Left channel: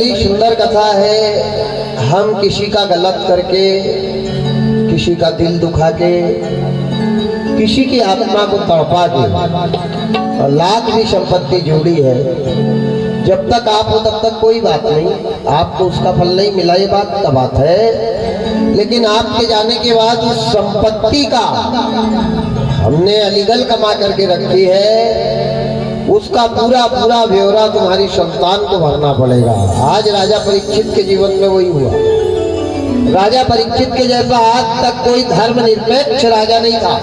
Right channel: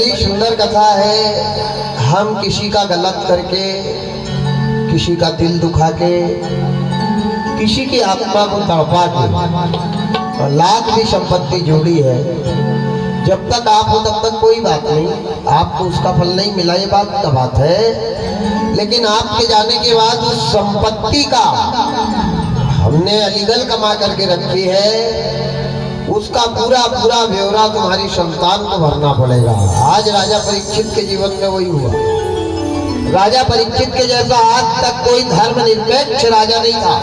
बड़ी सुंदर कथा है। हम किसी का गलत करके, किसी का दिल दुखा के, किसी की आत्मा को तड़पा के और लाख भी संपत्ति जोड़ी है, जब तक आप हो तब तक कोई बात नहीं, आपको उसका फल नहीं मिला, ये बात का बात है। लेकिन आपके जाने के बाद उस संपत्ति का हमने अलीगल कमा करके रखी है, उसका पूरा पूरा ब्यौरा तुम्हारी संतान को भरना पड़ेगा। आज राजा परीक्षित के जीवन में वही हुआ। राजा परीक्षित के जैसा आज तक कोई धर्मनिरपेक्ष राजा नहीं था।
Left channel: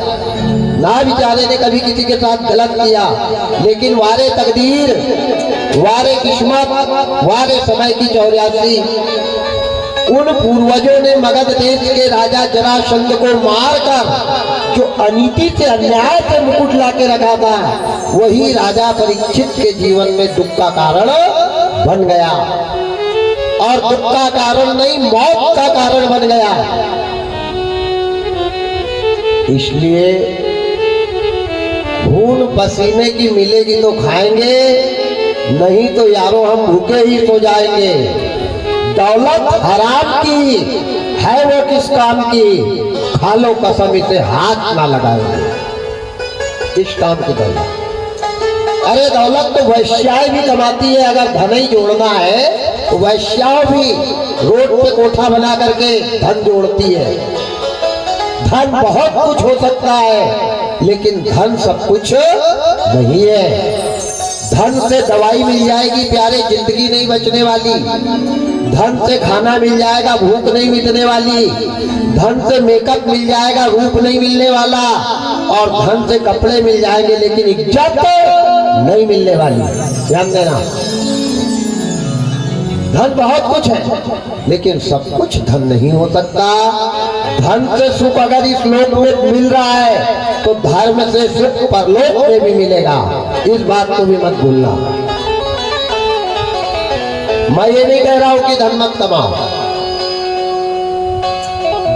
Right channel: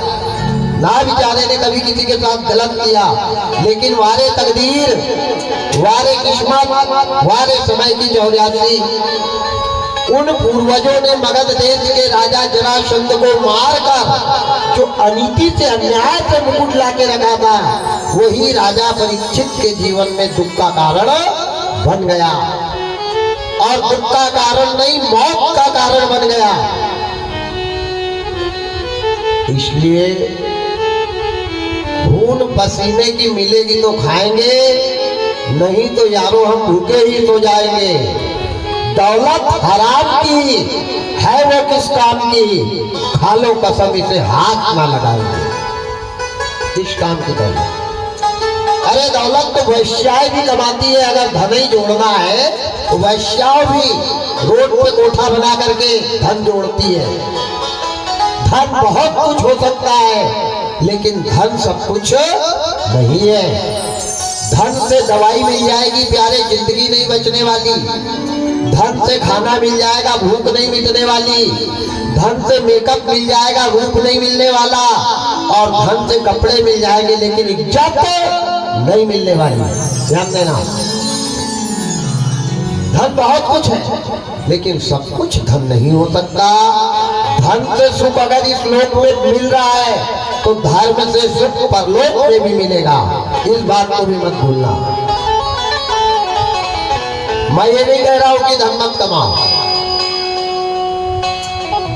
ना बेचारे ने कभी किसी के साथ गलत किया, लेकिन वारे तकदीर, वारे किस्मत, वारे समय की चौरासी, उन पूर्वजों ने मगध देश के राजा जरासंध को मारकर जो अनीति से, अन्याय से मुकुट लाके रखा था, वही राजा परीक्षित के जीवन में दुख का कारण बन गया। और दुख का कारण नहीं, मौत का कारण बन गया। इसलिए खून पसीने की मिलेगी तो खाएंगे, नहीं तो यारो हम भूखे ही सो जाएंगे। दौलत हराम की है वो किस काम की, खा लो कसम इसे हाथ ना लगाएंगे। किस काम की दौलत? अरे दौलत तो वैश्याएं भी कमाती है। अगर धन ही जोड़ना है तो वैश्याओं भी रोड पे कोठा बना करके धन जोड़ती है। धन बहुत कुछ हो सकता है, लेकिन धन सब कुछ नहीं है। धन से दवाई मिल जाएगी प्यारे, जिंदगी नहीं बचने वाली। धन से खाना मिल जाएगा, भूख नहीं मिटने वाली। धन से मेकअप मिल जाएगा, रूप नहीं मिलने वाला। और धन से कपड़े मिल जाएंगे, लेकिन इज्जत नहीं मिलने वाली। ध्यान देना, धन बहुत कुछ है, लेकिन सब कुछ धन नहीं हो सकता। धन से सुख अगर इस लोक में मिल रहा है, तो धर्म से सुख परलोक में भी मिलेगा। इस बात को भी मत भूलना। मैं ये नहीं कह रहा हूं कि धन मत कमाओ।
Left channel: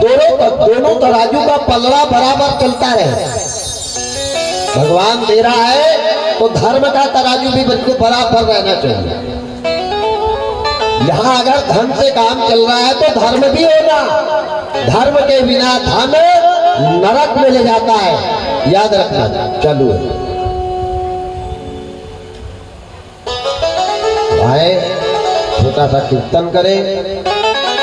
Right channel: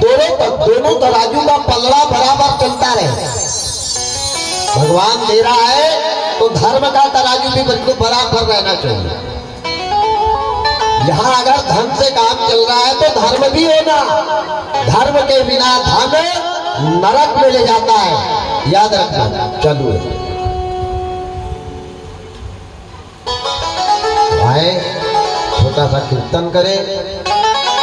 दोनों तराजू का पलड़ा बराबर चलता रहे। भगवान दे रहा है तो धर्म का तराजू भी बिल्कुल बराबर रहना चाहिए। यहाँ अगर धन से काम चल रहा है तो धर्म भी होना। धर्म के बिना धन नरक में ले जाता है, याद रखना। चलो आए, छोटा सा कीर्तन करें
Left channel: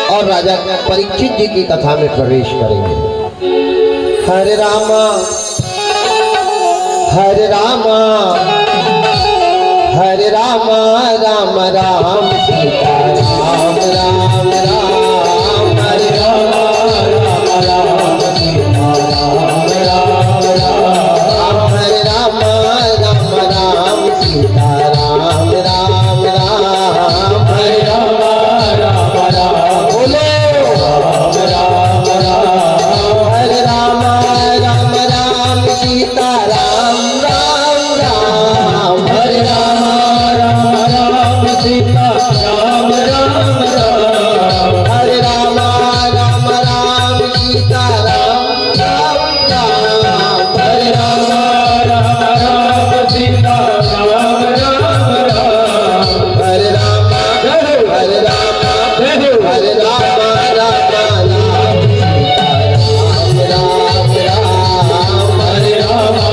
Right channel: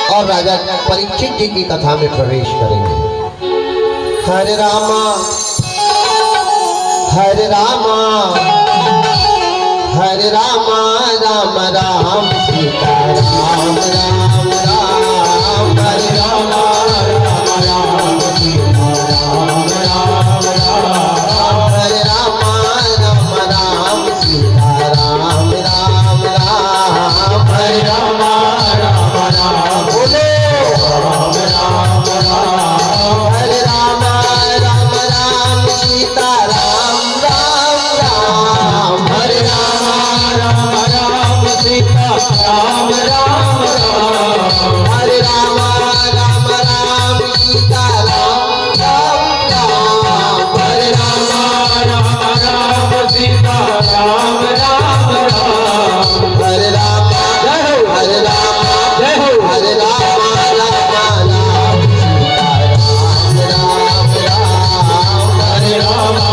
और राजा परीक्षित जी की कथा में प्रवेश करेंगे। हरे रामा हरे रामा हरे रामा, राम राम सीता राम राम राम। हरे रामा राम राम सीता राम राम राम। हरे रामा राम राम सीता राम राम राम। हरे रामा राम राम, बोलो राम राम राम। हरे रामा राम राम सीता राम राम राम। हरे रामा राम राम सीता राम राम राम। हरे रामा राम राम सीता राम राम राम। हरे रामा राम राम सीता राम राम राम। हरे रामा हरे रामा हरे रामा राम राम सीता राम राम राम। हरे रामा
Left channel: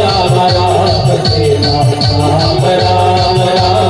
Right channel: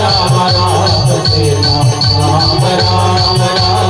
राम राम सीता राम राम राम।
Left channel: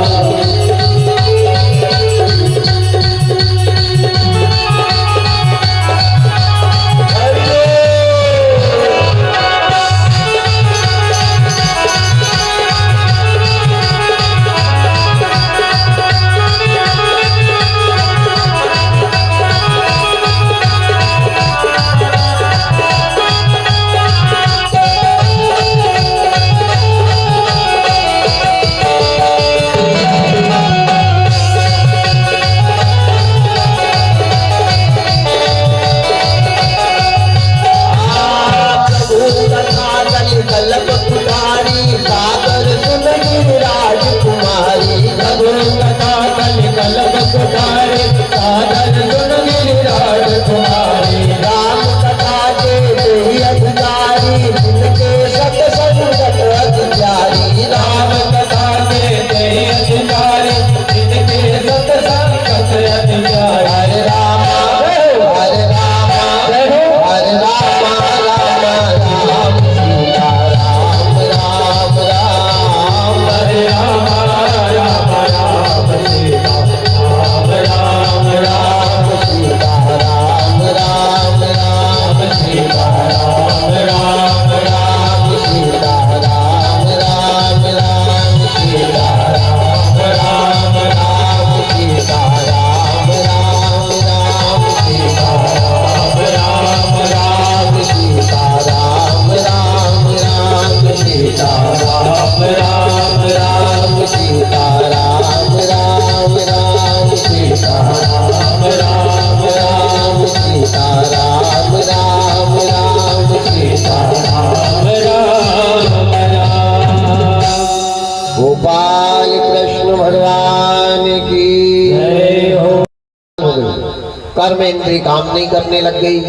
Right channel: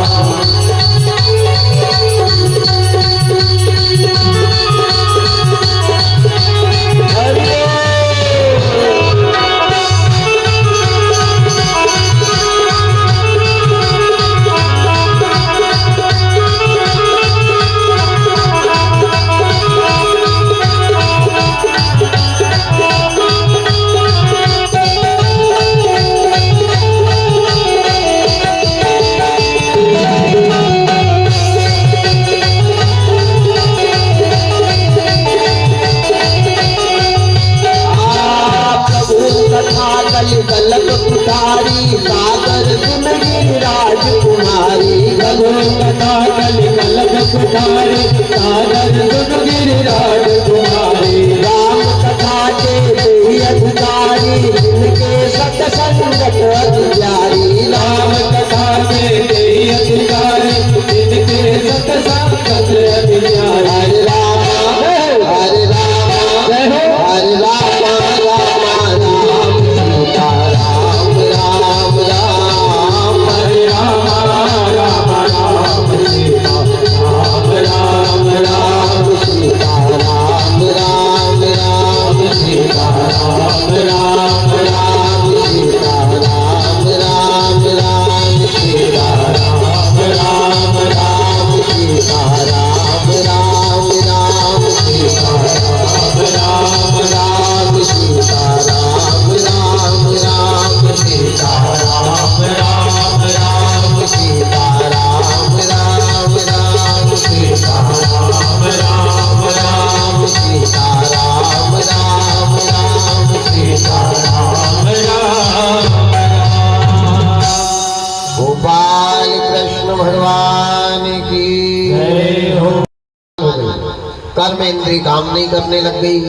कर्म इंद्री काम नहीं करने लग गई,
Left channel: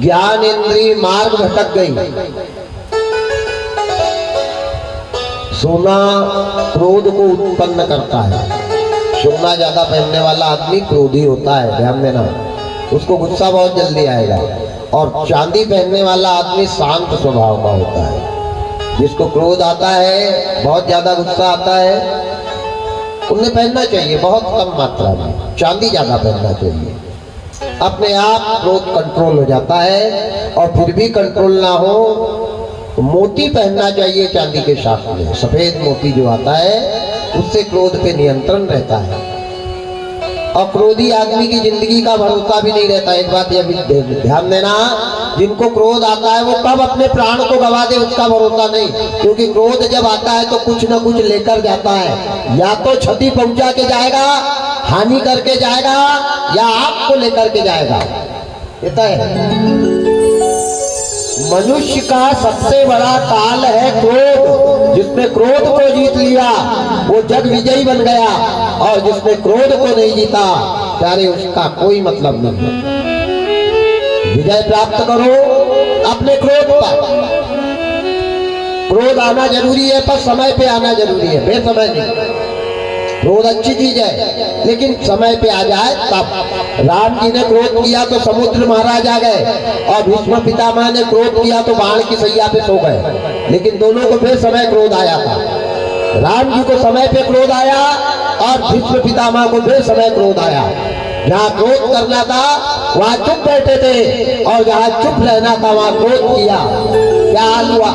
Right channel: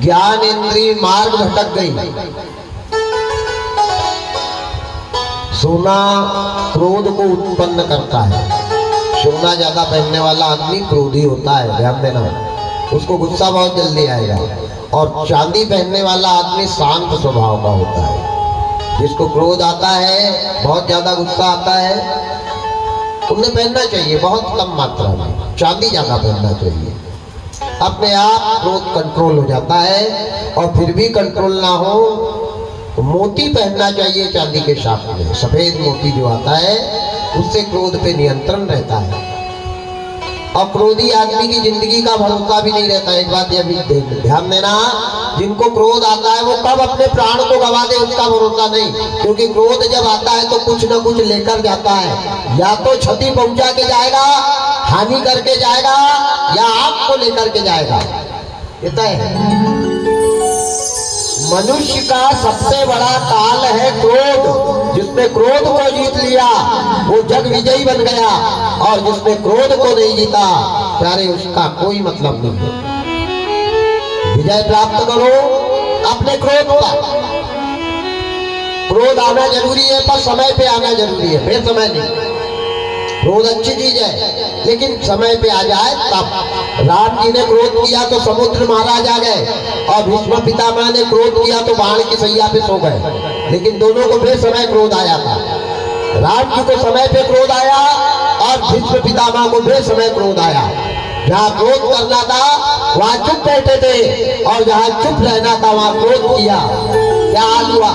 ज्ञान इंद्री मार्ग भटक गई। सोना क्रोध को उत्पन्न करता है। सोना ज्यादा पहनने वाला आदमी क्रोधी होता है, ध्यान देना, उसको गुस्सा बहुत जल्दी आएगा। और चांदी पहनने वाला आदमी शांत स्वभाव का होता है। जिसको क्रोध आता है, बहुत ज्यादा गुस्सा आता है, उन्हें पहनना चाहिए बहुत कम मात्रा में, चांदी ज्यादा पहनना चाहिए। अपने आप क्रोध कंट्रोल हो जाता है। और फिर भी कंट्रोल ना हो तो मोती पहनना चाहिए चांदी के साथ में, सफेद मोती जो आता है, उससे क्रोध पे नियंत्रण रहता है। और क्रोधी आदमी की जिंदगी का भरोसा भी नहीं रहता। एक बात ये भी ध्यान देना, जिनको क्रोध आता है वो कब अपने प्राण को गवा दे उसका भरोसा नहीं। क्योंकि क्रोध जब आता है तो कुछ न कुछ लेकर जाता है, या तो क्षति पहुंचा के जाएगा, हानि करके जाएगा, या आपको लेकर के जाएगा। ये तय है। मनुष्य का सबसे बड़ा काल है क्रोध। जिसने क्रोध को जीत लिया वो जग विजयी बन गया, और जिसने क्रोध को नहीं जीता प्यारे उसका कोई मतलब नहीं है। विजय प्राप्त करो अपने क्रोध पर। क्रोध आना जरूरी है पर समय पे आना जरूरी है, बेसमय नहीं। क्रोध अच्छी चीज है लेकिन समय पे आ जाए तब। राम जी ने क्रोध किया तो समुद्र महाराज आ गए, और भीष्म पितामह ने क्रोध किया तो बाण की सैया पे सो गए। लेकिन दोनों को फिर समय क्रोध आया था। राम जी को समय पे क्रोध आया और भीष्म पितामह को फिर समय क्रोध आया। जहाँ क्रोध करना था वहाँ चुप बैठे थे, और जहाँ चुप रहना था वहाँ क्रोध किया। क्या हाल हुआ?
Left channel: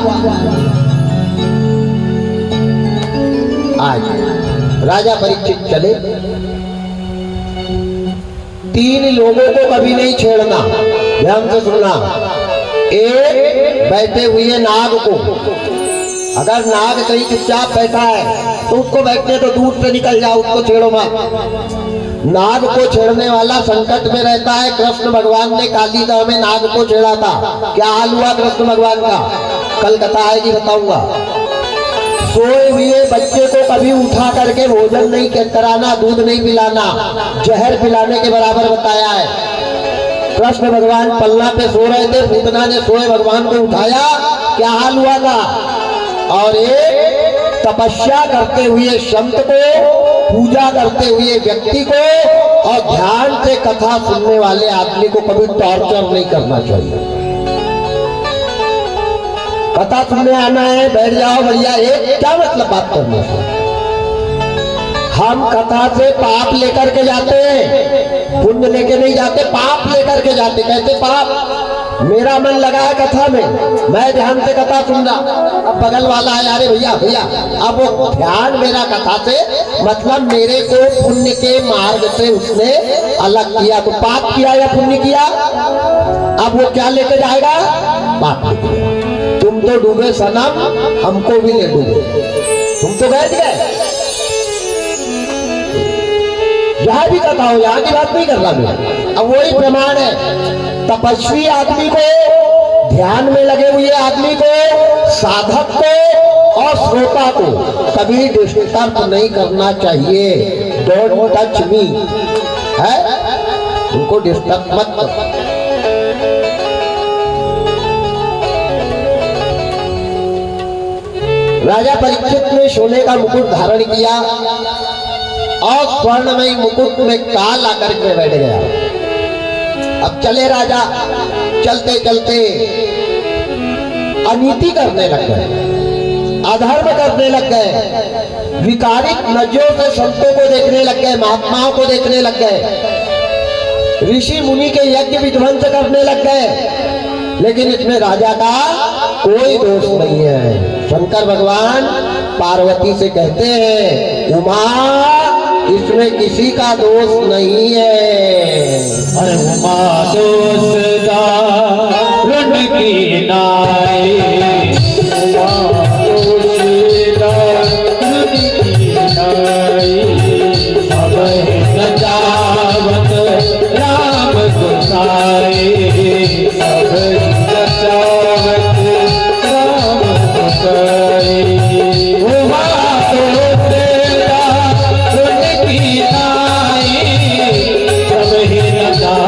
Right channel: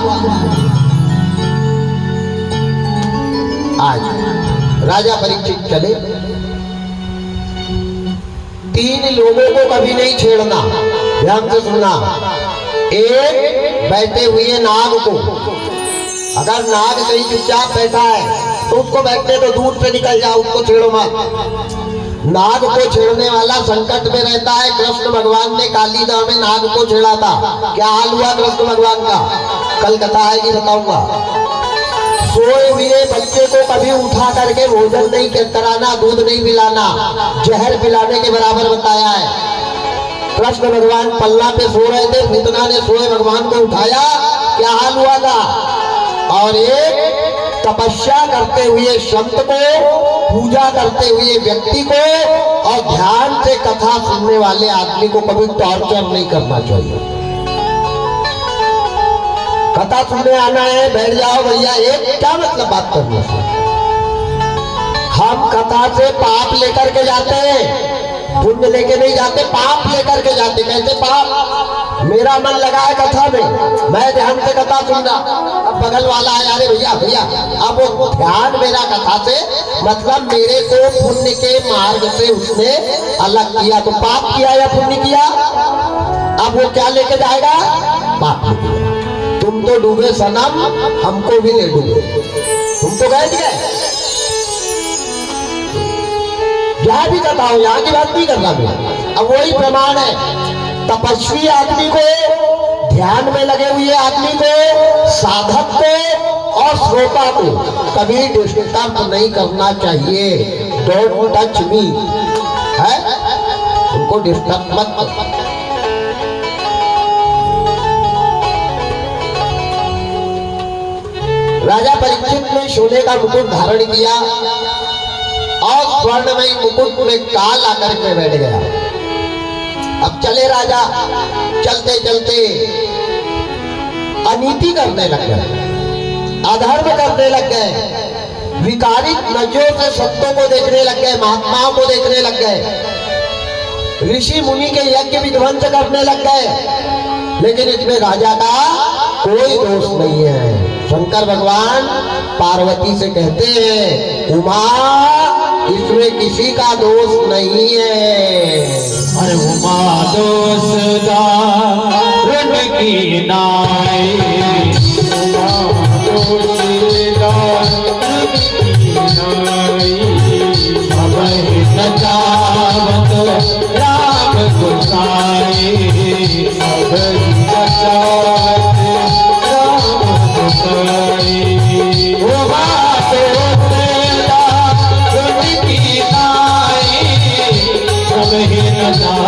आज राजा परीक्षित चले, 3 लोगों को कभी नहीं छेड़ना, ध्यान से सुनना। एक, बैठे हुए नाग को, अगर नाग कहीं चुपचाप बैठा है तो उसको बैठने तो दूर से निकल जाओ, उसको छेड़ो मत। नाग को छेड़ने वाला संकट में रहता है। कृष्ण भगवान ने कालीदाह में नाग को छेड़ा था। क्या हाल हुआ कृष्ण भगवान का? कल कथा आएगी, बताऊंगा। सोए हुए बच्चे को कभी उठा करके भोजन नहीं कराना, दूध नहीं पिलाना, जहर पिलाने के बराबर बताया है। कृष्ण भगवान पल्ला पे सो रहे थे, पूतना ने सोए भगवान को उठाया, क्या हाल हुआ था? और एक तपस्या करते हुए संत को, पूजा करते हुए व्यक्ति को, और ध्यान से कथा सुनने वाले आदमी को कभी टॉर्चर नहीं करना चाहिए। कथा सुनने आना है, बैठ जाओ भैया, एक क्या मतलब बात करने से? हम कथा से पाप लेकर के जाते हैं, पुण्य लेके नहीं जाते, पाप लेकर के जाते। कैसे पाप? मेरा मन लगा है कथा में, मैं ध्यान से कथा सुन रहा, अब बगल वाला है, अरे भैया भैया, अब वो ध्यान मेरा कथा से, मतलब मेरे को पुण्य के मार्ग से उसने अलग किया। तो पाप किया या पुण्य किया? अब वो क्या लेके जाएगा? पाप लेके। तुम तो डूबे सनम, हमको भी ले डूबे। तुम तो बैठ गए। जहां भी कथा हो, यहाँ की बात नहीं कर रहा मैं। अब वही प्रमाण है। तपस्वी आदमी को, ध्यान में लगे हुए आदमी को, साधक को और श्रोता को कभी डिस्टर्ब नहीं करना चाहिए। डोंट टच मी, है, उनको डिस्टर्ब मत करो। राजा परीक्षित ने सोने का मुकुट धारण किया और स्वर्णमयी मुकुट में काल आकर के बैठ गया। अब चले राजा, चलते चलते अनीति करने लग गए, अधर्म करने लग गए, विकारिक नजरों से संतों को देखने लग गए, महात्माओं को देखने लग गए, ऋषि मुनि के यज्ञ विध्वंस करने लग गए। लेकिन इसमें राजा का कोई दोष नहीं है। शंकर भगवान पार्वती से कहते हैं, उमा इसमें किसी का दोष नहीं है। अरे उमा दोष दारुण की नाई, उमा दोष दारुण की नाई, सब न जावत राम गोसाई, सब न जावत राम गोसाई। उमा दोष दारुण की नाई, सब न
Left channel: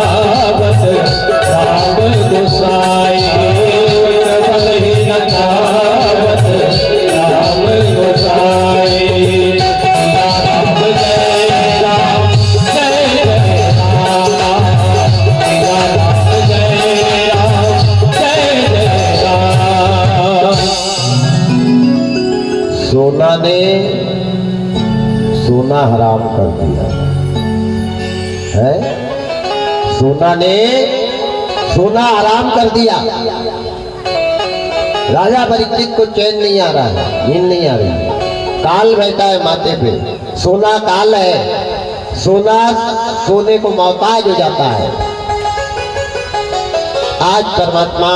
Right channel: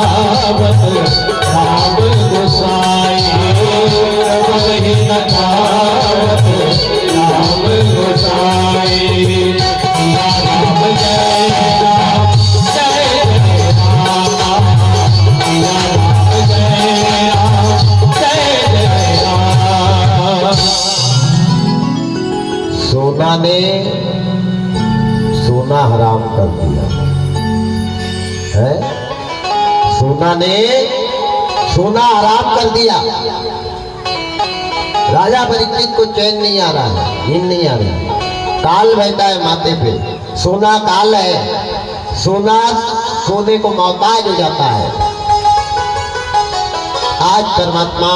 हराम कर दिया है। सोना ने सोना हराम कर दिया। राजा परीक्षित को चैन नहीं आ रहा है, नींद नहीं आ रही। काल बैठा है माथे पे, सोना काल है, सोना सोने को मोहताज हो जाता है। आज परमात्मा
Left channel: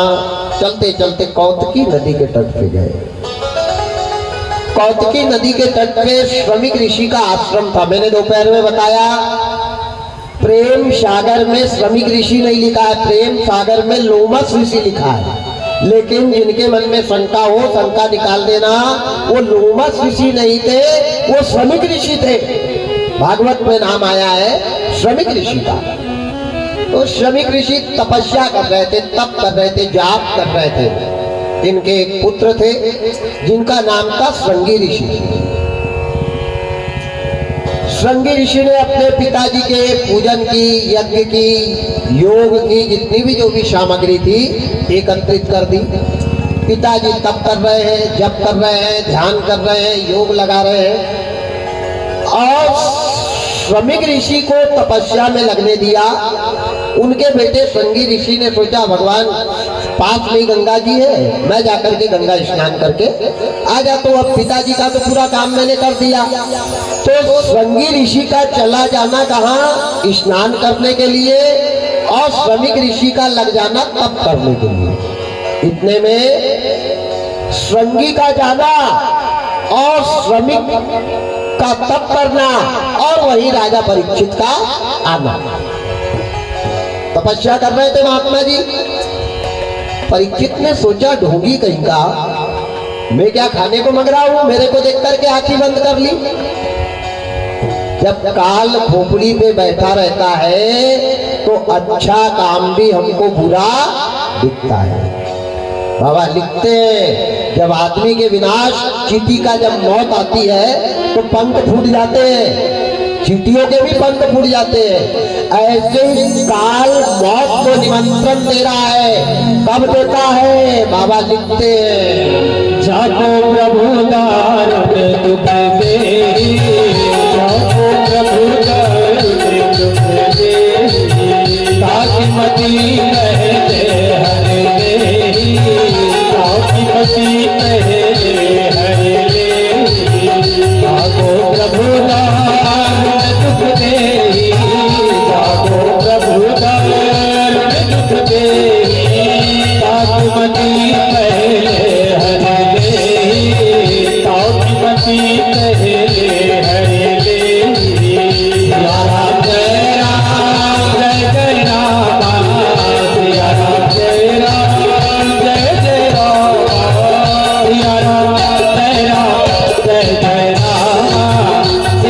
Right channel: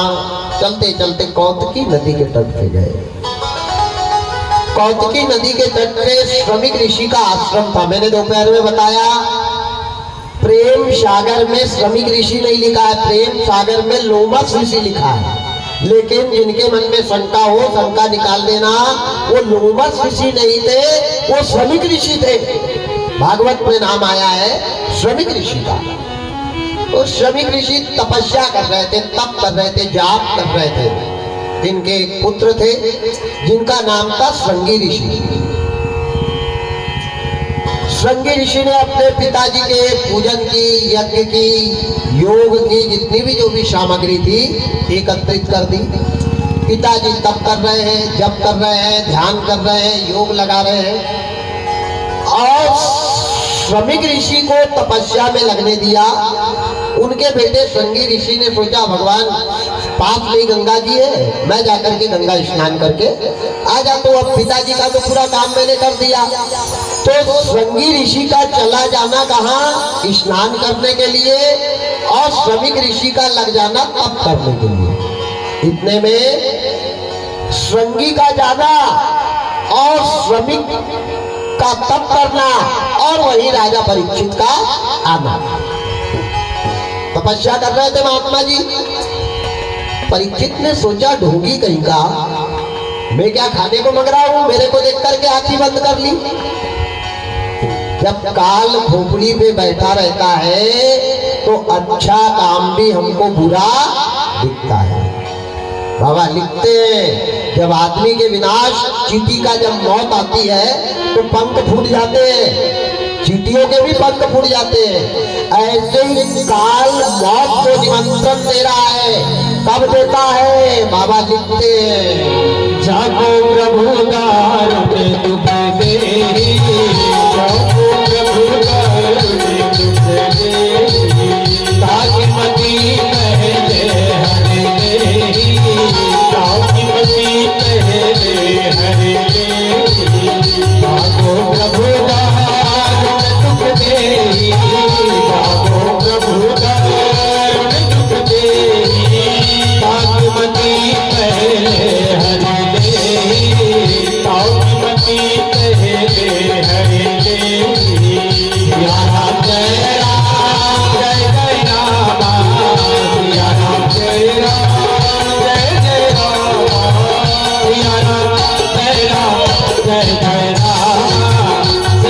चलते चलते कौतकी नदी के तट पे गए। कौतकी नदी के तट पे श्रमिक ऋषि का आश्रम था। मैंने दोपहर में बताया, प्रेम सागर में श्रमिक ऋषि नहीं लिखा है, प्रेम सागर में लोमस ऋषि लिखा है। लेकिन जिनके मन में शंका हो, शंका निकाल देना, वो लोमस ऋषि नहीं थे, वो श्रमिक ऋषि थे। भागवत में नाम आया है श्रमिक ऋषि का। तो श्रमिक ऋषि तपस्या कर रहे थे, तप कर रहे थे, जाप कर रहे थे। इनके एक पुत्र थे जिनका नाम था श्रृंगी ऋषि। श्रृंगी ऋषि ने अपने पिताजी के पूजन की, यज्ञ की, योग की जितनी भी जो भी सामग्री थी एकत्रित कर दी। पिताजी तप कर रहे हैं, जप कर रहे हैं, ध्यान कर रहे हैं, योग लगा रहे हैं और श्रमिक ऋषि को तपस्या में लगने दिया। उनके बेटे श्रृंगी ऋषि ने सोचा, भगवान पास में ही गंगा जी है, मैं जाकर के गंगा स्नान करके आ जाता हूं। अब पिताजी का तो पूरा काम मैंने कर दिया। तो श्रृंगी ऋषि का चला जाना कहाँ, स्नान करने के लिए, और श्रमिक ऋषि का लग जाना तप करने के लिए। इतने में श्रृंगी का जाना और श्रमिक का तप करना और वही राजा परीक्षित का आना। तपस्या कर रहे थे महात्मा जी। परीक्षित ने सोचा, ढोंगी कहीं का, मैं क्या खाने को मंग रहा हूं, मेरे को देख करके आंखें बंद कर ली। जब काल खोपड़ी पे बैठा रहता है तो अच्छा काम भी हमको बुरा दिखता है। बाबा लिखते हैं, जब आदमी के विनाश, चींटी का जब मौत आती है तो पंख फूट जाते हैं, चींटियों के भी पंख फूट जाते हैं। ऐसे ही काल मौत को निमंत्रण दे रहा है। कब देता है? बाबा लिखते हैं, जागो प्रभु दारुण दुख दे, जागो प्रभु दारुण दुख दे, ताकि मती कहे हरे दे, ताकि मती कहे हरे दे। जागो प्रभु दारुण दुख दे, जागो प्रभु दारुण दुख दे, ताकि मती कहे हरे दे, ताकि मती कहे हरे दे। या राम जय राम जय जय राम, या राम जय राम जय जय राम, या राम जय राम जय जय राम,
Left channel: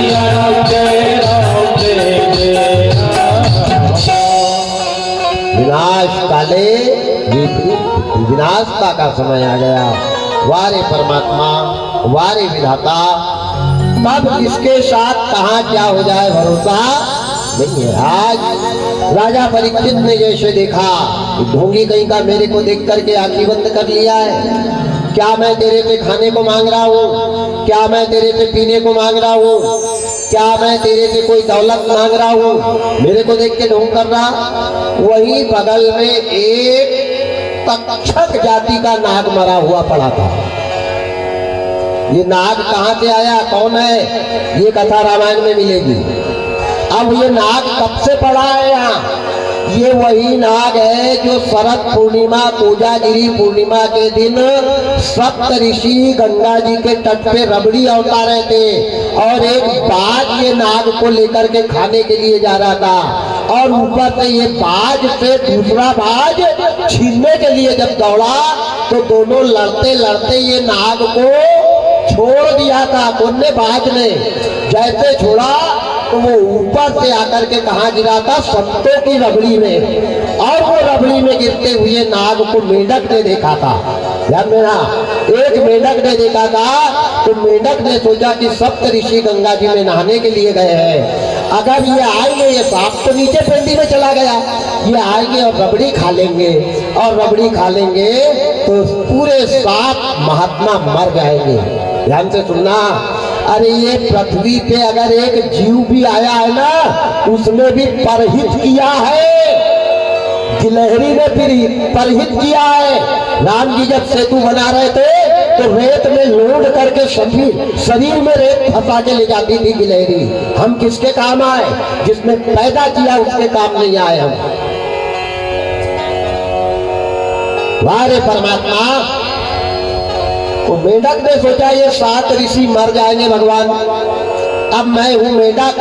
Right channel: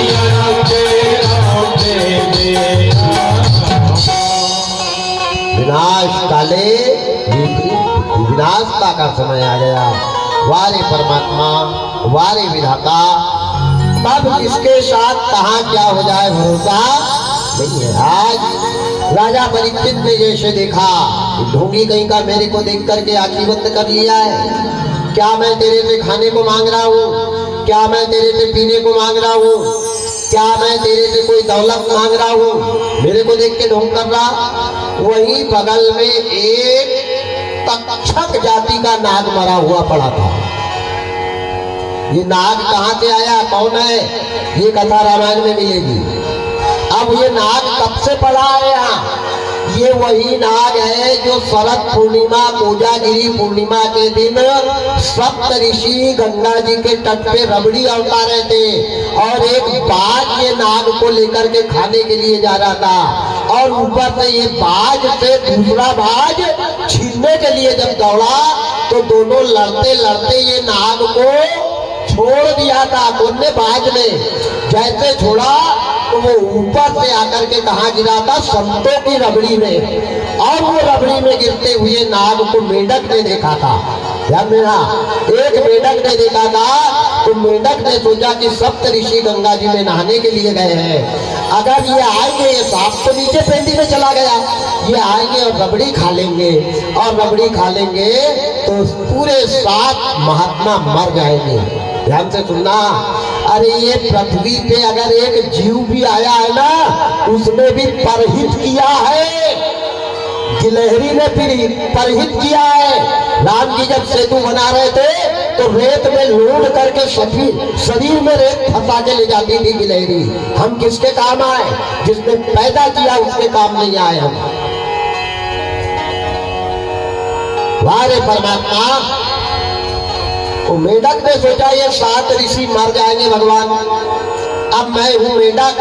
या राम जय राम जय जय राम। विनाश काले विनाशता का समय आ गया। वारे परमात्मा, वारे विधाता, तब किसके साथ कहाँ क्या हो जाए भरोसा नहीं है। आज राजा परीक्षित ने जैसे देखा, ढोंगी कहीं का मेरे को देख करके आंखें बंद कर लिया है। क्या मैं तेरे से खाने को मांग रहा हूँ? क्या मैं तेरे से पीने को मांग रहा हूँ? क्या मैं तेरे से कोई दौलत मांग रहा हूँ? मेरे को देख के ढोंग कर रहा। वही बगल में एक तक्षक जाति का नाग मरा हुआ पड़ा था। ये नाग कहाँ से आया, कौन है, ये कथा रामायण में मिलेगी। अब ये नाग कब से पड़ा है यहाँ? ये वही नाग है जो शरद पूर्णिमा, कोजागिरी पूर्णिमा के दिन सप्त ऋषि गंगा जी के तट पे रबड़ी अवतारे थे और एक बाज ये नाग को लेकर के खाने के लिए जा रहा था और ऊपर से ये बाज से दूसरा बाज छीनने के लिए जब दौड़ा तो दोनों लड़ते लड़ते ये नाग को छोड़ दिया था। दोनों बाज ने जैसे छोड़ा तो वो ऊपर से आकर के कहाँ गिरा था, संतों की रबड़ी में, और वो रबड़ी में गिरते हुए नाग को मेंढक ने देखा था। ध्यान मेरा, एक मेंढक ने देखा था तो मेंढक ने सोचा कि सप्त ऋषि गंगा जी में नहाने के लिए गए हैं, अगर ये आएंगे, ये सांप तो नीचे पेंडी में चला गया, ये आएंगे और रबड़ी खा लेंगे और रबड़ी खा लेंगे तो पूरे 7 महात्मा मर जाएंगे। ध्यान से सुनना, अरे ये पृथ्वी पे अगर एक जीव भी आया है ना, उसने भी परहित किया है, गिलहरी ने भी परहित किया है। राम जी जब सेतु बना रहे थे तो रेत में लोड करके शरीर में रेत फंसा के ले जाती थी गिलहरी। हम किसके काम आए? जिसने पैदा किया उसके काम नहीं आए हम। वारे परमात्मा, वो मेढक ने सोचा ये 7 ऋषि मर जाएंगे भगवान, अब मैं हूं मेढक,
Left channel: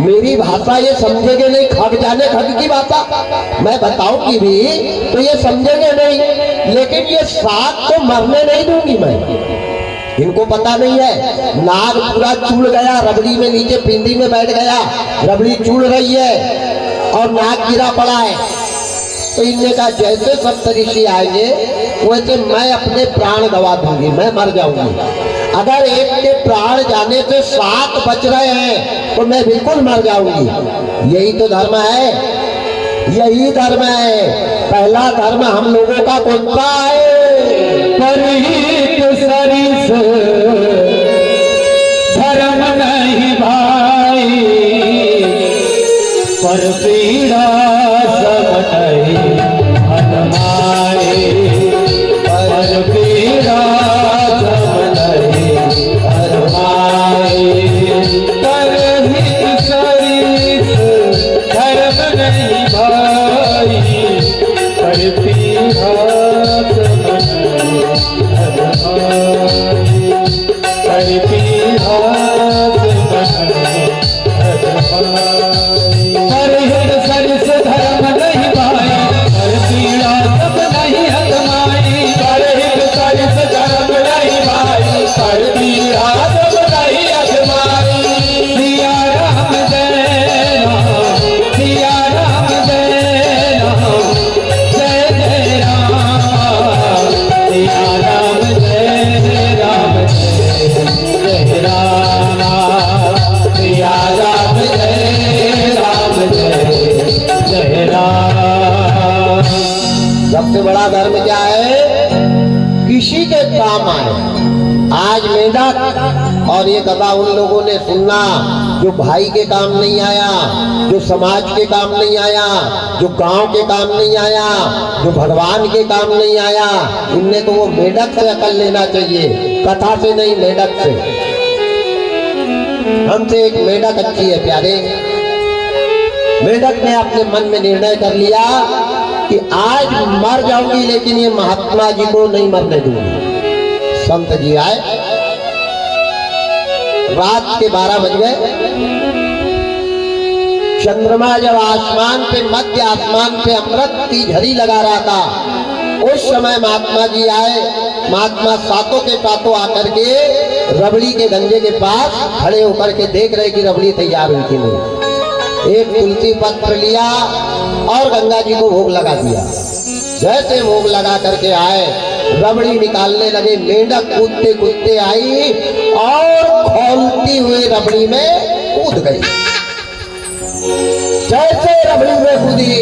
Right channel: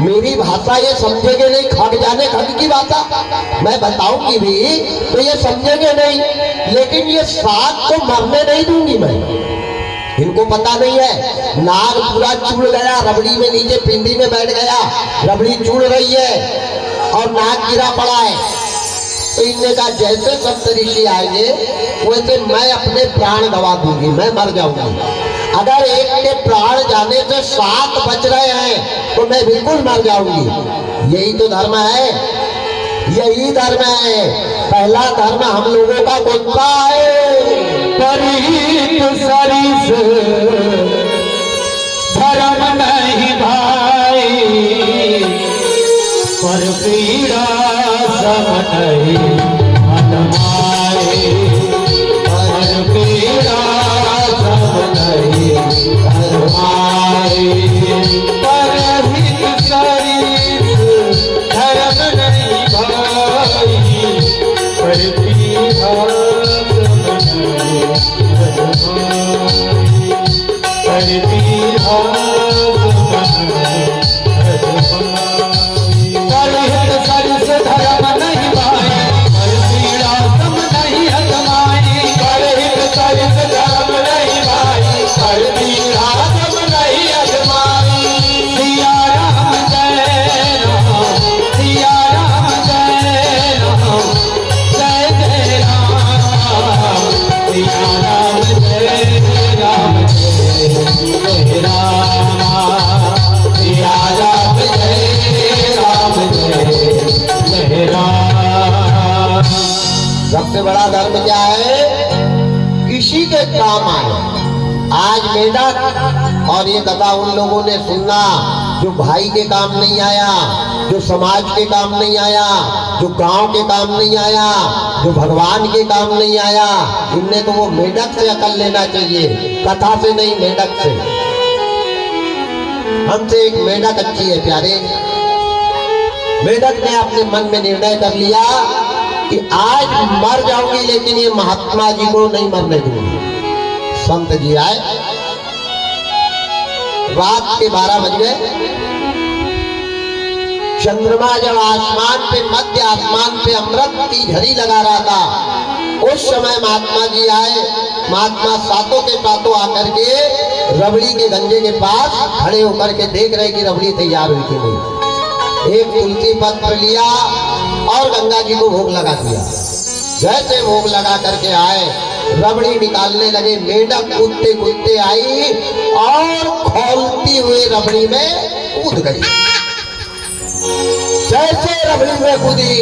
मेरी भाषा ये समझेंगे नहीं, खग जाने खग की भाषा मैं बताऊंगी भी तो ये समझेंगे नहीं, लेकिन ये 7 को मरने नहीं दूंगी मैं। इनको पता नहीं है, नाग पूरा चूड़ गया, रबड़ी में नीचे पिंडी में बैठ गया, रबड़ी चूड़ रही है और नाग गिरा पड़ा है। तो इनने कहा जैसे सप्तऋषि आएंगे वैसे मैं अपने प्राण गवा दूंगी, मैं मर जाऊंगी। अगर एक के प्राण जाने से 7 बच रहे हैं तो मैं बिल्कुल मर जाऊंगी। यही तो धर्म है, यही धर्म है। पहला धर्म हम लोगों का कौन सा है? परिहित सरिस धर्म नहीं भाई, पर पीड़ा सब नहीं हनुमाए, पर पीड़ा सब नहीं हनुमाए। परिहित सरिस धर्म नहीं भाई, पर पीड़ा सबसे बड़ा धर्म क्या है? किसी के काम आए। आज मेढक और ये गधा उन लोगों ने सुनना जो भाई के काम नहीं आया, जो समाज के काम नहीं आया, जो गांव के काम नहीं आया, जो भगवान के काम नहीं आया। इनने तो वो मेढक से अकल लेना चाहिए, कथा से नहीं, मेढक से। हमसे एक मेढक अच्छी है प्यारे। मेढक ने अपने मन में निर्णय कर लिया कि आज मर जाऊंगी लेकिन ये महात्मा जी को नहीं मरने दूंगी। संत जी आए, रात के 12 बज गए। चंद्रमा जब आसमान पे, मध्य आसमान पे अमृत की झड़ी लगा रहा था, उस समय महात्मा जी आए। महात्मा सातों के सातों आकर के रबड़ी के गंजे के पास खड़े होकर के देख रहे कि रबड़ी तैयार हुई कि नहीं। एक तुलसी पत्र लिया और गंगा जी को भोग लगा दिया। जैसे भोग लगा करके आए, रबड़ी निकालने लगे। मेढक कूदते कूदते आई और खौलती हुई रबड़ी में कूद गई। जैसे रबड़ी में कूदी,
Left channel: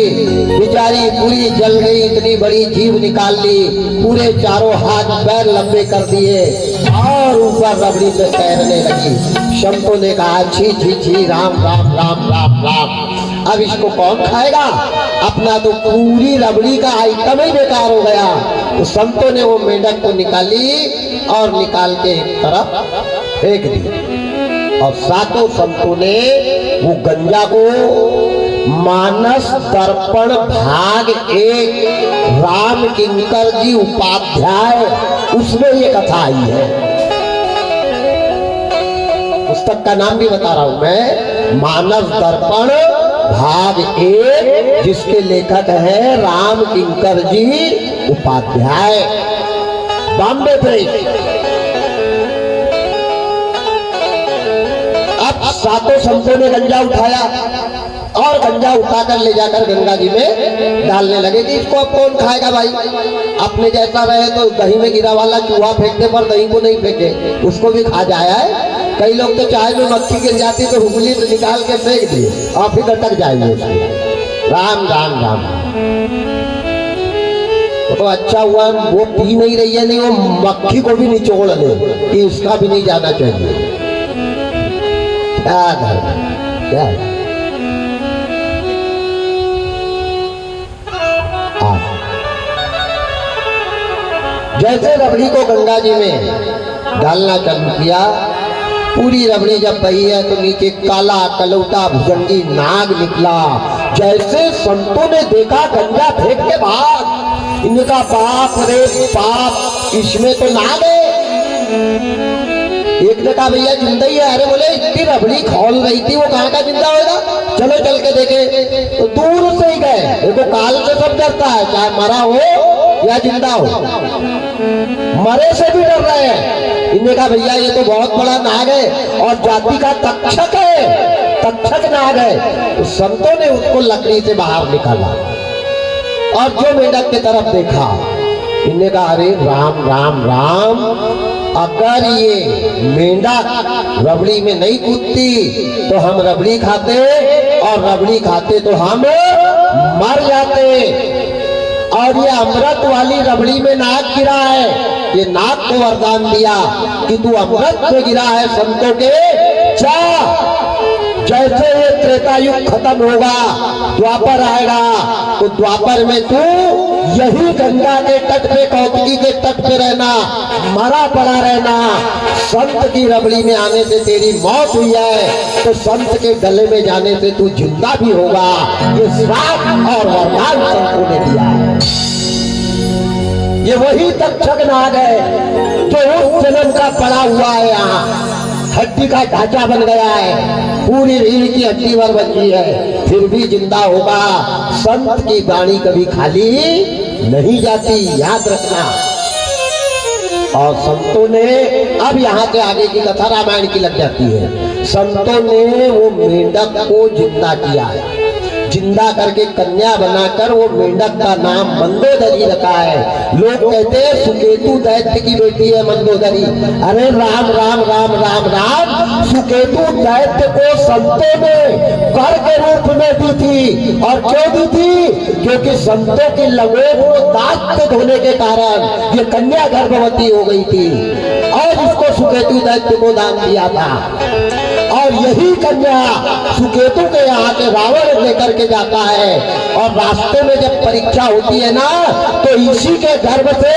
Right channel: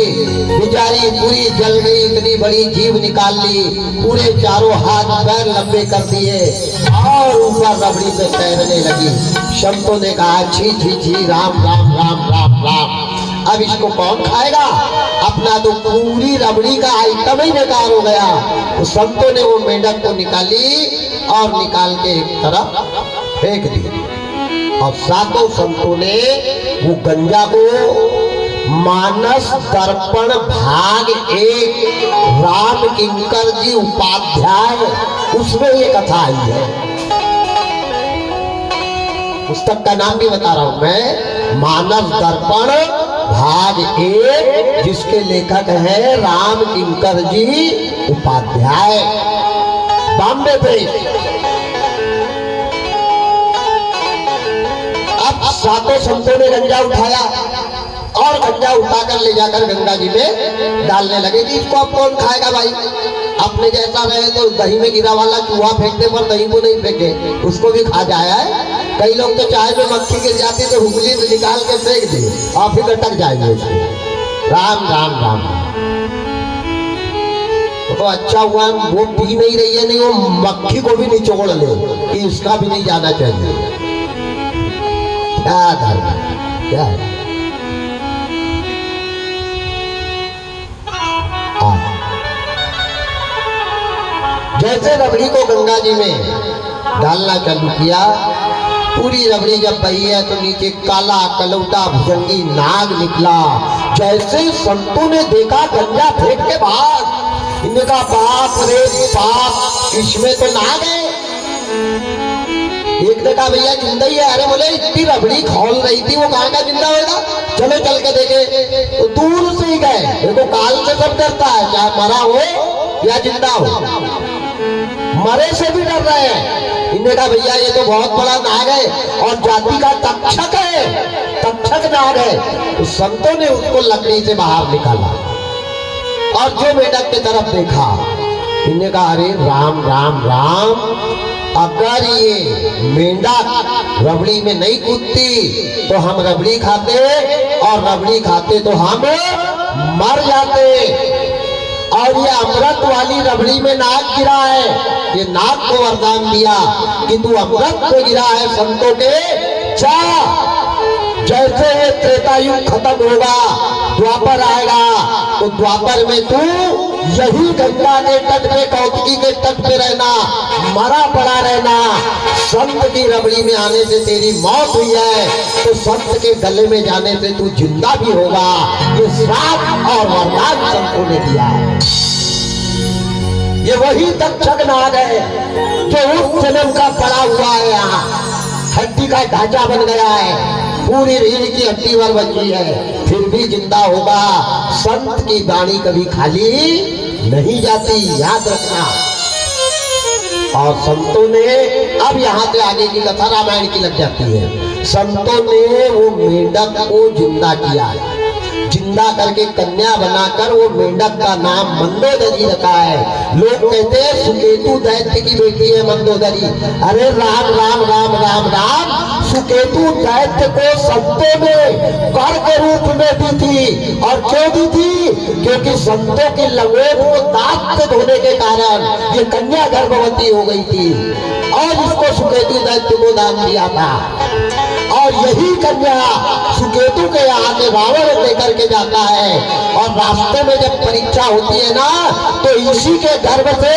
बेचारी पूरी जल गई, इतनी बड़ी जीभ निकाल ली, पूरे चारों हाथ पैर लंबे कर दिए और ऊपर रबड़ी में तैरने लगी। संतों ने कहा छी छी छी, राम राम राम राम राम, अब इसको कौन खाएगा? अपना तो पूरी रबड़ी का आइटम ही बेकार हो गया। तो संतों ने वो मेढक को निकाली और निकाल के एक तरफ फेंक दी। और सातों संतों ने वो गंजा को मानस दर्पण भाग 1 राम किंकर जी उपाध्याय, उसमें ये कथा आई है। पुस्तक का नाम भी बता रहा हूं मैं, मानस दर्पण भाग 1, जिसके लेखक है राम किंकर जी उपाध्याय, बॉम्बे प्रेस। अब सातों संतों ने गंजा उठाया और गंजा उठाकर ले जाकर गंगा जी में डालने लगे कि इसको अब कौन खाएगा भाई? अपने जैसा रहे तो दही में गिरा वाला चूहा फेंकने पर दही को नहीं फेंके, उसको भी खा जाया है। कई लोग तो चाय में मक्खी गिर जाती तो हुगली निकाल के फेंक दिए और फिर अटक जाएंगे उसमें। राम राम राम। तो अच्छा हुआ वो पी नहीं रही है, नहीं वो मक्खी को भी निचोड़ ले कि उसका भी नहीं जाना चाहिए। क्या है? जैसे रबड़ी को गंगा जी में डालना चालू किया, पूरी रबड़ी जब बही है तो नीचे काला कलौटा भुजंगी नाग निकला। जैसे संतों ने देखा गंगा फेंक के भाग, इनका बाप रे बाप, इसमें तो नाग है। एक ने कहा भैया जिंदा ही है। अरे बोले इतनी रबड़ी खोल रही थी, वो कहाँ का जिंदा होगा, चलो चल के देखे। तो दूर से ही गए, देखो काल से सब डरता है, चाहे मरा हो या जिंदा हो, मरे से भी डर रहे हैं। इन्हें कहा भैया ये तो बहुत बड़ा नाग है और जाति का तक्षक है, तक्षक नाग है। तो संतों ने उसको लकड़ी से बाहर निकाला और जो मेंढक की तरफ देखा, इन्हें कहा अरे राम राम राम, अगर ये मेंढक रबड़ी में नहीं कूदती तो हम रबड़ी खाते, और रबड़ी खाते तो हम मर जाते। और ये अमृत वाली रबड़ी में नाग गिरा है, ये नाग को वरदान दिया कि तू अमृत में गिरा है संतों के, जा। जैसे ये त्रेता युग खत्म होगा, द्वापर आएगा, तो द्वापर में तू यही गंगा के तट पे, कौतकी के तट पे रहना, मरा पड़ा रहना। संत की रबड़ी में आने से तेरी मौत हुई है तो संत के गले में जाने से तू जिंदा भी होगा। ये श्राप और वरदान संतों ने दिया है। ये वही तक्षक नाग है जो उस जन्म का पड़ा हुआ है, यहाँ हड्डी का ढांचा बन गया है, पूरी रीढ़ की हड्डी भर बची है, फिर भी जिंदा होगा। संत की वाणी कभी खाली नहीं जाती, याद रखना। और संतों ने, अब यहाँ से आगे की कथा रामायण की लग जाती है। संतों ने वो मेंढक को जिंदा किया है, जिंदा करके कन्या बनाकर वो मेंढक का नाम मंदोदरी रखा है। लोग कहते हैं सुकेतु दैत्य की बेटी है मंदोदरी। अरे राम राम राम राम राम, सुकेतु दैत्य को संतों ने वर के रूप में दी थी। और क्यों दी थी? क्योंकि संतों की लंगोट को दांत से धोने के कारण ये कन्या गर्भवती हो गई थी और इसको सुकेतु दैत्य को दान दिया था। और यही कन्या सुकेतु के यहाँ के रावण लेकर के जाता है, और रास्ते में जब परीक्षा होती है ना, तो इसी के गर्भ से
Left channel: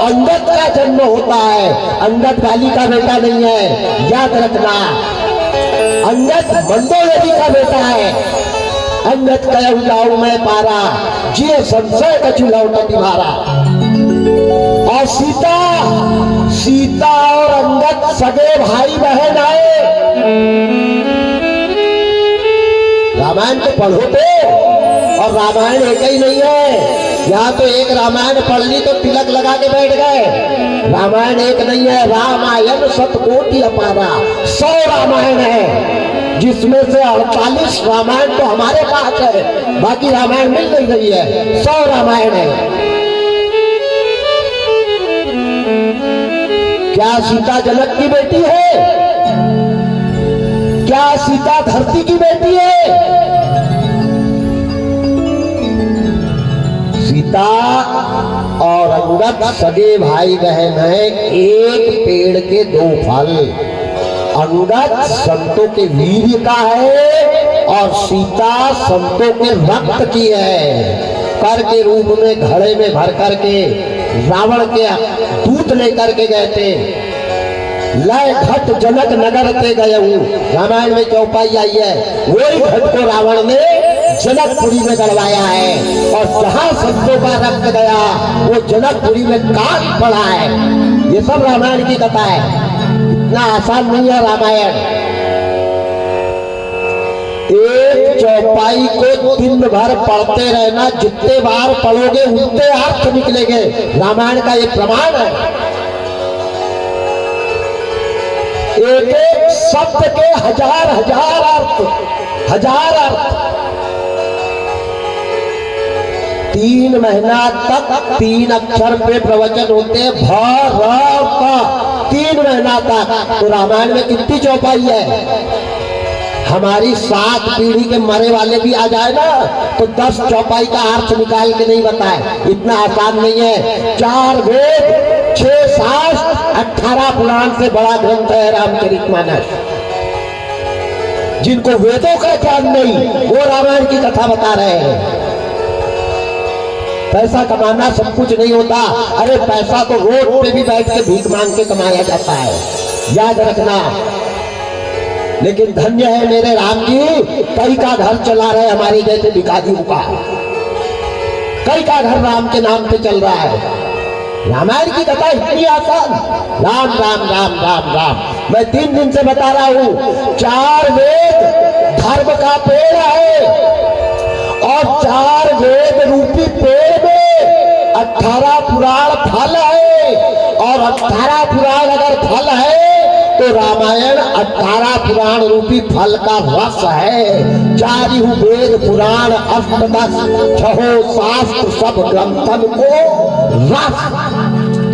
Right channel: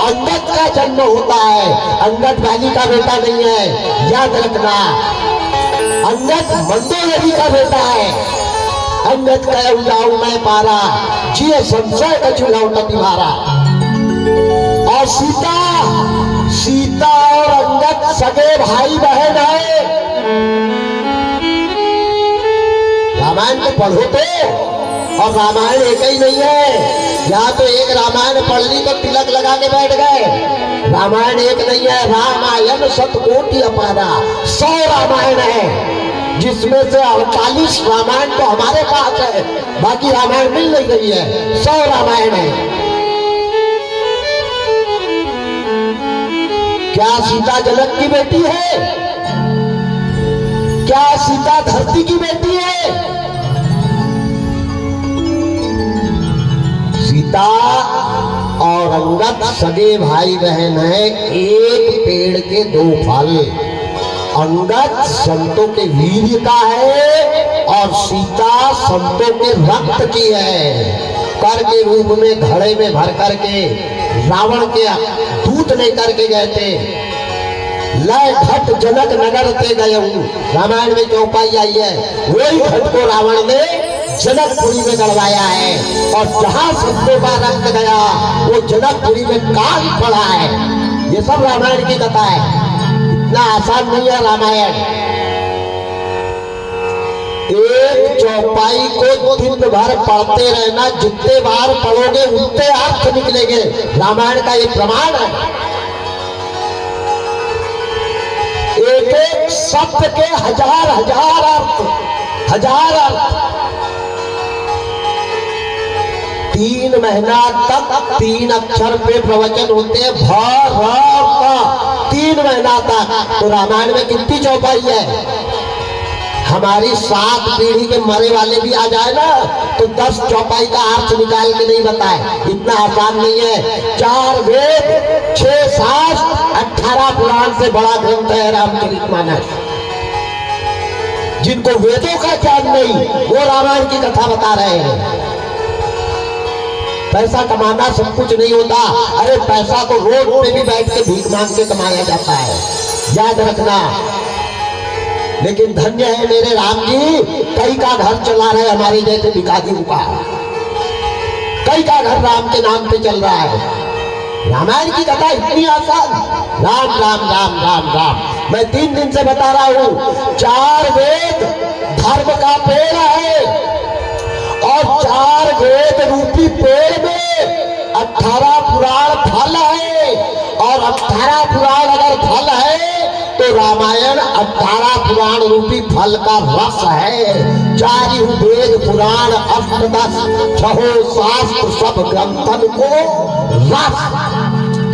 अंगद का जन्म होता है। अंगद गाली का बेटा नहीं है, याद रखना। अंगद मंदोदरी का बेटा है। अंगद कह जाऊं मैं पारा, जिये संशय का चुलौटा तुम्हारा। और सीता, सीता और अंगद सगे भाई बहन आए। रामायण को पढ़ो तो, और रामायण एक ही नहीं है। यहाँ तो एक रामायण पढ़ ली तो तिलक लगा के बैठ गए। रामायण एक नहीं है, रामायण शतकोटि अपारा, 100 रामायण है, जिसमें से 48 रामायण तो हमारे पास है, बाकी रामायण मिल नहीं रही है। 100 रामायण है। क्या सीता जनक की बेटी है? क्या सीता धरती की बेटी है? सीता और अंगद सगे भाई बहन हैं, एक पेड़ के 2 फल। अंगद संतों के वीर्य का है और सीता संतों के रक्त की है। कर के रूप में घड़े में भर करके रावण के दूत लेकर के गए थे। लय घट जनक नगर ते गए हूँ, रामायण में चौपाई आई है। वही घट को रावण ने जनकपुरी में गड़वाया है, और जहां संतों का रक्त गया वो जनकपुरी में काल पड़ा है। ये सब रामायण की कथा है, इतना आसान नहीं है रामायण। एक चौपाई को दिन भर पढ़ते रहना, जितने बार पढ़ोगे उतने अर्थ निकलेंगे। रामायण का एक प्रमाण है। एक एक शब्द के हजार हजार अर्थ, हजार अर्थ। 3 महीना तक 3 अक्षर पे प्रवचन होते हैं, भ र प, 3 महीना तक। तो रामायण में कितनी चौपाई है? हमारी 7 पीढ़ी के मरे वाले भी आ जाए ना तो 10 चौपाई का अर्थ निकाल के नहीं बताए। इतना आसान नहीं है। 4 वेद, 6 शास्त्र, 18 पुराण से बड़ा ग्रंथ है रामचरितमानस। जिनको वेदों का ज्ञान नहीं, वो रामायण की कथा बता रहे हैं। पैसा कमाना सब कुछ नहीं होता। अरे पैसा तो रोड पे भी बैठ के भीख मांग के कमाया जाता है, याद रखना। लेकिन धन्य है मेरे राम जी, कई का घर चला रहे हमारे जैसे भिखारियों का। कई का घर राम के नाम पे चल रहा है। रामायण की कथा इतनी आसान, राम राम राम राम राम। मैं 3 दिन से बता रहा हूं, 4 वेद धर्म का पेड़ है और 4 वेद रूपी पेड़ में 18 पुराण फल है। और 18 पुराण अगर फल है तो रामायण 18 पुराण रूपी फल का रस है। 4 वेद पुराण अष्टदश 6 शास्त्र सब ग्रंथन को रस।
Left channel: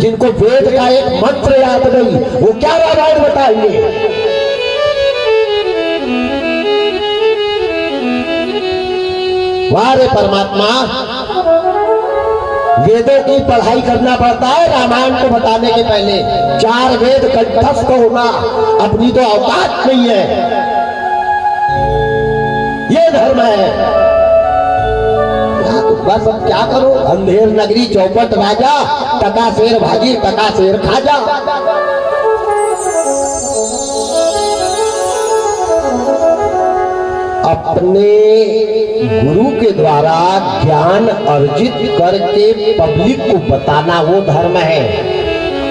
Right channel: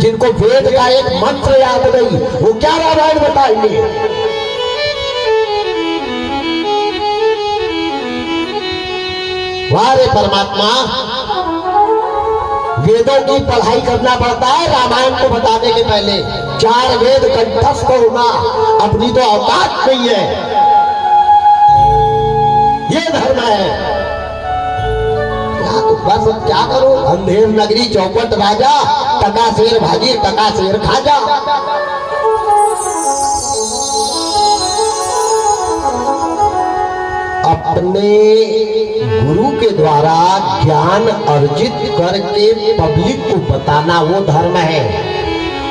जिनको वेद का एक मंत्र याद नहीं, वो क्या रामायण बताएंगे? वारे परमात्मा, वेदों की पढ़ाई करना पड़ता है रामायण को बताने के पहले। 4 वेद कंठस्थ होना अपनी तो औकात नहीं है, ये धर्म है। बस अब क्या करो, अंधेर नगरी चौपट राजा, टका शेर भागी टका शेर खाजा। अपने गुरु के द्वारा ज्ञान अर्जित करके पब्लिक को बताना वो धर्म है।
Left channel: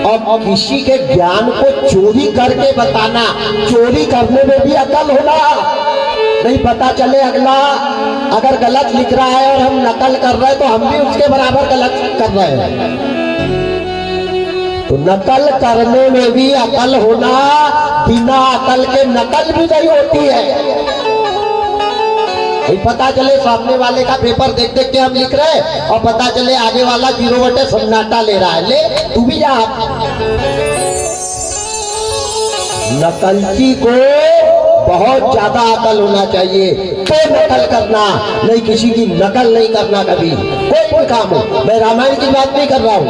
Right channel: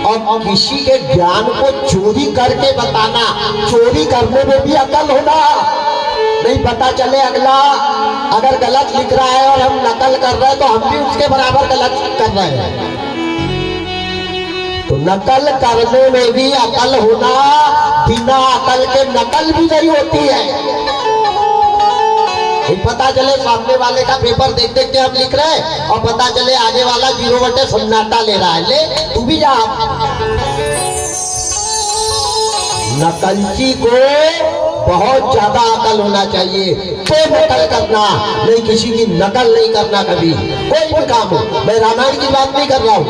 और किसी के ज्ञान को चोरी करके बताना, चोरी करने में भी अकल होना। नहीं पता चले अगला अगर गलत लिख रहा है और हम नकल कर रहे हैं तो हम भी उसके बराबर गलत कर रहे हैं। तो नकल करने में भी अकल होना, बिना अकल के नकल भी नहीं होती है। नहीं पता चले सामने वाले का पेपर देख देख के हम लिख रहे हैं और पता चले आगे वाला 0 सन्नाटा ले रहा है, ले तू भी जा। नकलची को बहुत ज्यादा अकल होना चाहिए, तो नकल करना, नहीं किसी की नकल नहीं करना कभी, कोई भी काम हो। मैं रामायण की बात नहीं कर रहा हूँ,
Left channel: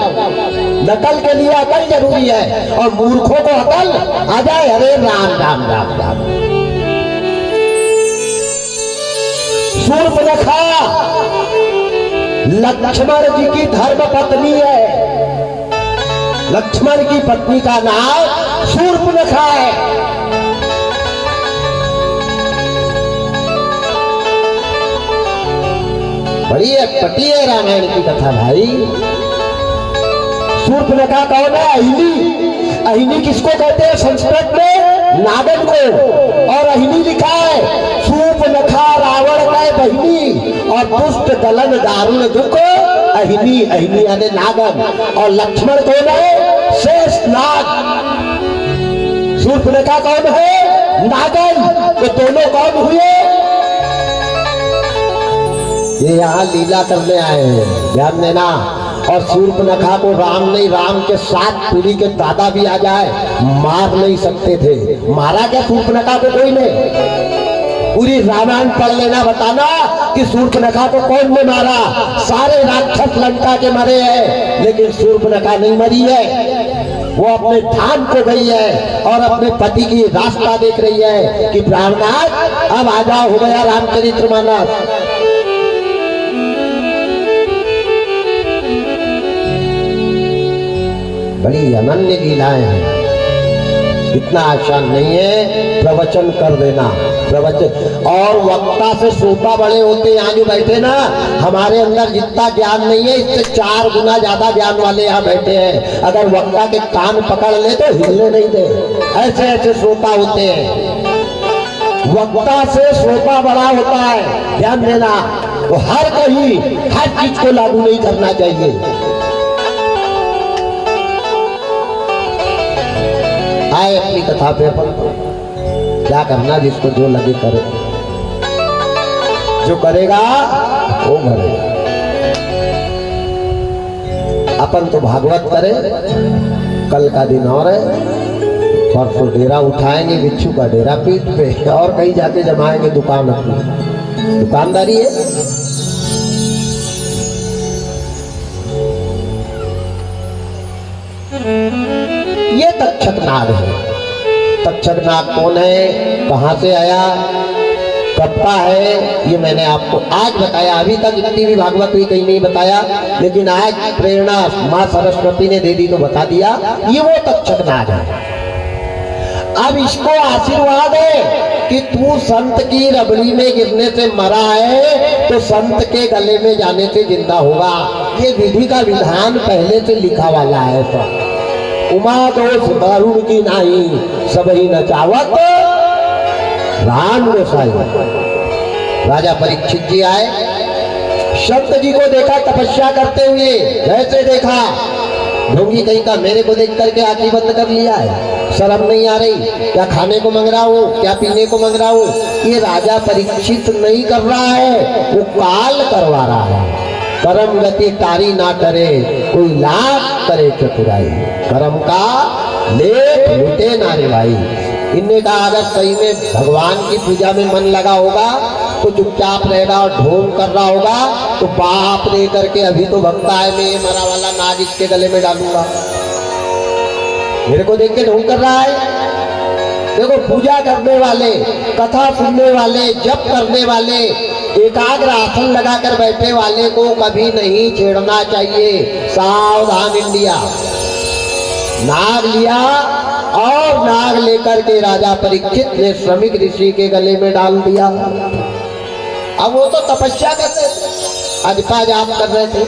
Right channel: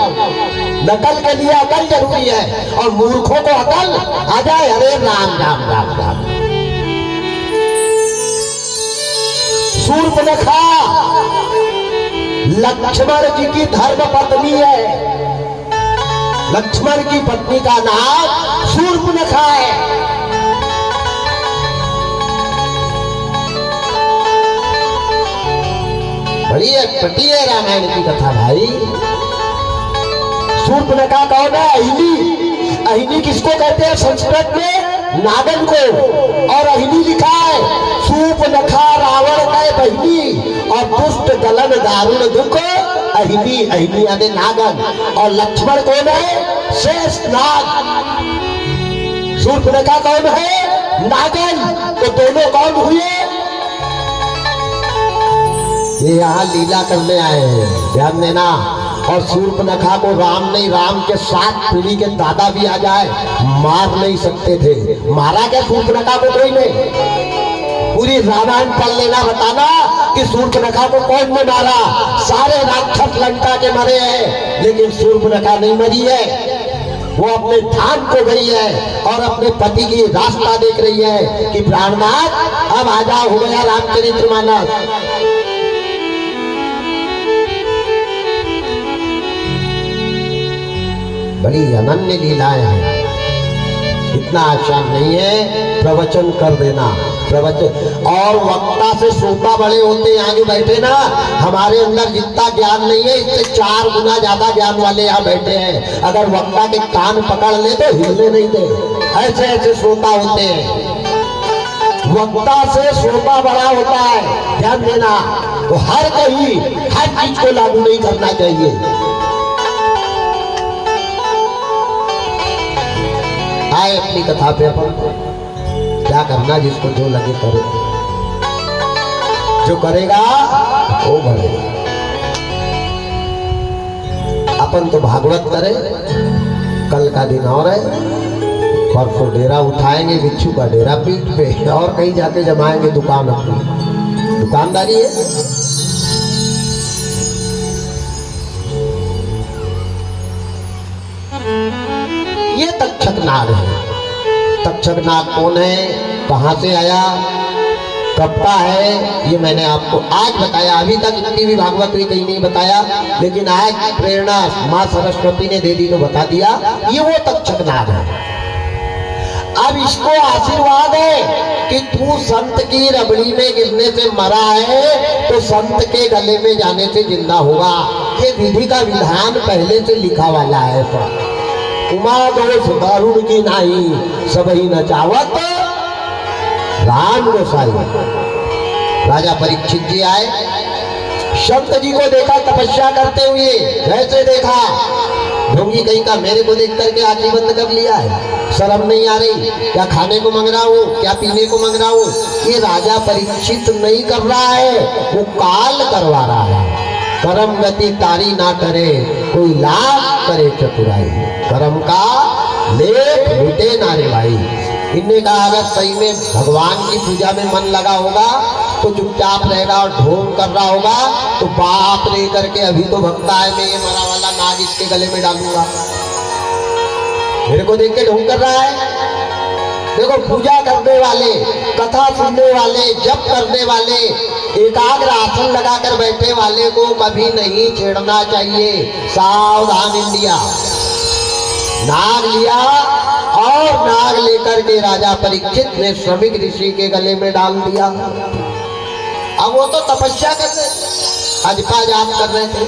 नकल के लिए अकल जरूरी है। और मूर्खों को अकल आ जाए, अरे राम राम राम राम। शूर्पणखा लक्ष्मण जी की धर्म पत्नी है। लक्ष्मण की पत्नी का नाम शूर्पणखा है। बड़ी अटपटी है रामायण की कथा भाई। शूर्पणखा कौन है? अहिनी। अहिनी किसको कहते हैं संस्कृत में? नागन को। और अहिनी लिखा है शूर्पणखा रावण का बहिनी और दुष्ट दलन दारुण दुख अहिनी। अहिनी यानी नागन। और लक्ष्मण कौन है? शेष नाग। शूर्पणखा कौन है? नागन। तो दोनों कौन हुए? ये यहाँ लीला करने आए हैं, ध्यान देना। और शूर्पणखा को राम नहीं, राम के 7 पीढ़ी के दादा भी आ जाए मार नहीं सकते थे। मारा क्या शूर्पणखा को? कोई नहीं। पूरी रामायण पढ़ लेना, बताना कि शूर्पणखा को कौन ने मारा। सारे राक्षस लंका के मरे हैं, लेकिन शूर्पणखा नहीं मरी है। वो अपने ध्यान को गई है और अपने पति की रास्ता देख रही है कि प्राणनाथ अब आ जाओ, हो गया रामचरितमानस। बड़ी अनन्य लीलाएं हैं, इतना आसान नहीं है प्रवचन कर देना। प्रवचन और वक्ता से श्रोता बड़े होते हैं। यहाँ जो बैठे ना, हमारे अंदर जितना ज्ञान नहीं है इससे 4 गुना ज्यादा ज्ञान वाले यहाँ बैठे हैं। अगर वक्ता के कान पकड़ ले तो हिलने नहीं दे, ऐसे ऐसे श्रोता होते हैं। वक्ता से श्रोता बड़ा होता है, ध्यान देना। तो हर कहीं हर चीज को लागू नहीं करना चाहिए। अपनी कथा पे अपन क्या करना, जिसको जो लगे करे, जो करेगा वो भरेगा। अपन तो भागवत करे, कल का दिन और है, परसों डेरा उठाएंगे बिच्छू का डेरा पीठ पे और कहीं जाके जमाएंगे दुकान अपनी। दुकानदारी है। ये तक्षक नाग है। तक्षक नाग कौन है, कहाँ से आया, कब का है, ये मैंने आपको आज बताया। अभी तक इतनी भी भागवत भी कहीं नहीं बताया, लेकिन आज प्रेरणा माँ सरस्वती ने दे दी तो बता दिया। ये वो तक्षक नाग है। अब इसको आशीर्वाद है कि तू संत की रबड़ी में गिरने से मरा है तो संत के गले में जाने से जिंदा होगा। ये विधि का विधान पहले से लिखा वाला है। उमा दोष दारुण की नाही, सबही नचावत राम गोसाई। राजा परीक्षित जी आए, शब्द जी को देखा तपस्या करते हुए, जैसे देखा ढोंगी कहीं का, मेरे को देख करके आंखें बंद कर लिया है, शर्म नहीं आ रही, क्या खाने को मांग रहा हूँ, क्या पीने को मांग रहा हूँ। ये राजा परीक्षित नहीं कर रहा है, वो काल करवा रहा है। कर्म गति तारी ना करे, कोई लाख करे चतुराई, कर्म का लेख मिटे ना रे भाई। इनने कहा अगर सही में भगवान की पूजा में मन लगा होगा तो चुपचाप रहेगा, और ढोंग कर रहा होगा तो बाप रे करके अभी तो भक्ता है, मैं ये मरा वाला नाग इसके गले में डालूंगा। मेरे को देख के ढोंग कर रहा है। देखो, पूजा करने वाले, कथा सुनने वाले, जप करने वाले, एकाग्र आसन लगाकर बैठे वाले को कभी नहीं छेड़ना चाहिए। सावधान इंडिया। नाग लिया और नाग लेकर के राजा परीक्षित ने श्रमिक ऋषि के गले में डाल दिया। अब वो तो तपस्या करते, अजपा जाप कर रहे थे।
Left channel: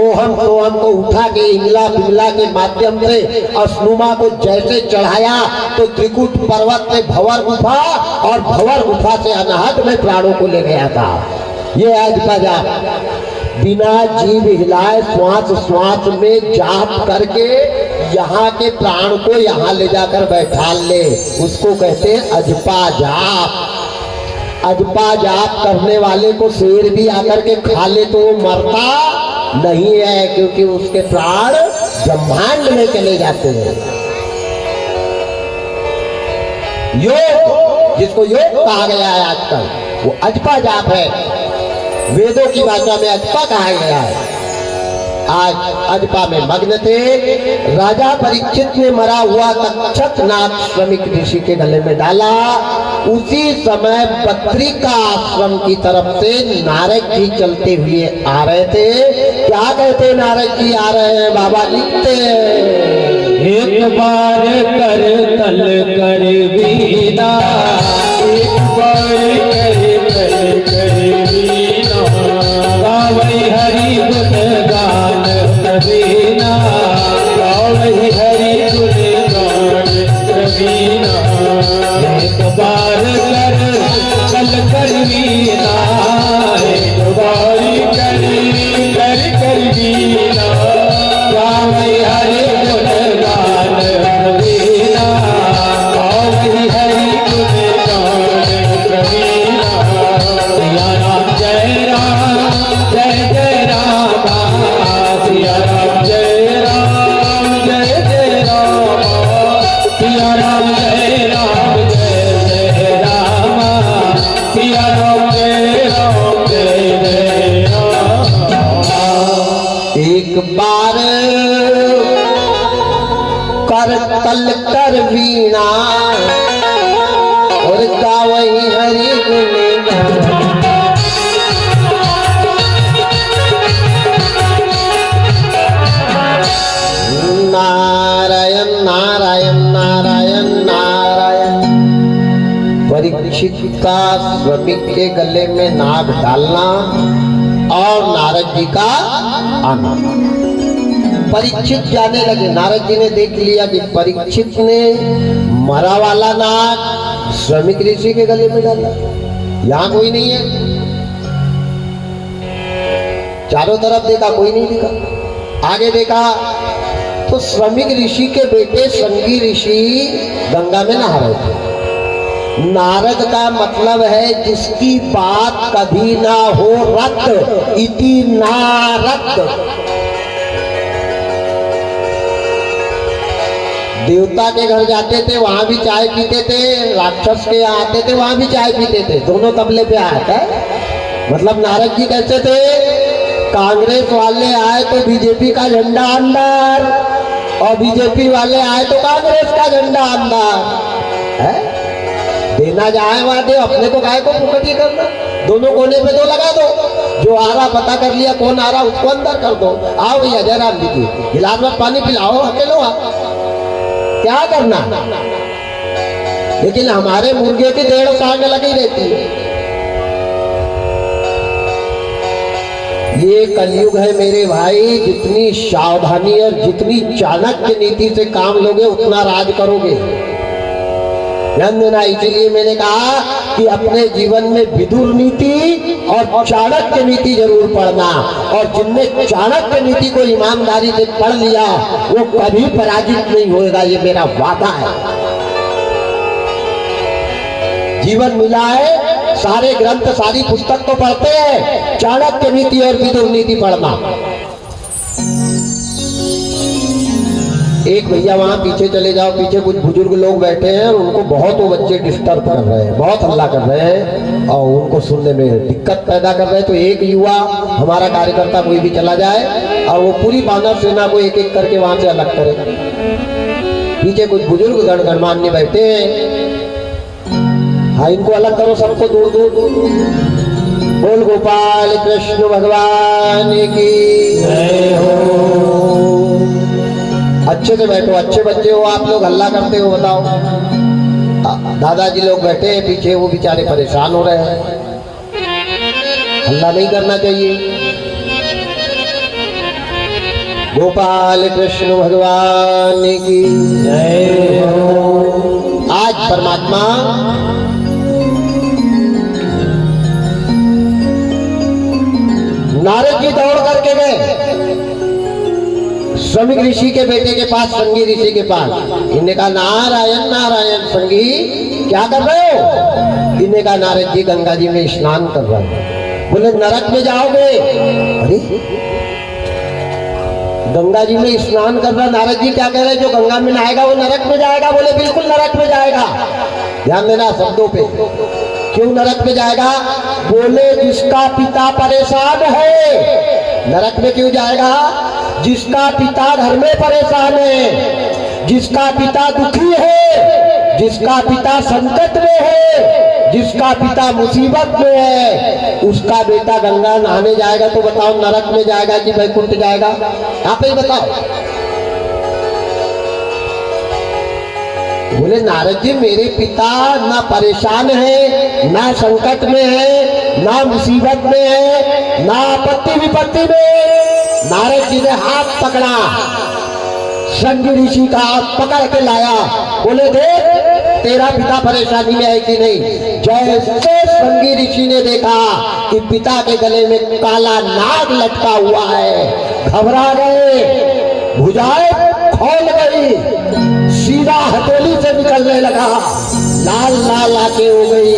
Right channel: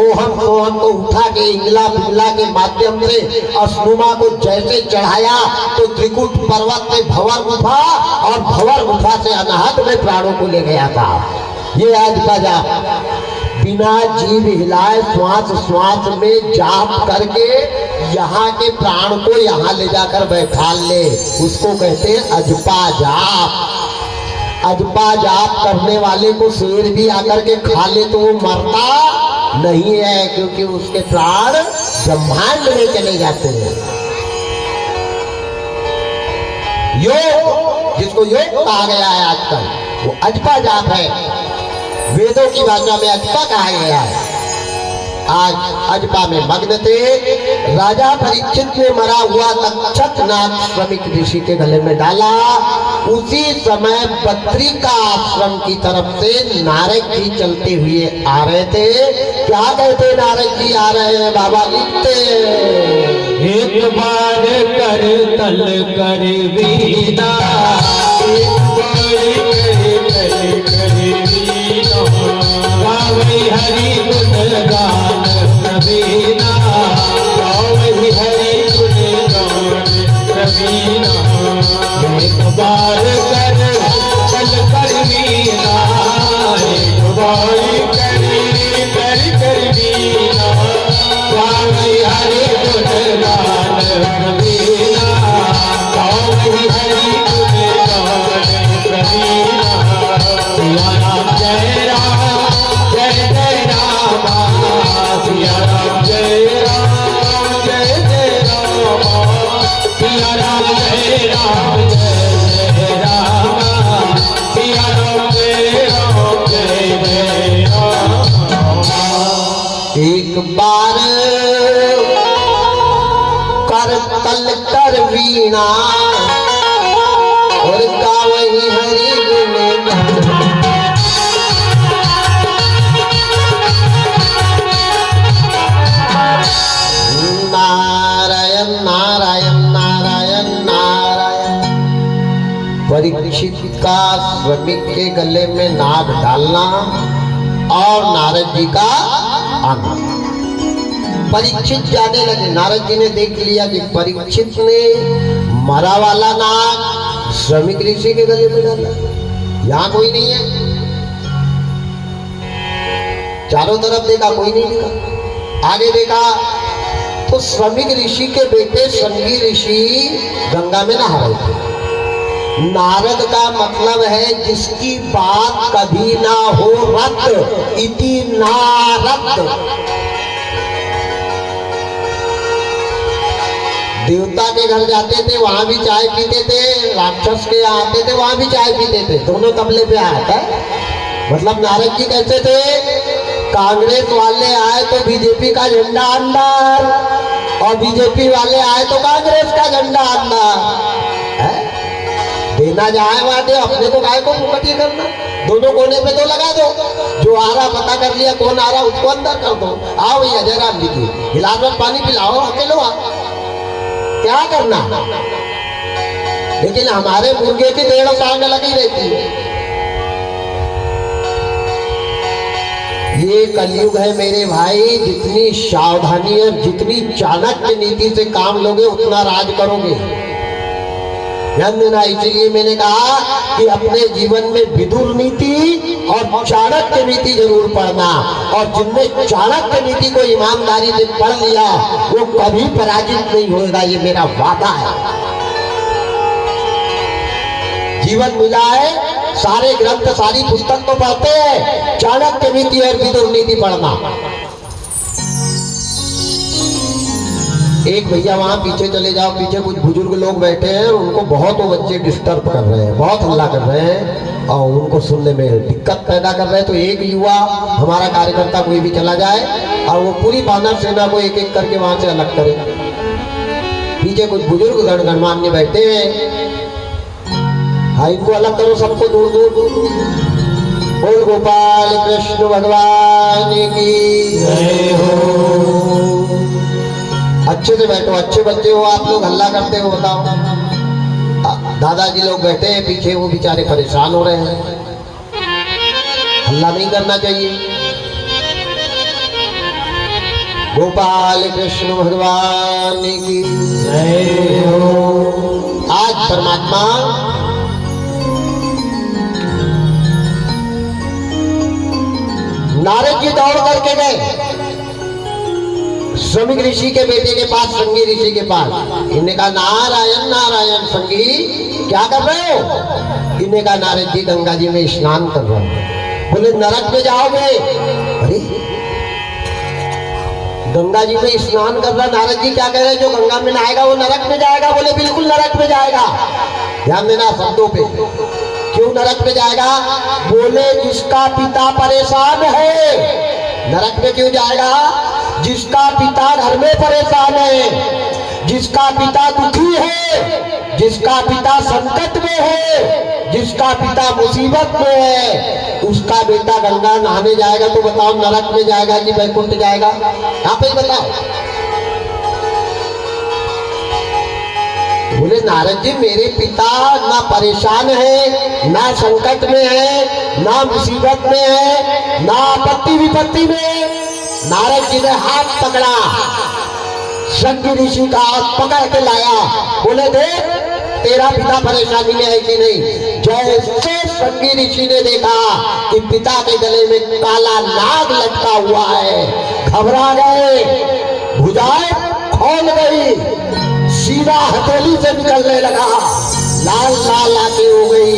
ओहम सोहम को उठा के इंगला पिंगला के माध्यम से असनुमा को जैसे चढ़ाया तो त्रिकुट पर्वत से भंवर गुफा, और भंवर गुफा से अनहद में प्राणों को ले गया था। ये अजपा जाप बिना जीभ हिलाए श्वास श्वास में जाप करके यहाँ के प्राण को यहाँ ले जाकर बैठा ले, उसको कहते हैं अजपा जाप। अजपा जाप करने वाले को शेर भी आकर के खा ले तो वो मरता नहीं है, क्योंकि उसके प्राण ब्रह्मांड में चले जाते हैं। योग, जिसको योग कहा गया है आजकल, वो अजपा जाप है। वेदों की भाषा में अजपा कहा गया है। आज अजपा में मग्न थे। राजा परीक्षित ने मरा हुआ तक्षक नाग श्रमिक ऋषि के गले में डाला। उसी समय पत्रिका आश्रम की तरफ से नारद जी चलते हुए आ रहे थे। क्या कहते नारद जी आ रहे हैं? बाबा लिखते, एक बार कर तल कर वीणा, एक बार कर तल कर वीणा, गावै हरि गुण गान प्रवीणा, गावै हरि गुण गान प्रवीणा। एक बार कर तल कर वीणा, एक बार कर वीणा, गावै हरि गुण गान प्रवीणा, गावै हरि गुण गान प्रवीणा। सिया राम जय राम, जय जय राम, सिया राम जय राम, जय जय राम, सिया राम जय राम, जय जय राम, सिया राम जय राम, जय जय राम। एक बार कर तल कर वीणा, और गावै हरि गुण गान। नारायण नारायण नारायण नारायण। परीक्षित का श्रमिक के गले में नाग डालना और नारद जी का आना। परीक्षित जाने लगे। नारद जी ने देख लिया कि परीक्षित ने मरा वाला नाग श्रमिक ऋषि के गले में डाला। यहाँ कोई नहीं है। चारों तरफ देखा, कोई नहीं दिखा। आगे देखा तो श्रमिक ऋषि के बेटे संगी ऋषि गंगा में नहा रहे थे। नारद का मतलब है जिसकी बात कभी ना हो रद्द, इति नारद। देवता के घर जाते थे, वहां भी चाय पीते थे। राक्षस के यहाँ आते थे, वहां भी चाय पीते थे। दोनों तबले पे आया था। मतलब नारद जी कैसे थे? कांग्रेस वाले आए तो बीजेपी का झंडा अंदर, और बीजेपी वाले आए तो कांग्रेस का झंडा अंदर है। देना जाए वहां दे, अपने तो गाय को मुखटी करना, दोनों कोने पे तो लगा दो, जो आ रहा पता कर लिया कौन आ रहा उसको अंदर कर दो। आओ भैया जयराम जी की गिलास में पानी पिलाओ, अकेलो आ, क्या करना। लेकिन हमारे मुर्गे की 1.5 साल में लगी रहती है। ये कलयुग है मेरे भाई, जितनी सावधानी और जितनी चाणक्य नीति से काम लोगे उतना राज करोगे। ध्यान देना, इसलिए मैंने कहा कि अपने जीवन में विदुर नीति और चाणक्य नीति जरूर पढ़ना, और जिनने चाणक्य नीति को ईमानदारी से पढ़ लिया वो कभी पराजित नहीं होगा, ये मेरा वादा है। जीवन मिला है, सारे ग्रंथ सारी पुस्तक तो पढ़ते हैं, चाणक्य नीति और विदुर नीति पढ़ना। एक भैया वहां पीछे चले जाओ, पीछे कुछ बुजुर्ग लोग बैठे हैं, उनको बहुत वो बच्चे डिस्टर्ब कर रहे हैं, बहुत हल्ला कर रहे हैं और उनको सुनने में दिक्कत पैदा कर रहे हैं। तो एक युवा हमारा कार्यकर्ता कोई भी चला जाए और वो पूरी बानर सेना को एक एक करके वहां से अलग करे। पीछे कुछ बुजुर्ग गणमान्य बैठे हैं, हाँ इनको अलग करो, सबको दूर दूर दूर। बोल गोपाल कृष्ण भगवान की जय हो। अच्छे से बैठो, अच्छे बच्चे हो आप लोग, हल्ला करते हो बताओ। दादाजी लोग बैठे हैं पीछे, वो बेचारे परेशान हो रहे हैं, हल्ला नहीं करना चाहिए। गोपाल कृष्ण भगवान की जय हो। आज परमात्मा नारद जी दौड़ करके गए श्रमिक ऋषि के बेटे के पास, संगी ऋषि के पास। इन्हें कहा नारायण नारायण, संगी क्या कर रहे हो? इन्हें कहा नारद जी गंगा जी में स्नान कर रहा हूं। बोले नरक में जाओगे? अरे गंगा जी में स्नान कर रहा। नारद जी क्या कह रहे, जो गंगा में नहाएगा वो नरक में जाएगा? बोले बिल्कुल नरक में जाएगा। ध्यान देना शब्दों पे, क्यों नरक में जाएगा? बोले जिसका पिता परेशान है नरक में क्यों जाएगा? जिसका पिता घर में परेशान है, जिसका पिता दुखी है, जिसका पिता संकट में है, जिसका पिता मुसीबत में है, उसका बेटा गंगा नहाने जाएगा तो बताओ नरक में जाएगा कि वैकुंठ जाएगा? यहाँ पे बताओ। बोले नारद जी मेरे पिता ना परेशान है, ना संकट में है, ना मुसीबत में है, ना आपत्ति विपत्ति में। नारद जी ने हाथ पकड़ा, संगी ऋषि का हाथ पकड़ के लाया। बोले देख तेरा पिता परेशानी में है कि नहीं? जैसे संगी ऋषि ने देखा कि पिता के गले में काला नाग लटका हुआ है, घबरा गए, भुजाएं खोल गई, सीधा हथेली से निकलने लगा, लाल लाल आंखें हो गई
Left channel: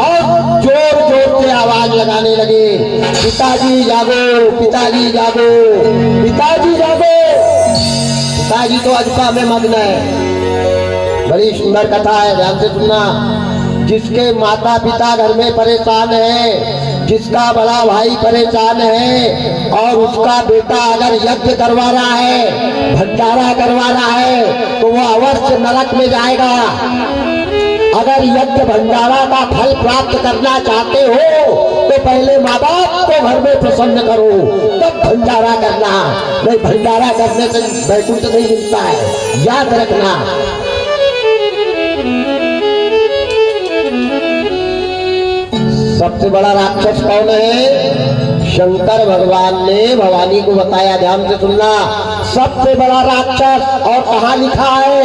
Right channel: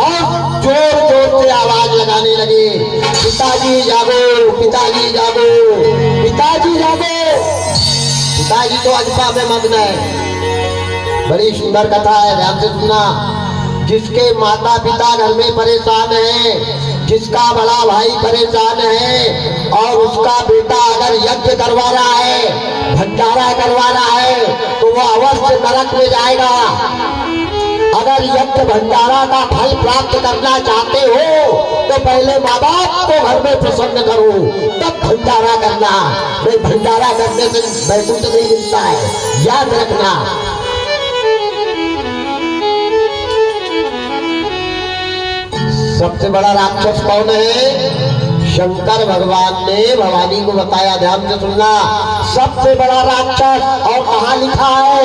और जोर जोर से आवाज लगाने लगे, पिताजी जागो, पिताजी जागो, पिताजी जागो। पिताजी तो अजपा में मग्न है। बड़ी सुंदर कथा है, ध्यान से सुनना। जिसके माता पिता घर में परेशान है, जिसका बड़ा भाई परेशान है और उसका बेटा अगर यज्ञ करवा रहा है, भंडारा करवा रहा है, तो वो अवश्य नरक में जाएगा। अगर यज्ञ भंडारा का फल प्राप्त करना चाहते हो तो पहले माँ बाप को घर में प्रसन्न करो, तब भंडारा करना। नहीं भंडारा करने से वैकुंठ नहीं मिलता है, याद रखना। सबसे बड़ा राक्षस कौन है? शंकर भगवान ने भवानी को बताया, ध्यान से सुनना। सबसे बड़ा राक्षस, और कहाँ लिखा है?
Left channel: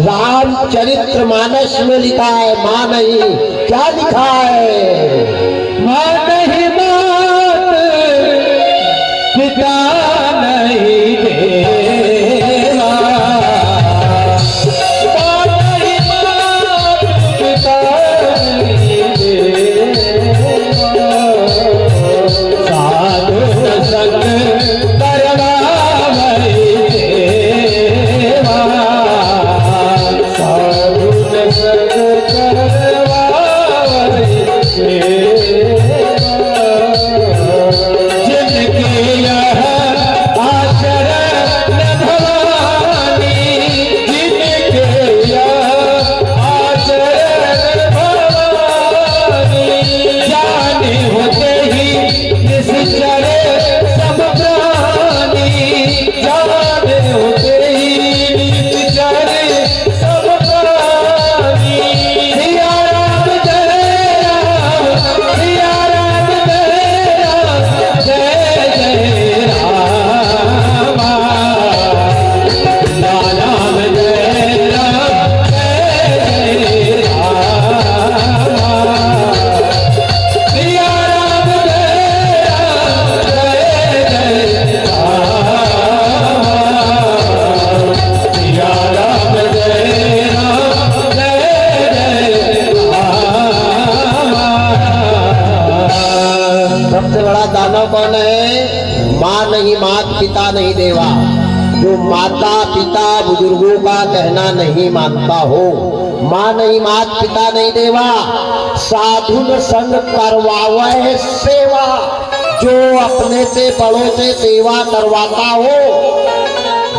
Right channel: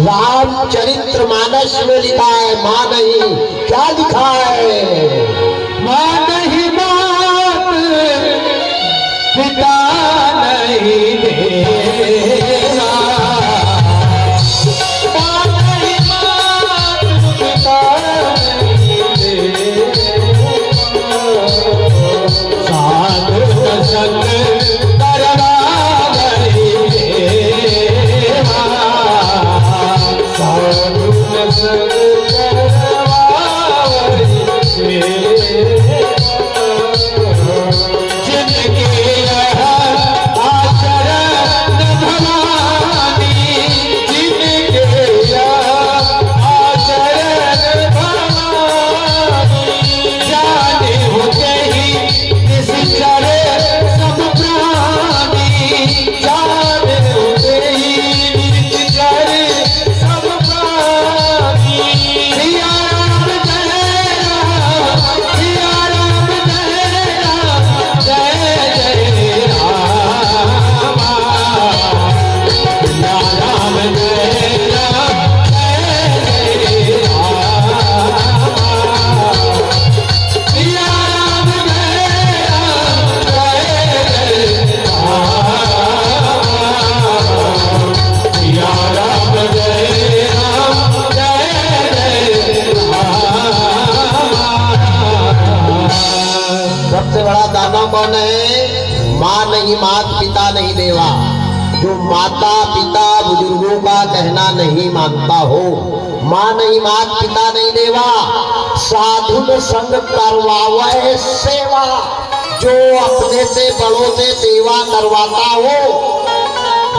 रामचरित्र मानस में लिखा है। माँ नहीं, क्या लिखा है? माँ नहीं मात, पिता नहीं देगा, माँ नहीं मात, पिता नहीं देगा, साधु संग करना नहीं देवा, साधु संग करवा नहीं देवा। जिनके बड़ा दानव कौन है? माँ नहीं, मात पिता नहीं देवा। जो माता पिता बुजुर्गों का कहना नहीं मानता हो, माँ नहीं, मात पिता नहीं देवा, साधुन संग करवावे सेवा। जो अपने से बड़ों से सेवा करवाता हो,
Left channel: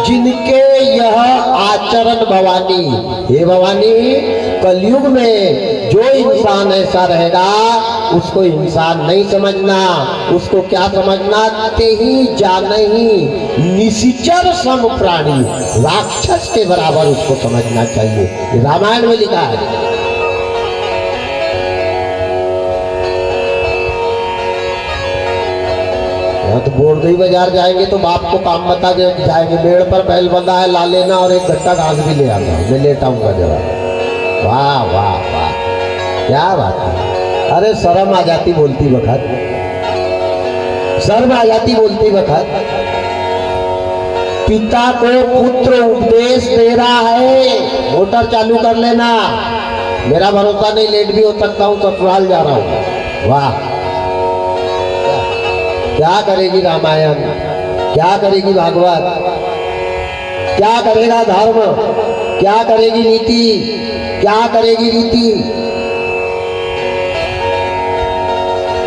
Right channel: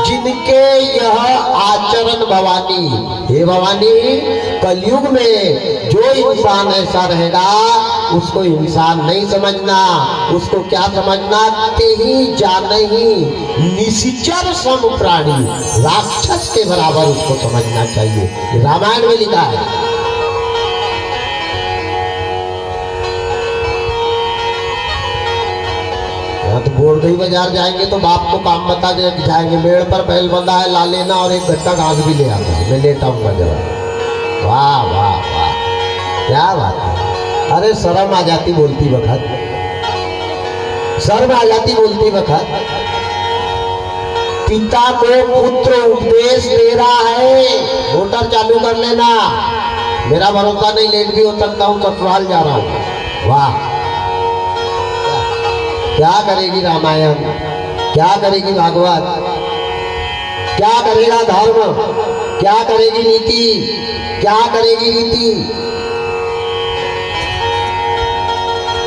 जिनके यह आचरण भवानी, हे भवानी, कलयुग में जो इंसान ऐसा रहेगा उसको इंसान नहीं समझना, उसको क्या समझना? ते ही जाने ही निशिचर सम प्राणी, राक्षस के बराबर उसको समझना चाहिए। रामायण में लिखा है। तो बोरदई बाजार जाएंगे तो बाप को काम बता दे जाएंगे, पेड़ पर बैल बंधा है, ला लेना और एक गट्टा घास भी ले आता, मैं लेता हूँ जरा। वाह वाह वाह, क्या बात है। अरे शर्म आ जाती बोलती वक्त, शर्म आ जाती बोलती वक्त। पिता को पुत्र उपदेश दे रहा है, मोटर चालू कर लेना, मेरा भरोसा नहीं, लेट भी हो सकता हूँ, ससुराल जा रहा हूँ। वाह, क्या करेगी रामायण, क्या करेगी भागवत, क्या करेगा धर्म, क्या करेगी नीति, क्या करेगी रीति।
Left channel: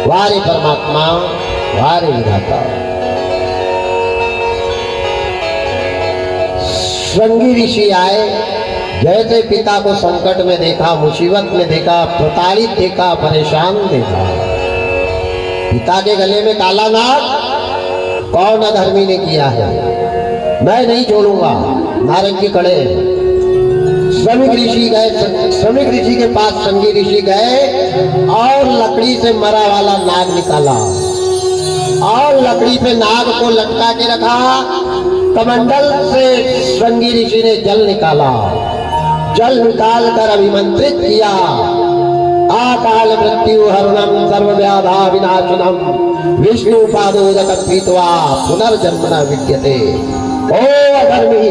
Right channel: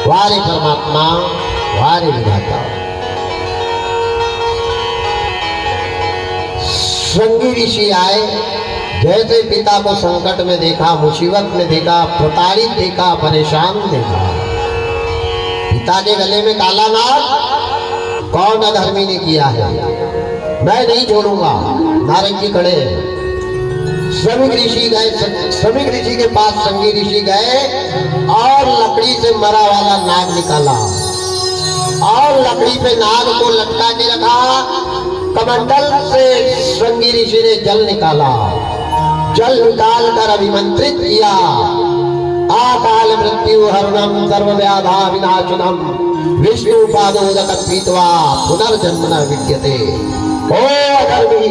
वारे परमात्मा, वारे विधाता। श्रृंगी ऋषि आए, जैसे पिता को संकट में देखा, मुसीबत में देखा, प्रताड़ित देखा, परेशान देखा। पिता के गले में काला नाग कौन अधर्मी ने किया है, मैं नहीं छोड़ूंगा। नारंगी खड़े, श्रमिक ऋषि गए, श्रमिक ऋषि के पास श्रृंगी ऋषि गए और लकड़ी से मरा वाला नाग निकाला और लकड़ी पे नाग को लटका के रखा। कमंडल से श्रृंगी ऋषि ने जल निकाला, जल निकाल कर अभिमंत्रित किया। काल मृत्यु हरणम सर्व व्याधा विनाशनम विष्णु पादोदक पीत्वा पुनर्जन्म न विद्यते। ओ अधर्मी,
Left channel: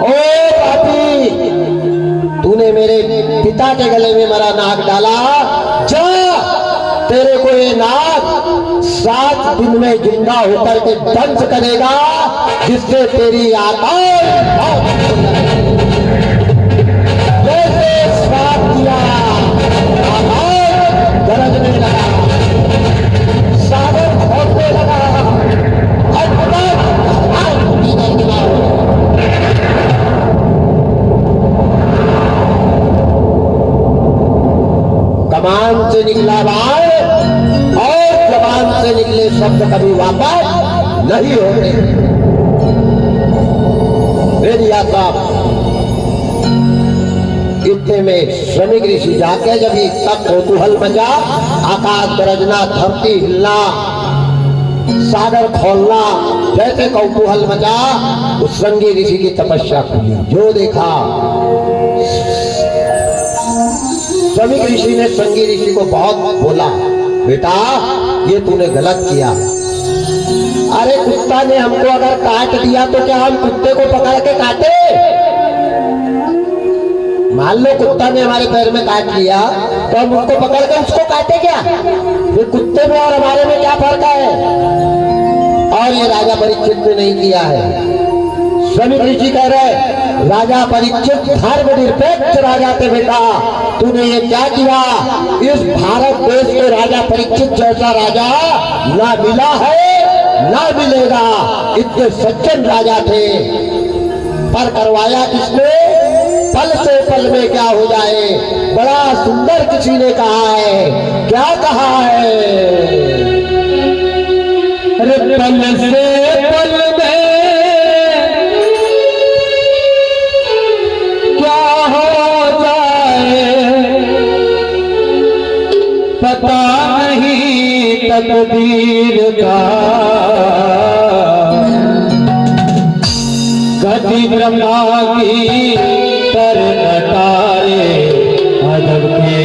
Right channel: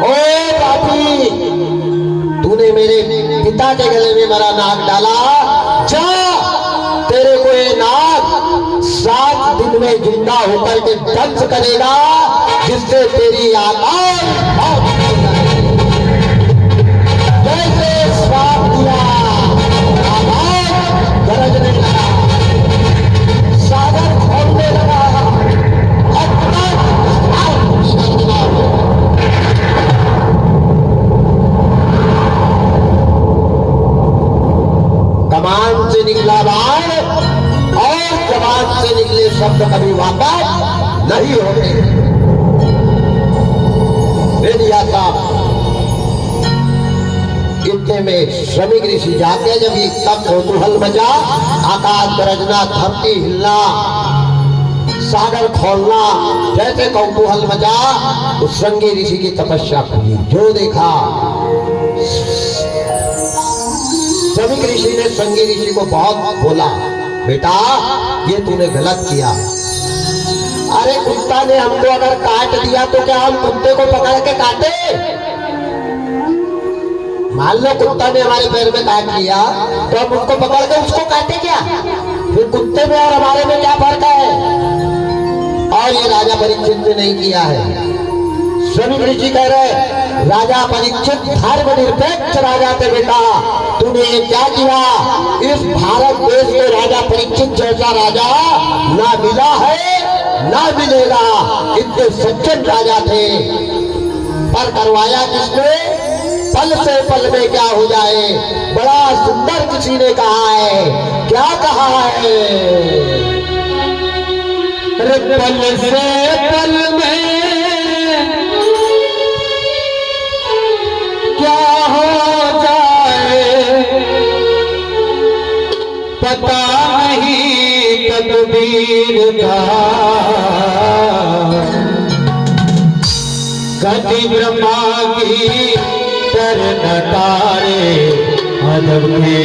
ओ पापी, तूने मेरे पिता के गले में मरा नाग डाला, जा, तेरे को ये नाग 7 दिन में जिंदा होकर के दंश करेगा, जिससे तेरी आत्मा कमान से निकला बाण और जबान से निकले शब्द कभी वापस नहीं होते। इतने में श्रमिक ऋषि जाके जब इतना कौतूहल मचा, आकाश गरजना, धरती हिलना, सागर खोलना, जैसे कौतूहल मचा, उस श्रृंगी ऋषि की तपस्या खुली। जो देखा, श्रमिक ऋषि ने श्रृंगी ऋषि को बहुत बोला, बेटा ये तूने गलत किया। अरे कुत्ता ने हमको अगर काट दिया तो क्या हम कुत्ते को पकड़ के काटे? मान लो कुत्ता ने हमारे पैर में काट लिया तो हम उसको पकड़ के उसको काटे क्या? ये कुत्ते में और हमारे में क्या फर्क है? और ये राजा परीक्षित ने नहीं किया है। श्रमिक ऋषि कह रहे, राजा परीक्षित धर्म निरपेक्ष राजा थे बेटा, तूने ये क्या किया? इस भारत देश में राजा परीक्षित जैसा राजा ना मिला है ना मिलेगा। इतने सज्जन राजा थे, पर करवाया किसने? पल से पल में क्या हो जाए। बड़ा सुंदर किसी ने कहा है, क्या कहा है? अरे पल से पल में क्या हो जाए, पता नहीं तकदीर का। गति ब्रह्मा की तर नटारे, अदब के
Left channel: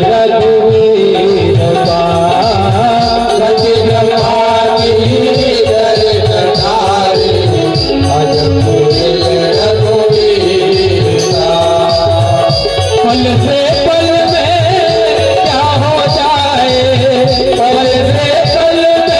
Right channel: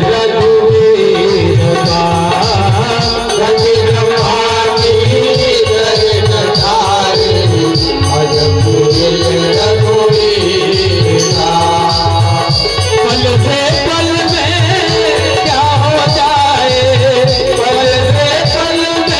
रघुवीर का। गति ब्रह्मा की तर नटारे, अदब के रघुवीर का। पल से पल में क्या हो जाए, पल से पल में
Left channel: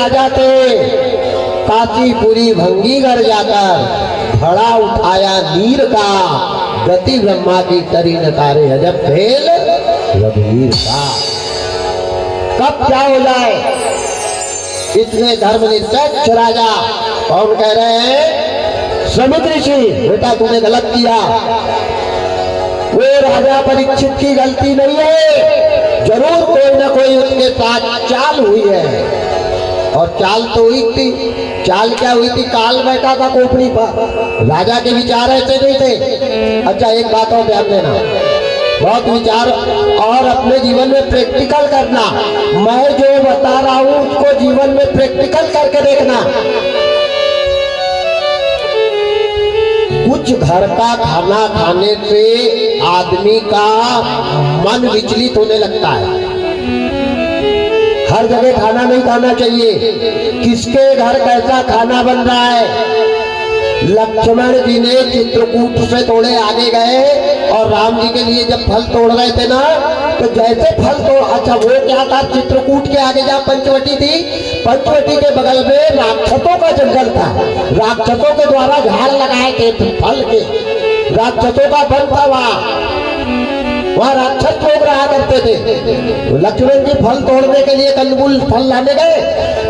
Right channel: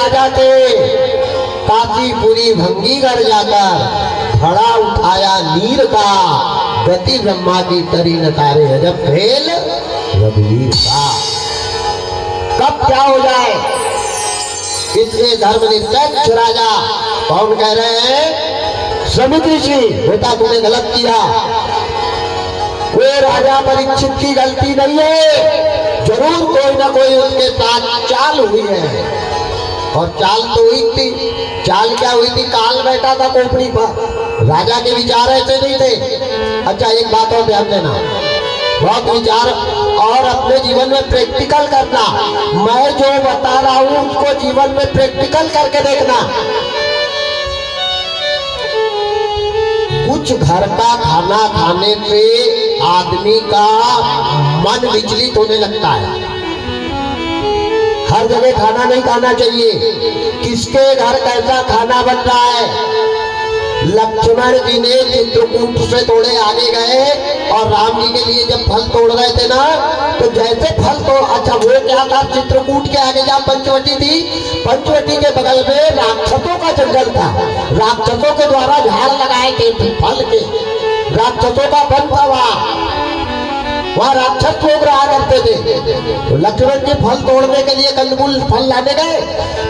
राजा थे, काशीपुरी भंगी कर जाकर घड़ा उठाया नीर का, गति ब्रह्मा की करी न तारे अजब खेल रघुवीर का। कब क्या हो जाए, इतने धर्मनिरपेक्ष राजा कौन कह रहे हैं, समित ऋषि बेटा तूने गलत किया। वो राजा परीक्षित की गलती नहीं है, जरूर कोई ना कोई उसके साथ चाल हुई है। और चाल तो हुई थी, चाल क्या हुई थी, काल बैठा था कोपड़ी पर, राजा के विचार ऐसे नहीं थे। अच्छा एक बात और ध्यान देना, बहुत विचार और अपने जीवन में प्रैक्टिकल करना। मैं जो बता रहा हूं उसको जीवन में प्रैक्टिकल करके देखना। कुछ घर का खाना खाने से आदमी का मन विचलित होने लगता है। हर जगह खाना नहीं खाना चाहिए, किसके घर कैसा खाना बन रहा है। लक्ष्मण जी ने चित्रकूट से थोड़े आगे गए और राम जी के लिए जब फल तोड़ रहे थे ना, तो जैसे फल तोड़, अच्छा वो क्या था, चित्रकूट के आगे जहाँ पंचवटी थी, पंचवटी के बगल में राक्षसों का जंगल था। राक्षसों के द्वारा झाड़ लगाए थे फल के, राक्षसों का वन था वहाँ राक्षस लोग रहा करते थे। तो लक्ष्मण जी फल तोड़ने के लिए कंदमूल फल लाने गए,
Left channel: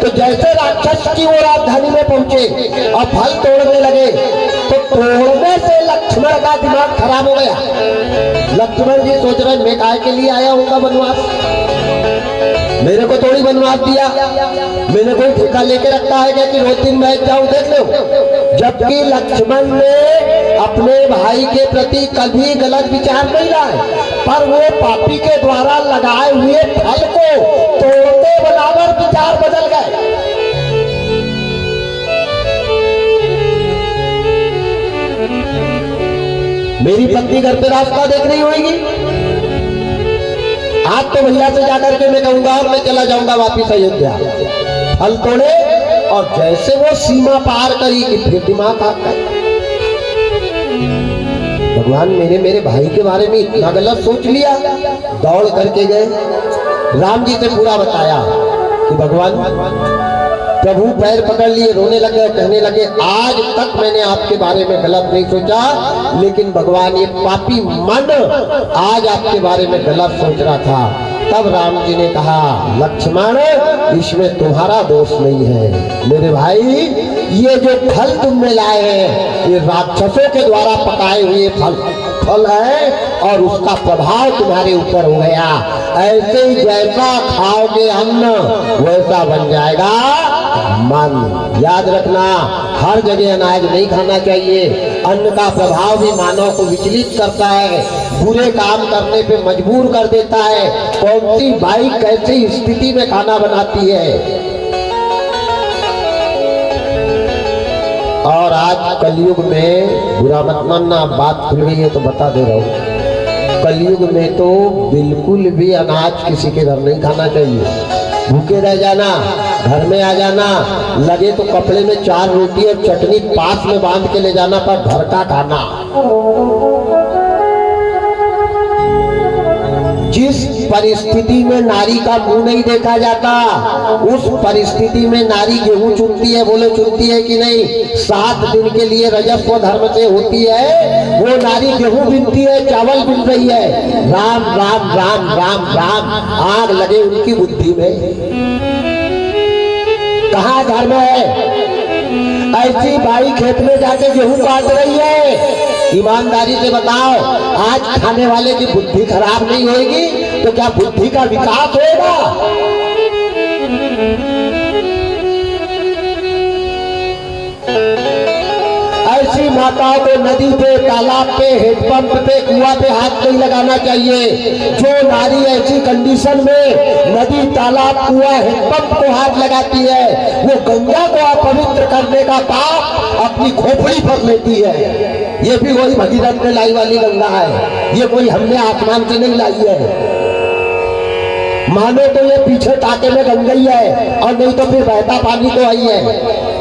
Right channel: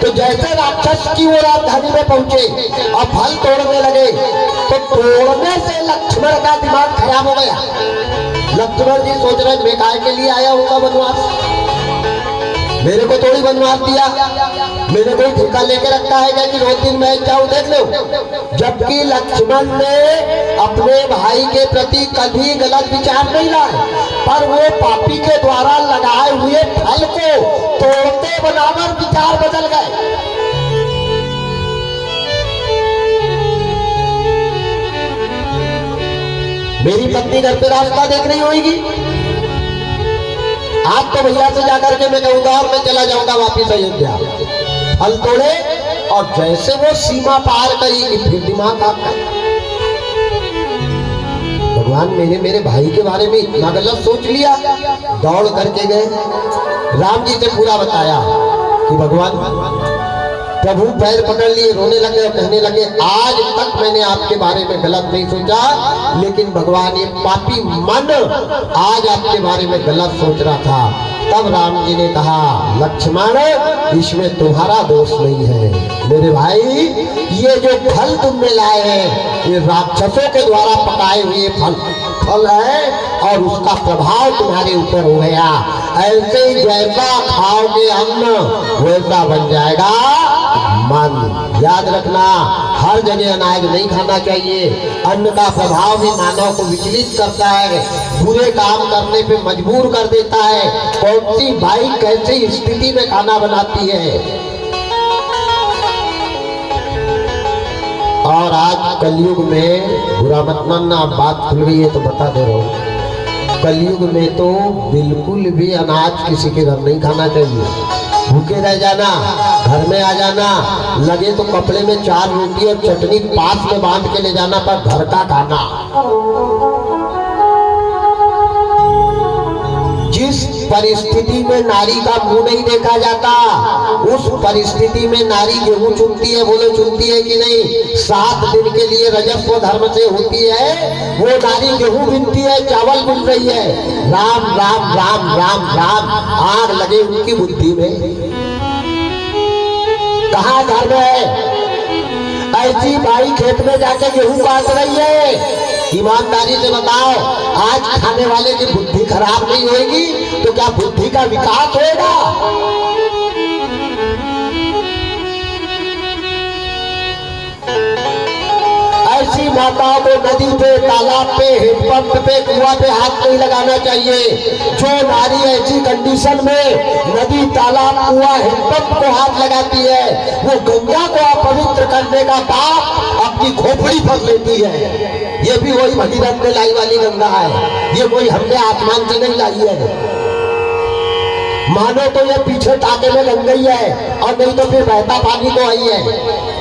तो जैसे राक्षस की वो राजधानी में पहुंचे और फल तोड़ने लगे, तो तोड़ने से लक्ष्मण का दिमाग खराब हो गया। लक्ष्मण जी सोच रहे मैं काय के लिए आया होगा वनवास, मेरे को थोड़ी वनवास दिया, मैंने कोई ठेका लेके रखा है कि रोज दिन मैं जाऊं देख लो। जबकि लक्ष्मण ने अपने भाई के प्रति कभी गलत विचार नहीं लाए, पर वो पापी के द्वारा लगाए हुए फल को तोड़ते बराबर विचार बदल गए। मेरी पत्नी घर पे रास्ता देख रही होगी, आज तो भैया से जाकर के मैं कहूंगा और मैं चला जाऊंगा वापिस अयोध्या। फल तोड़े और जैसे वो सीमा पार करी कि फिर दिमाग आ गया, भगवान मैंने मेरे भाई के बारे में इतना गलत सोच लिया। दौड़ करके गए, राम जी से पूरा बताया कि भगवान, प्रभु पैर पकड़ लिए, रोने लगे, कहने लगे आज तक मैंने आपके बारे में गलत नहीं सोचा, लेकिन भगवान ये पापी मन आज आपके बारे में गलत सोच रहा था। तब राम जी ने कहा लक्ष्मण इसमें तुम्हारा दोष नहीं है मेरे भाई, ये जो फल तुमने लाए हैं ये राक्षसों के द्वारा पकाए हुए फल है और उसका प्रभाव तुम्हारे ऊपर हो गया। ऐसे ही जैसा खाओगे अन्न वैसा बन जाएगा मन। याद रखना, हर जगह अनाज नहीं खाना चाहिए। अन्न का प्रभाव भी मानव को विचलित करता है, बुरे काम करने पे मजबूर कर देता है। कौन सी बाइक कैसी स्थिति में खाना बनाती है। और आज कलयुग में, बुरा मत मानना, बात खुल गई है तो बता दे रहा हूँ, कलयुग में तो बिल्कुल भी अनाज किसी के घर नहीं खाना चाहिए। भूखे रह जाना, घर में आ जाना, लगे तो कपड़े में 4 रोटी और चटनी पास में बांध के ले जाना, पर घर का खाना। जिस परिस्थिति में नारी का मुंह नहीं देखा जाता, उस परिस्थिति में नारी गेहूं चुनती है, बोलो चुनती है कि नहीं। 7 दिन के लिए रजस्व धर्म से होती है, वो नारी गेहूं बिनती है, चावल बिन रही है। राम राम राम राम राम, आग लगे उनकी बुद्धि में। कहाँ घर में है ऐसी बाई खेत में जाके गेहूं काट रही है। ईमानदारी से बताओ, आज खाने वाले की बुद्धि खराब नहीं होगी तो क्या बुद्धि का विकास होगा? ऐसी माताओं को नदी पे, तालाब पे, हेडपंप पे, कुआं पे हाथ नहीं लगाना चाहिए। जो नारी ऐसी कंडीशन में नदी, तालाब, कुआं, हेडपंप को हाथ लगाती है, वो गंगा को अपवित्र करने का पाप अपनी खोपड़ी पर लेती है। ये भी वही भगीरथ ने लाई वाली गंगा है, ये कोई हमने आसमान से नहीं लाई है। मानो तो ये पीछे टाके में गंगा ही है, और नहीं तो फिर बहता पानी तो आई है।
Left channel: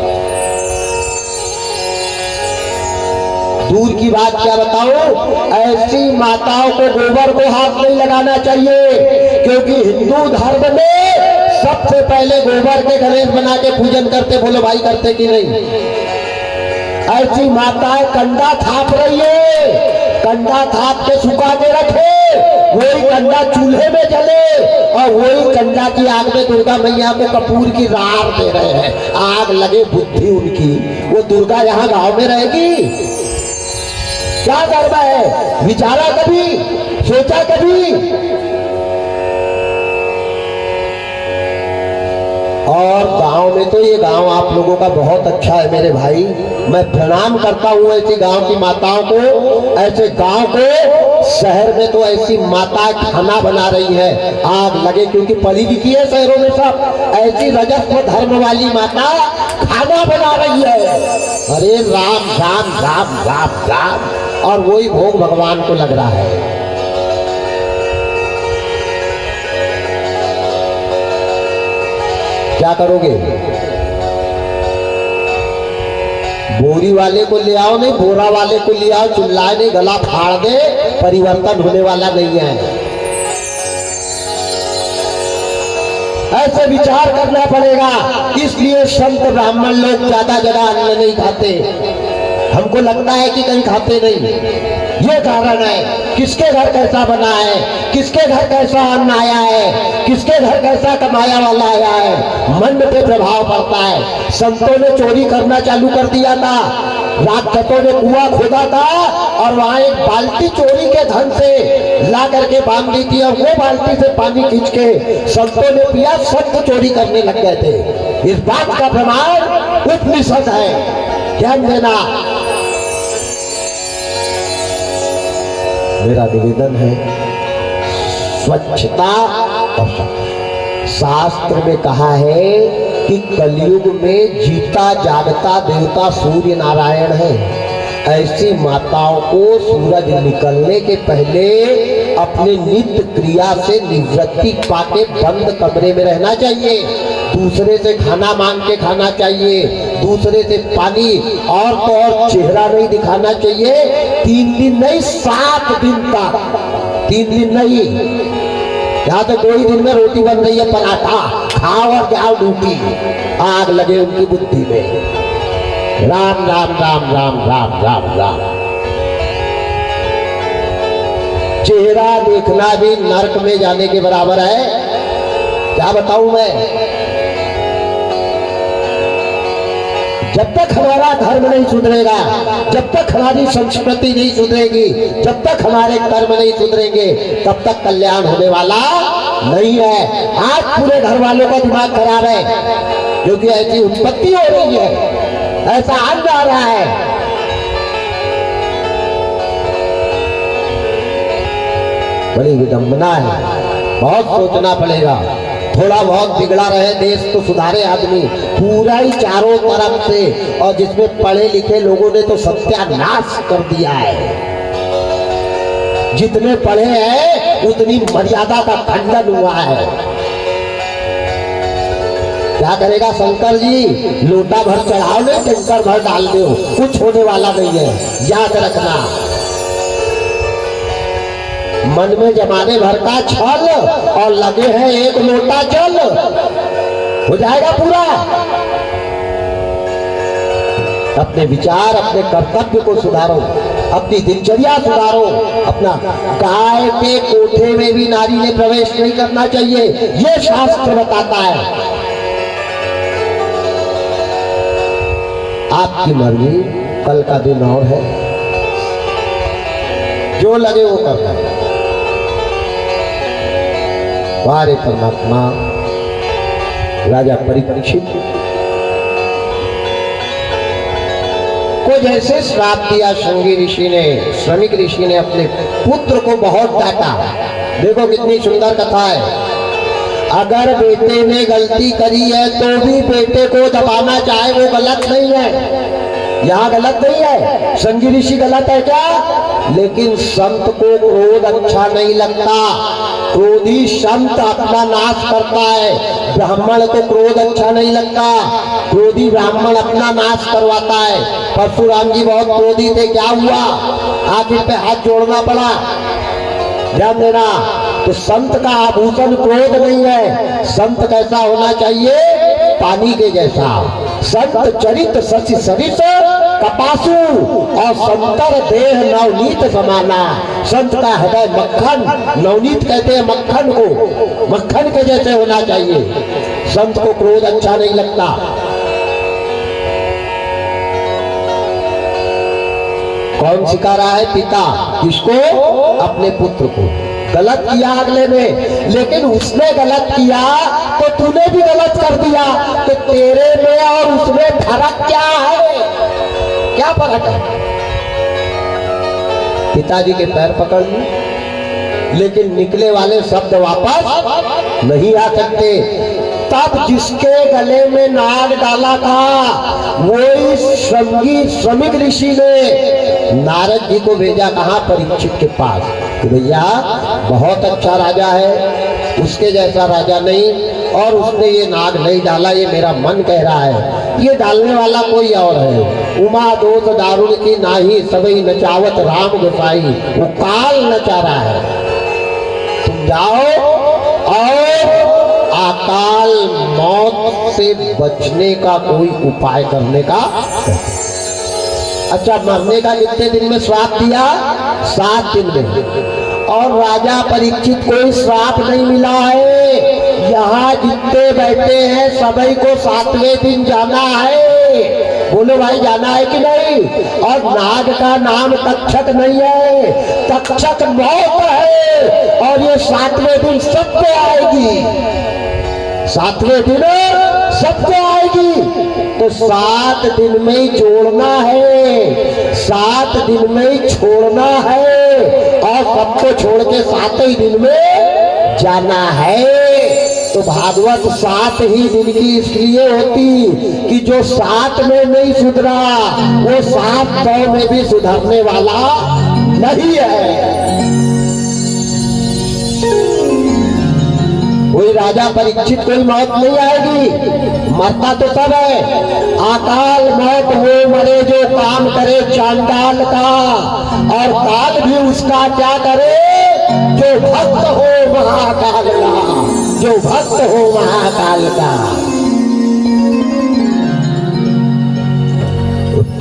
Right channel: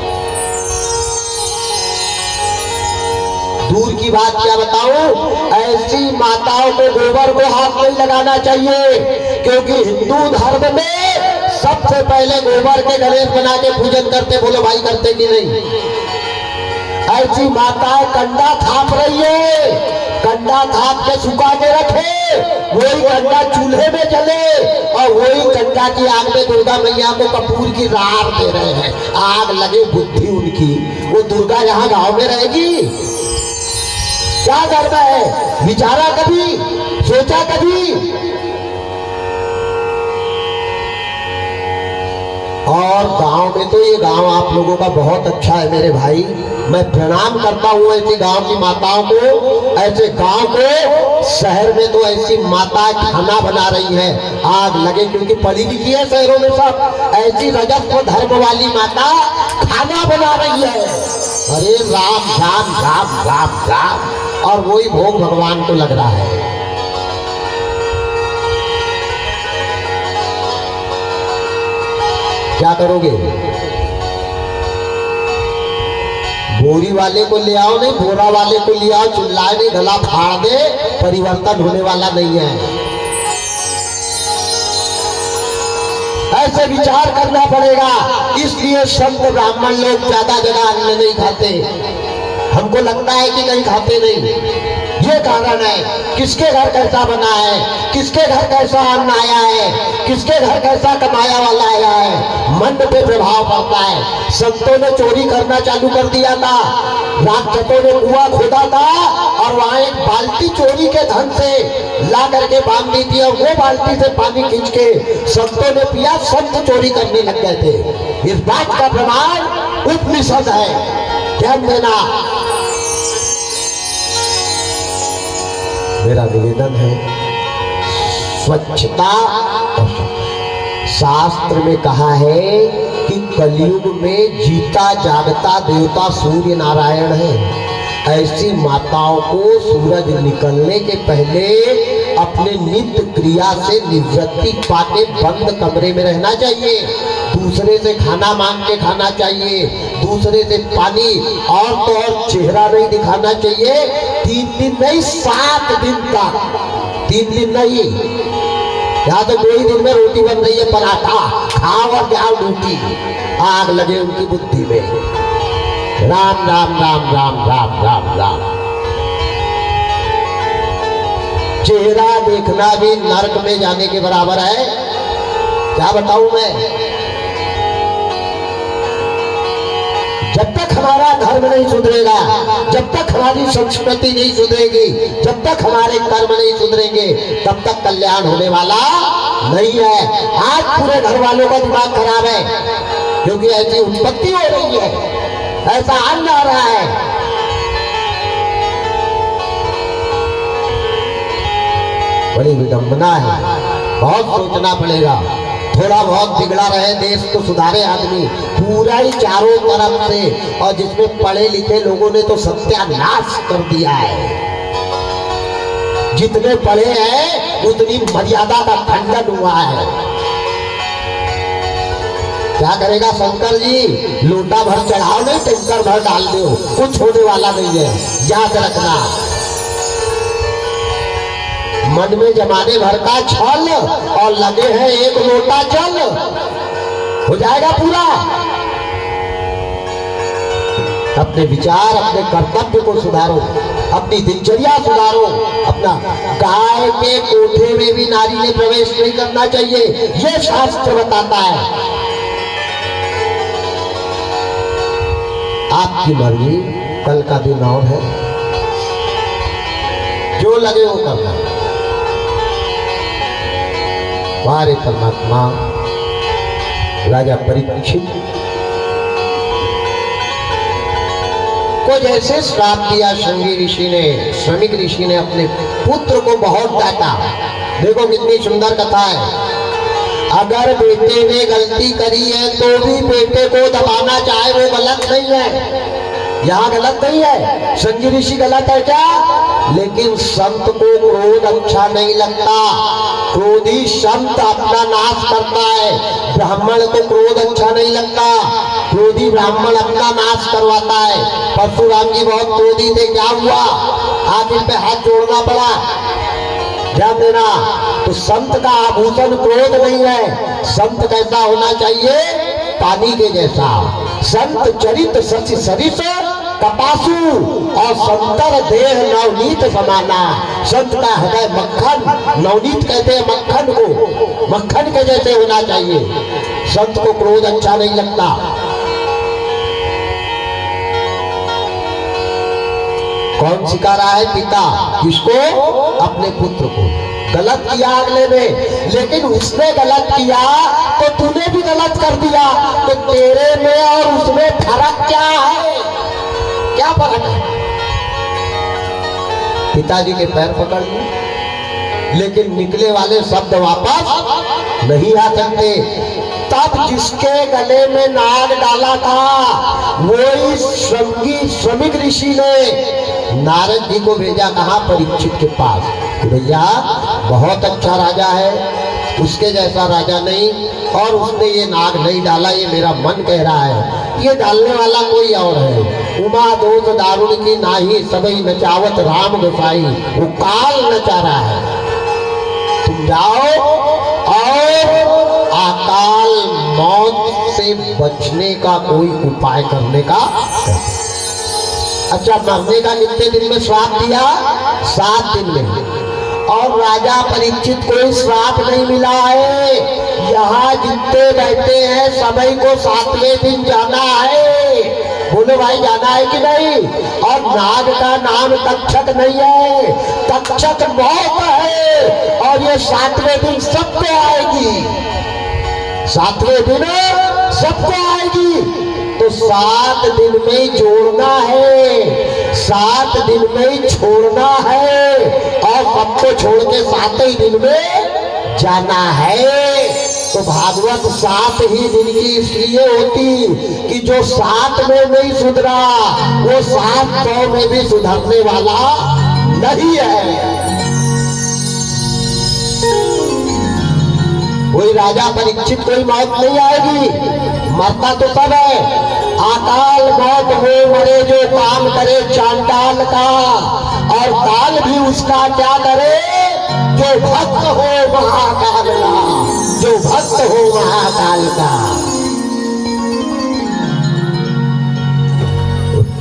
दूर की बात क्या बताऊं, ऐसी माताओं को गोबर को हाथ नहीं लगाना चाहिए, क्योंकि हिंदू धर्म में सब सबसे पहले गोबर के गणेश बना के पूजन करते, बोलो भाई करते कि नहीं? ऐसी माताएं कंडा थाप रही है, कंडा थाप के सुखा के रखे, वही कंडा चूल्हे में जले और वही कंडा की आग में दुर्गा मैया को कपूर की राख दे रहे हैं। आग लगे बुद्धि उनकी, वो दुर्गा यहाँ गांव में रहेगी? क्या करना है? विचारा कभी? सोचा कभी? और गांव में तो ये गांव आप लोगों का बहुत अच्छा है मेरे भाई, मैं प्रणाम करता हूँ ऐसी गांव की माताओं को, ऐसे गांव को। शहर में तो ऐसी माताएं खाना बना रही हैं, आग लगे, क्योंकि पढ़ी लिखी है शहरों में सब। ऐसी रजस्व धर्म वाली माता खाना बना रही है, अरे राम राम राम राम राम, और वही भोग भगवान को लग रहा है। क्या करोगे? बोरी वाले को ले आओ, नहीं बोरा वाले को ले आओ, चिल्लाए नहीं, गला फाड़ दे, परिवर्तन होने वाला नहीं है। ऐसे विचार करना पड़ेगा। इसलिए संत ब्राह्मण लोग ज्यादा जगह अन्न नहीं खाते, हमको लगता है कि कहीं खाते नहीं। ये कारण है, किसके घर कैसा बना है, किसके घर कैसा अन्न आया है, किसके घर कैसा कमाया वाला आया है, मन पे प्रभाव पड़ता है। संतों ने चोरी करना चालू कर दिया था, राक्षसों ने कुआं खोदा था और वहां एक बाल्टी चोरी के धन से ला करके बांध दी थी, और वो बाल्टी से पानी खींच के संतों ने पिया, संत चोरी करने लग गए थे। इस बात का प्रमाण उपनिषद है, ध्यान देना। मेरा निवेदन है, स्वच्छता। शास्त्र में कहा है कि कलयुग में जीता जागता देवता सूर्य नारायण है। ऐसी माताओं को सूरज निकलने के पहले अपने नित्य क्रिया से निवृत्ति पाके बंद कमरे में रहना चाहिए, दूसरे से खाना मांग के खाना चाहिए, दूसरे से पानी, और तो और चेहरा नहीं दिखाना चाहिए। 3 दिन नहीं, 7 दिन तक, 3 दिन नहीं। यहाँ तो कोई दिन में रोटी बन रही है, पराठा खाओ और जाओ ड्यूटी। आग लगे उनकी बुद्धि में। राम राम राम राम राम राम राम। चेहरा देखना भी नरक में जाने के बराबर है, क्या बताऊं मैं। जब तक हमारा धर्म नहीं सुधरेगा, जब तक हमारी संस्कृति नहीं सुधरेगी, जब तक हमारे कर्म नहीं सुधरेंगे, तब तक कल्याण होने वाला नहीं है। आज पूरे घर वालों का दिमाग खराब है, क्योंकि ऐसी उत्पत्ति हो रही है, ऐसा अन्न आ रहा है। बड़ी विडंबना है, बहुत सोचना पड़ेगा। थोड़ा बहुत बिगड़ा रहे देश तो सुधारे आदमी, पूरा ही चारों तरफ से, और जिसमें पढ़े लिखे लोगों ने तो सत्यानाश कर दिया है। जितने पढ़े हैं उतनी मर्यादा का खंडन हुआ है। क्या करेगा शंकर जी? लोटा भर चढ़ाओ नहीं, टैंकर भर डाल दो, कुछ होने वाला नहीं है, याद रखना। मन में जमाने भर का छल और लगे हैं एक लोटा जल, हो जाएगा पूरा। अपने विचार, अपने कर्तव्य को सुधारो, अपनी दिनचर्या सुधारो। अपना गाय के कोठे में भी नारी ने प्रवेश नहीं करना चाहिए, ये शास्त्र बताता है। आपकी मर्जी, कल का दिन और है, जो लगे वो करना। हमारे परमात्मा राजा परीक्षित को जैसे श्राप दिया शंगी ऋषि ने, श्रमिक ऋषि ने अपने पुत्र को बहुत डांटा। देखो कितनी सुंदर कथा है। अगर बेटे ने गलती करी है तो भी बेटे को दबाना चाहे, वो गलत नहीं है, यहाँ गलत नहीं है। शंगी ऋषि गलत है क्या? लेकिन संत को क्रोध अच्छा नहीं लगता, क्रोधी संत अपना नाश करता है। ब्राह्मण को क्रोध अच्छा नहीं लगता, क्रोधी ब्राह्मण अपना नाश करवाता है। परशुराम जी बहुत क्रोधी थे, क्या हुआ? आखिर पे हाथ जोड़ना पड़ा, ध्यान देना। तो संत का आभूषण क्रोध नहीं है। संत कैसा होना चाहिए? पानी के जैसा। संत चरित शशि सरिस कपासु और संतर देह नवनीत समाना। संत का हृदय मक्खन, नवनीत कहते हैं मक्खन को, मक्खन के जैसे होना चाहिए। संत को क्रोध अच्छा नहीं लगता। कौन सिखा रहा है? पिता। किसको? अपने पुत्र को। गलत किया अगले ने, लेकिन उसने गलत किया तो तूने भी गलत कर दिया, तो तेरे में और उसमें फर्क क्या है? क्या फर्क है? पिताजी के पैर पकड़ लिए, लेकिन निकले वाले शब्द वापस नहीं आ सकते। तब जिसके गले में नाग डाला था वही श्रमिक ऋषि ने नारद जी को भेजा। कहाँ? परीक्षित के पास। तो भैया बहुत अच्छा राजा है, उसके जैसा राजा नहीं, और उसने ये नाग नहीं डाला, ये मेरा मन कह रहा है। ये डालने वाला कोई और है। उमा दोष दारुण की नाही, सबई नचावत राम गोसाई। वो काल नचा रहा है। तुम जाओ और अकाल मौत से बचने का कोई उपाय करने का। अच्छा, मरने का कितने दिन में श्राप दिया? 7 दिन में। और राजा परीक्षित कोई श्राप नहीं मिला है। यहाँ जितने बैठे हैं सभी को 7वें दिन जाना है। बोलो भाई, जाना है कि नहीं? और नाग का नाम तक्षक नहीं है, तक्षक मौत है। और ये 7वें दिन सबको आएगी, 7वें दिन सबको आएगी। तो 7 दिन में ही जोड़ना है, 7 दिन में ही छोड़ना है, और सबको छोड़ के 7 ही दिन में जाना है। तो भागवत 7 ही दिन की इसलिए होती कि जो 7 में नहीं सुधरा वो 700 में भी सुधरने वाला नहीं है। कोई राजा परीक्षित कोई मौत नहीं आएगी, मरता तो सब है। अकाल मौत हो मरे जो काम करे चांडाल का, और काल भी उसका क्या करे? जो भक्त हो महाकाल का, जो भक्त हो महाकाल का।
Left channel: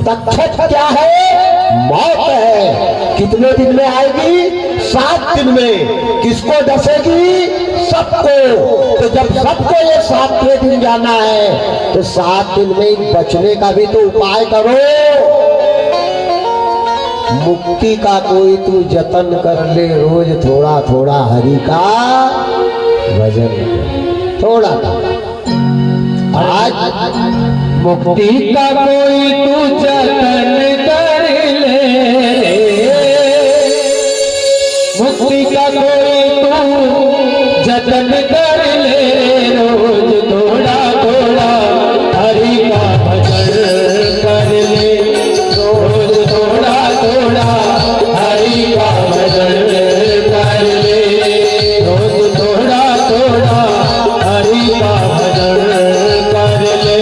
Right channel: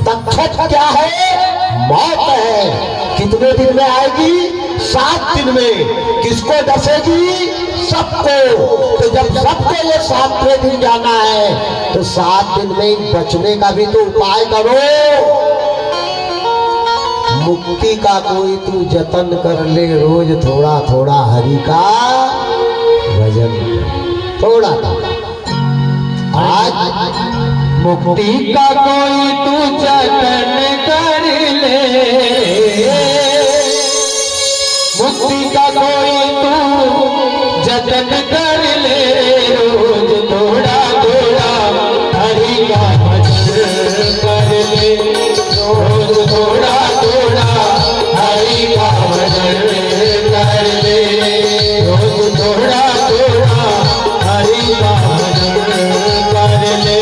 तक्षक क्या है? मौत है। कितने दिन में आएगी? 7 दिन में। किसको डसेगी? सबको। तो जब सबको ये 7वें दिन जाना है तो 7 दिन में बचने का भी तो उपाय करो। मुक्ति का कोई तू जतन कर ले, रोज थोड़ा थोड़ा हरि का भजन, थोड़ा आज मुक्ति का कोई तू जतन कर ले, मुक्ति का कोई तू जतन कर ले। रोज थोड़ा थोड़ा हरि का भजन कर ले, रोज थोड़ा थोड़ा हरि का भजन कर ले, रोज थोड़ा थोड़ा हरि का भजन कर ले,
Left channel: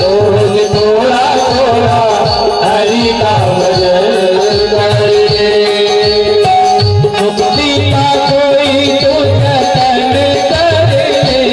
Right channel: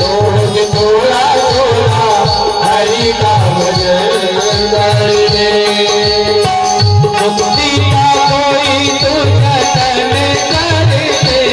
रोज थोड़ा थोड़ा हरि का भजन कर ले। मुक्ति का कोई तू जतन कर ले,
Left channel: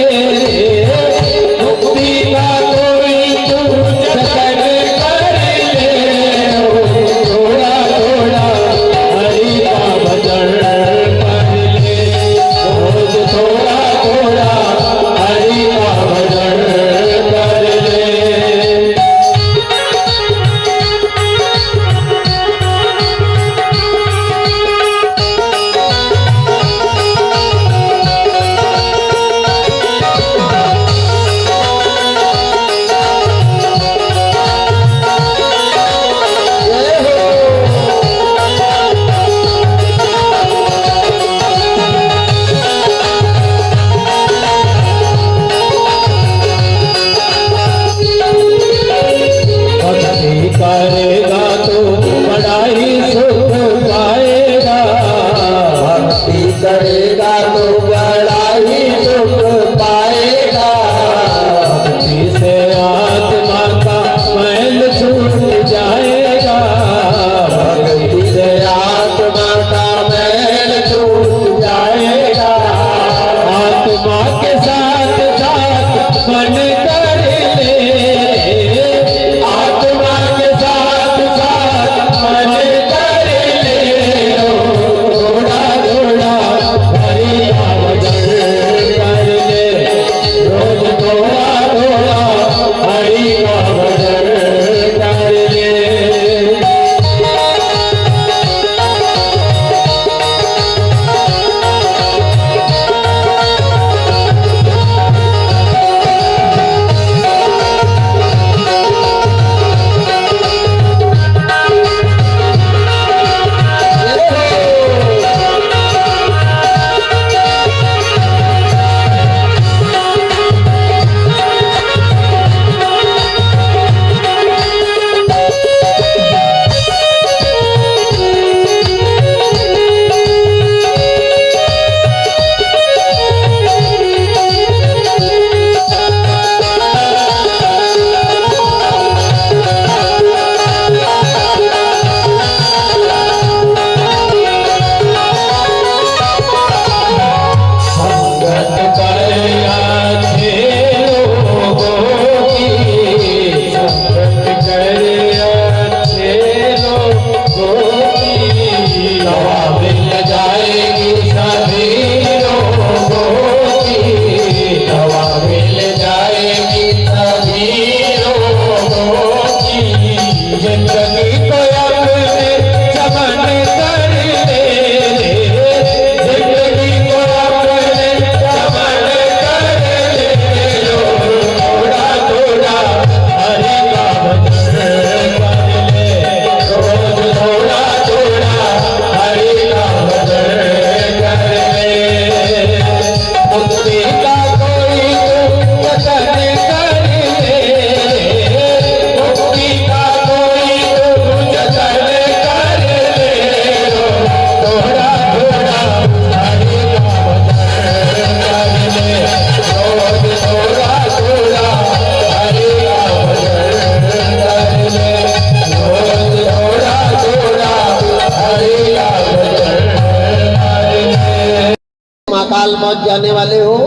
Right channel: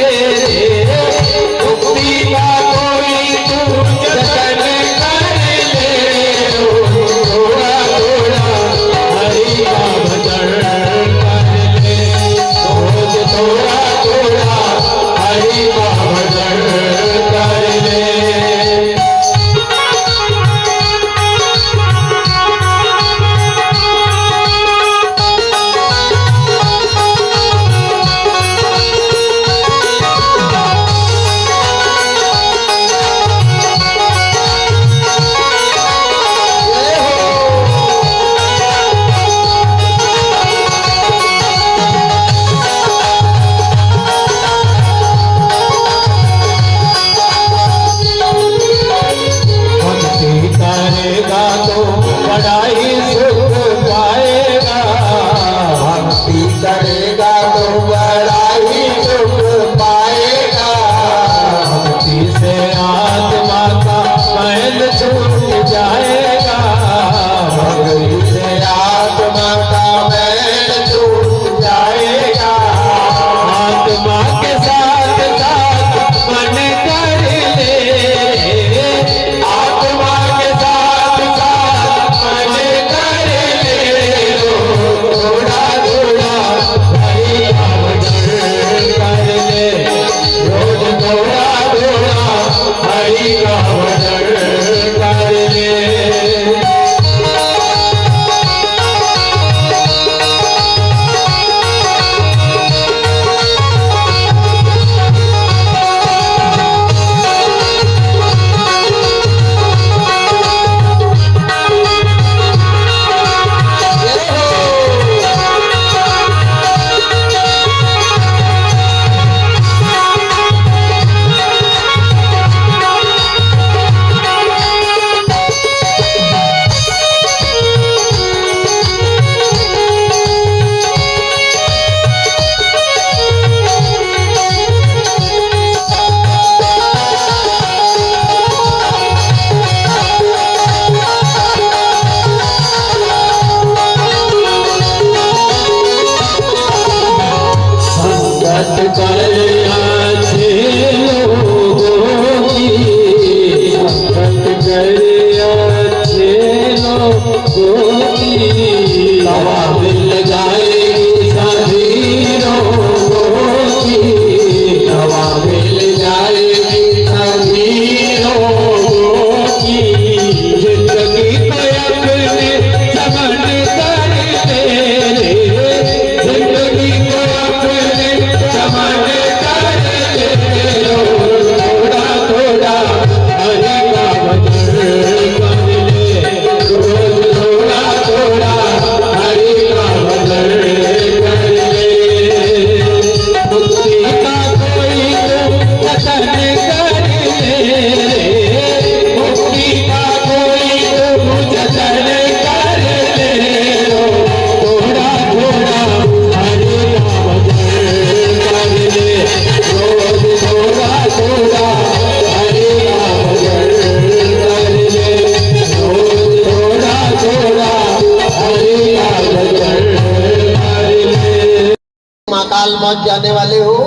पास जाने वाले हो,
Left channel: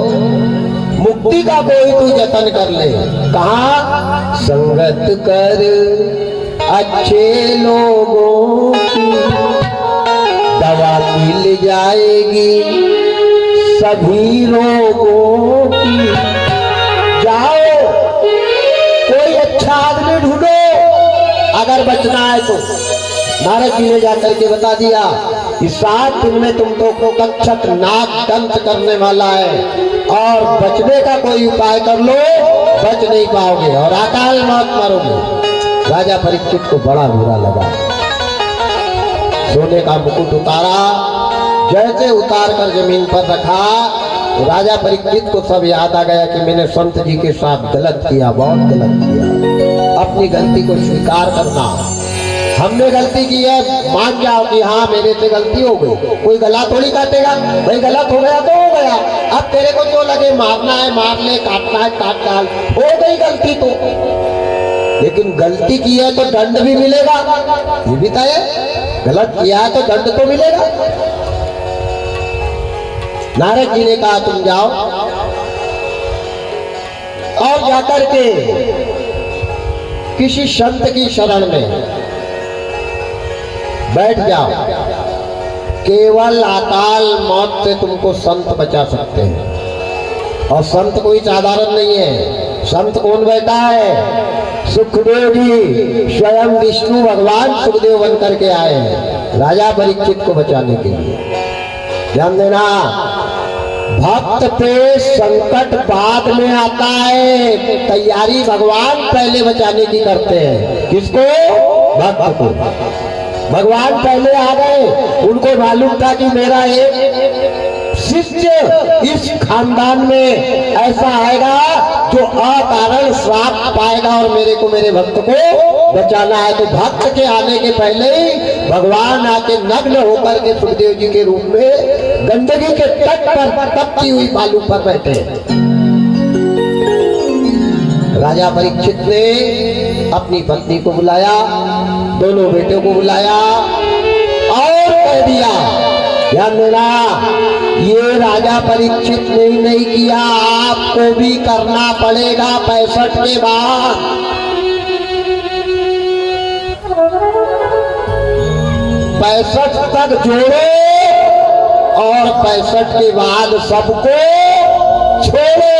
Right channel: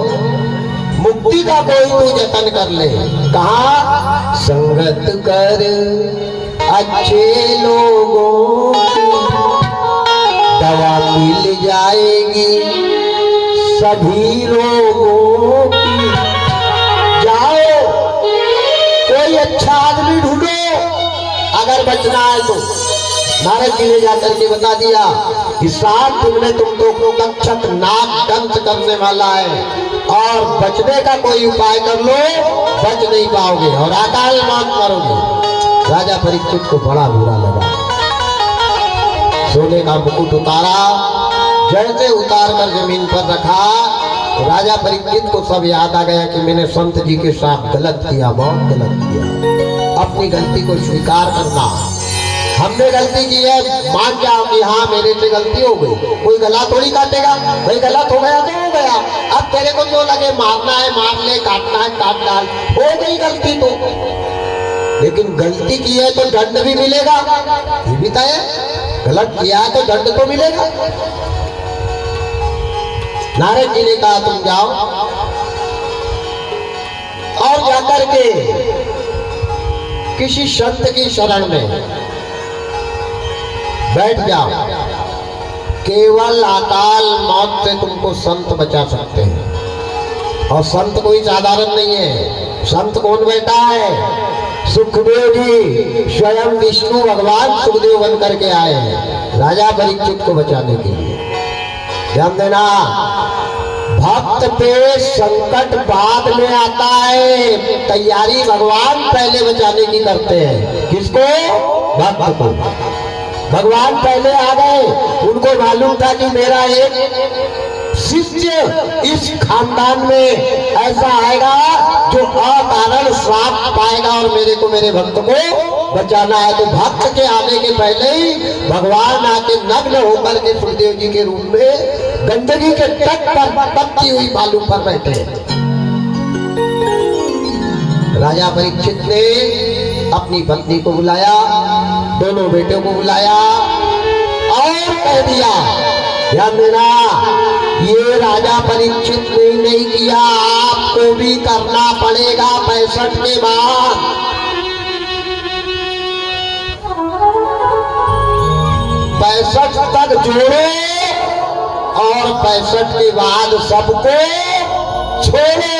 मुक्ति का कोई तू जतन कर ले। कहा संगत कर अच्छे लोगों की, दवा मिल जाएगी सभी रोगों की। जाओ कोई अच्छा आदमी ढूंढो अगर बचना है तो। नारद जी ने जाकर के बता दिया इस 7 दिन में तुम लोग को तक्षक नाग दंत करने वाला है, और बचने का कोई उपाय कर लो, बच नहीं पाओगे और अकाल मौत मरोगे। राजा परीक्षित को बड़ा बुरा लगा, सोने का मुकुट उतारा, जैसे उतार कर जमीन पर रखा तो राजा परीक्षित को सब याद आ गया कि मैंने संत जी के साथ गलत किया, बहुत गलत किया। अपनी गलती को स्वीकार करना, हमने गलती की है, मान जाओ कि हाँ मेरे से गलती हो गई। कोई गला थोड़ी काटेगा, भाई गलत हो गया तो हो गया, अब तेरे को जो लगे मारना है मार ले, काटना है काट डाल, हो गई गलती तो। लेकिन गलती की है तो दंड भी मिलेगा, ये भी तय है, गलत किया है तो दंड तो मिलेगा। नारद जी ने कहा तुम जाओ और जाकर के किसी संत की शरण में बैठ जाओ, केवल अकाल मौत से तुमको संत बचा सकते हैं। और संत कोई साधारण नहीं है, संत कौन बैठा है? सुखदेव जी, स्वयं विष्णु भगवान सुखदेव बन करके आए हैं राजा परीक्षित को बचाने के लिए। ध्यान देना, भक्त पे संकट बाद में आता है, तैयारी भगवान पहले बचाने की करते हैं। किसको? भक्त को। भगवान पहले आ गए, उनको मालूम था कि मेरा एक शिष्य इस खानदान में ऐसा आएगा जो अकारण श्राप पाएगा और मेरे को, मेरे भक्त को बचाना है। तो भक्त के आने के पहले ही भगवान आके नग्न होकर के सुखदेव जी के रूप में गंडकी के तट पर तपती हुई बालू पर बैठे। राजा परीक्षित ने अपनी पत्नी को बुलाया, दोनों बेटों को बुलाया और कह दिया, ध्यान देना, ये राजा परीक्षित ने ही नहीं किया, आपको भी करना पड़ेगा 65 के बाद। 65 तक जोड़ो और 65 के बाद सबको छोड़ो।